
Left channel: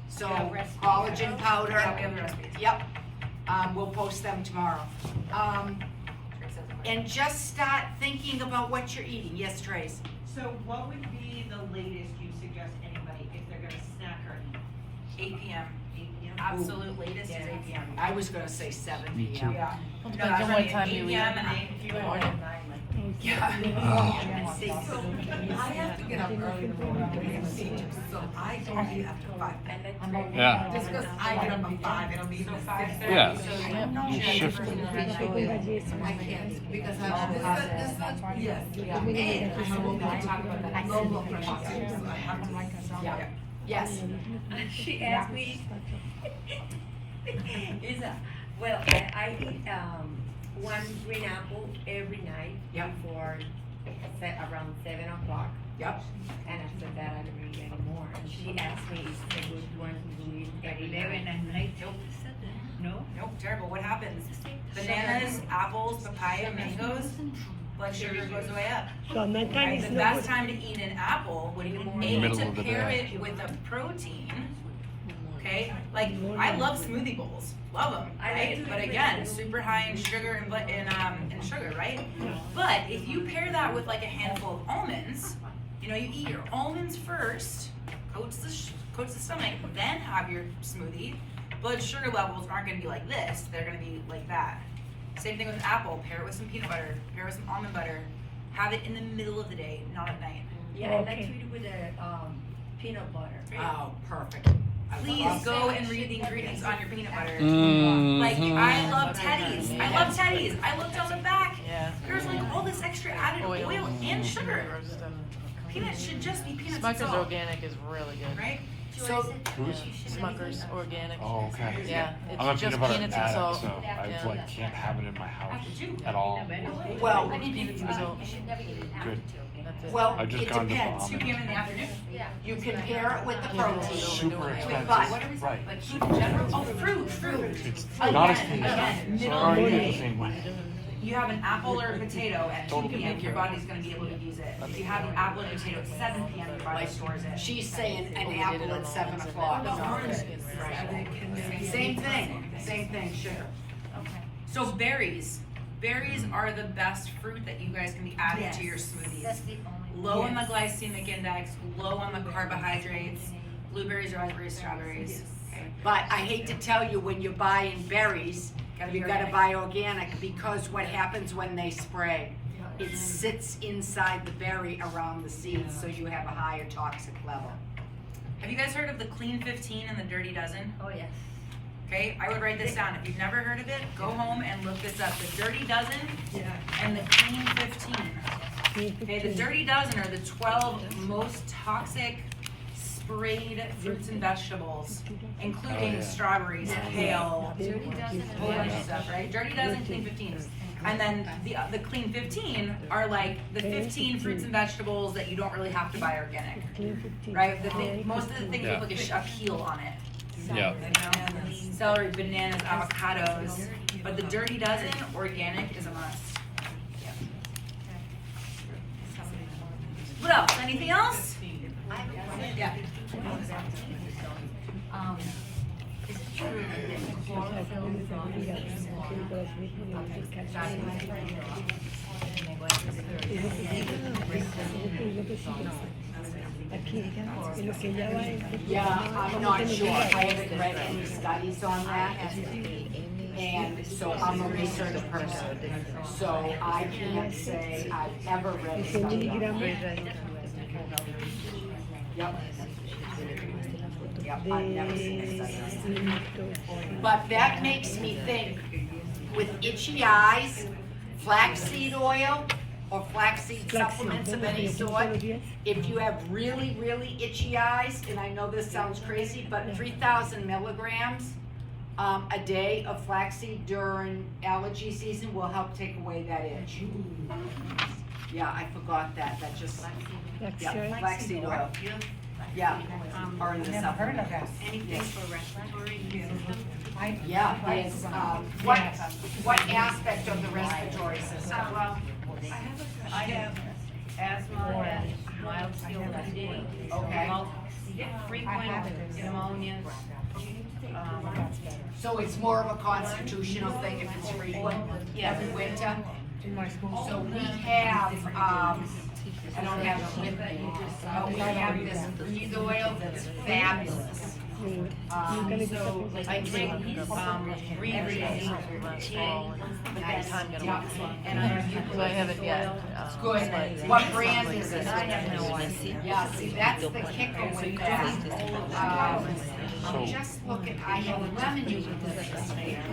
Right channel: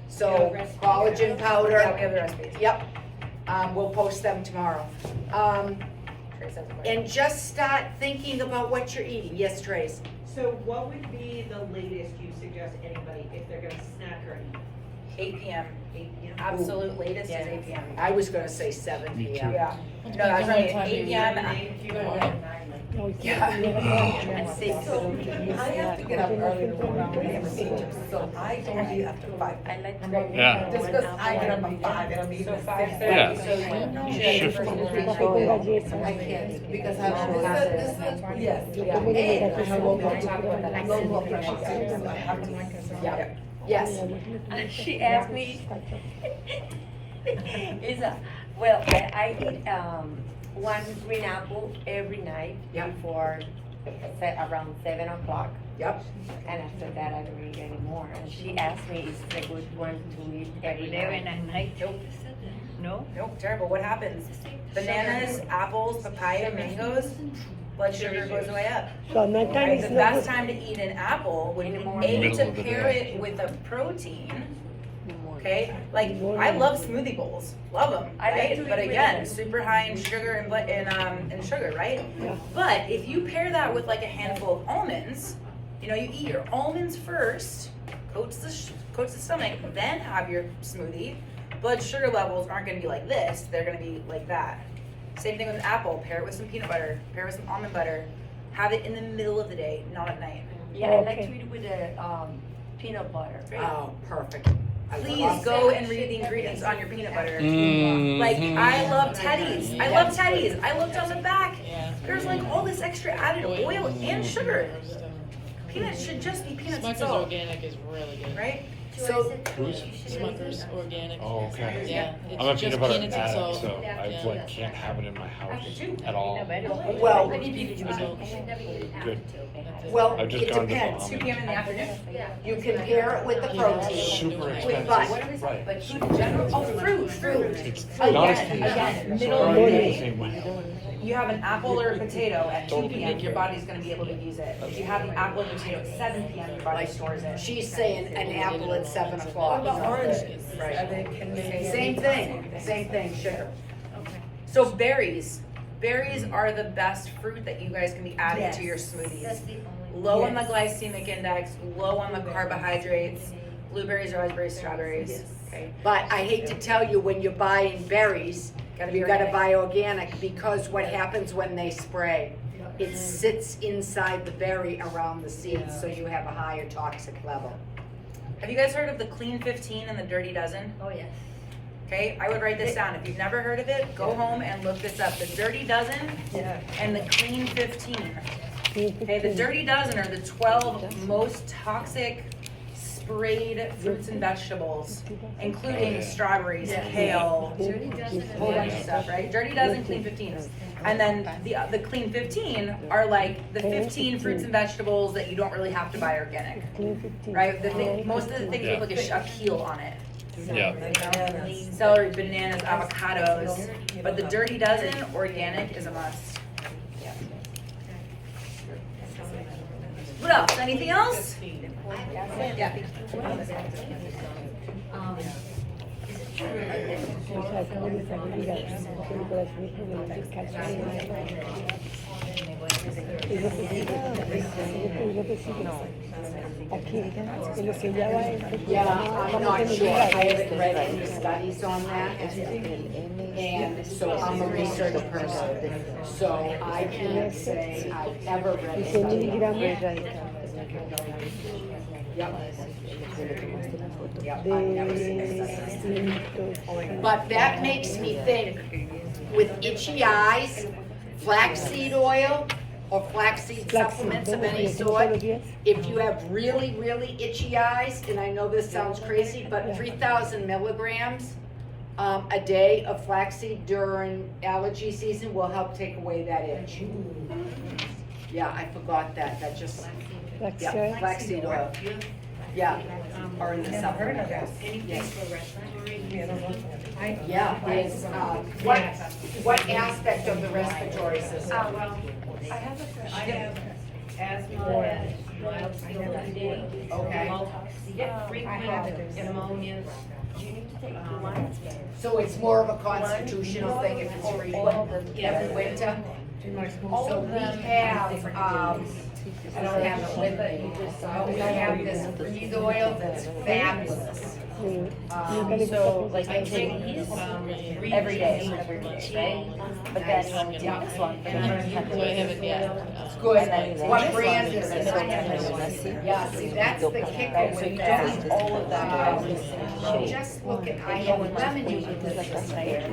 So collagen Yeah, we powder, have the recipes. yep. We'll post them tomorrow. And just start thinking about what you're eating. Yes, Trace? So what would be the latest you suggest anybody if they're gonna snack or eat? 8 p.m. Absolute latest is 8 p.m. I was gonna say 7 p.m. Yeah. No, that's What right. time 8 you p.m. Yeah. I have to get up early in the morning to have a teacher, so I don't eat after 5. Yeah. Just because I get up at 5 and I'm eating at 6:30. Yeah. I can't, because I don't have this, yes, yeah, and I have low blood pressure too, so I have to. Yeah. Yes. She asked me, I eat, one green apple every night Yeah. before, around 7 o'clock. Yep. And after that, I don't eat anymore. And she asked me, is it a good one to eat every night? Nope, terrible. What happens? Bananas, apples, papaya, mangoes, blood sugar goes way up. Right? The best time to eat an apple would be to pair it with a protein. Okay, like I love smoothie bowls, love them, right? But again, super high in sugar and sugar, right? But if you pair that with like a handful of almonds, you eat your almonds first, coats the stomach, then have your smoothie. Blood sugar levels aren't going to be like this; they're going to be like that. Same thing with apple. Pair it with some peanut butter. Pair it with some almond butter. Have it in the middle of the day, not at night. Yeah, I like to eat with the, peanut butter. Oh, perfect. I Please love go that. and read the ingredients on your peanut butter. Mhm. Like, I love Teddy's. I love Teddy's. I looked on the back. Yeah. There's like all this extra added oil and sugar. Peanuts should just be peanuts and Smucker's salt, organic is really good. right? So, Smucker's organic. Oh, okay. Yeah, I'm a it's just peanut butter peanuts and addict, salt. so I like, can't have it in my house at all. well, Good. well, I've just it gone to depends. 2 p.m. in the afternoon. You can pair it with the protein. Super expensive. But, Right. Like food in general. Oh, fruit. It's Again, middle of the day. Same way. You have an apple or a potato at 2 p.m., your body's going to be able to use it. If you have the apple and potato at 7 p.m., your body stores it. she's saying an apple at 7 o'clock. Right. Same thing, sugar. So berries. Berries are the best fruit that you guys can be adding to your smoothies. Low on the glycemic index, low on the carbohydrates. Blueberries, raspberries, strawberries. Okay. But I hate to tell you, when you're buying berries, Gotta be You gotta organic. buy organic, because what happens when they spray? It sits inside the berry around the seeds, so you have a higher toxic level. Have you guys heard of the Clean 15 and the Dirty Dozen? Oh, yes. Okay, I would write this down. If you've never heard of it, go home and look this up. The Dirty Dozen and the Clean 15. Okay, the Dirty Dozen are the 12 most toxic sprayed fruits and vegetables, including strawberries, kale, a whole bunch of stuff, right? Dirty Dozen, Clean 15. And then the Clean 15 are like the 15 fruits and vegetables that you don't really have to buy organic, right? Most of the things with like a peel on it. Yeah. Celery, bananas, avocados, but the Dirty Dozen organic is a must. What else? Anything else? Yeah. Is it true that chlorophyll Yeah, I'm not sure. I haven't read any studies on that. And so I'm a research person. So I can't say I've ever read a study on that. Yep. Yep, I've never seen a study on that. But that makes me think, with itchy eyes, flaxseed oil or flaxseed supplements of any sort, if you have really, really itchy eyes, and I know this sounds crazy, but 3,000 milligrams a day of flaxseed during allergy season will help take away that itch. Yeah, I forgot that. That just, yeah, flaxseed oil. Yeah, or in the supplement. Anything for respiratory? Yeah, there's, what aspect of the respiratory system? I have asthma and mild COPD. Okay. Frequent pneumonias. So it's more of a constitutional thing if it's frequent every winter? So we have, I don't have it with me, but we have this breathe oil that's fabulous. So like I take, every day. But that's, yeah, And I haven't yet. it's good. What brand is it? Yeah, see, that's the kicker with that. Just look at, I have lemon eucalyptus here.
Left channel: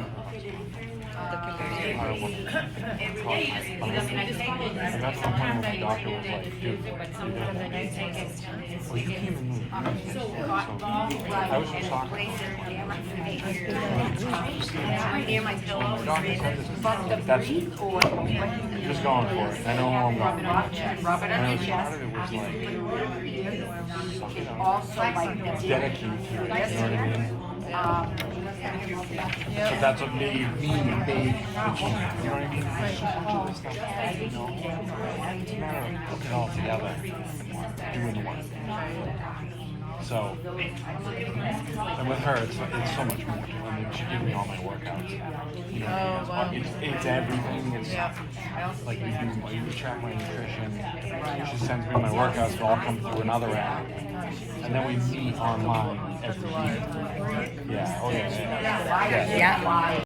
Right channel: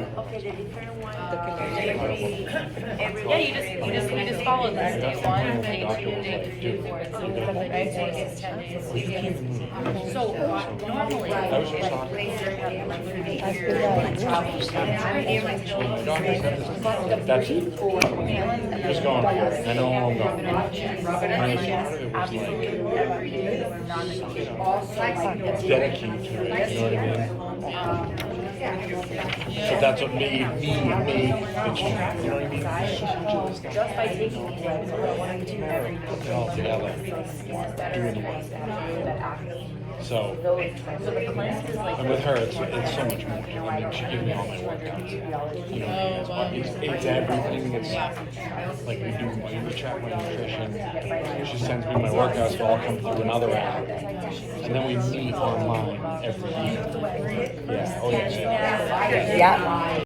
Yeah, you just follow this. Day one, day two, day three. So normally, right here, my pillow, But the breathe oil. Just going for it. I know. Rub it on your chest, absolutely every day. Also, like the Dedicated. So that's what made me the change. You know what I mean? Put it all together. Doing it. So, and with her, it's so much more. I mean, she gives me all you know, it's everything. It's like we do baby check on nutrition. She sends me my workouts, so I'll come through another app. And then we meet online every week. Yeah. Oh, yes. Yeah.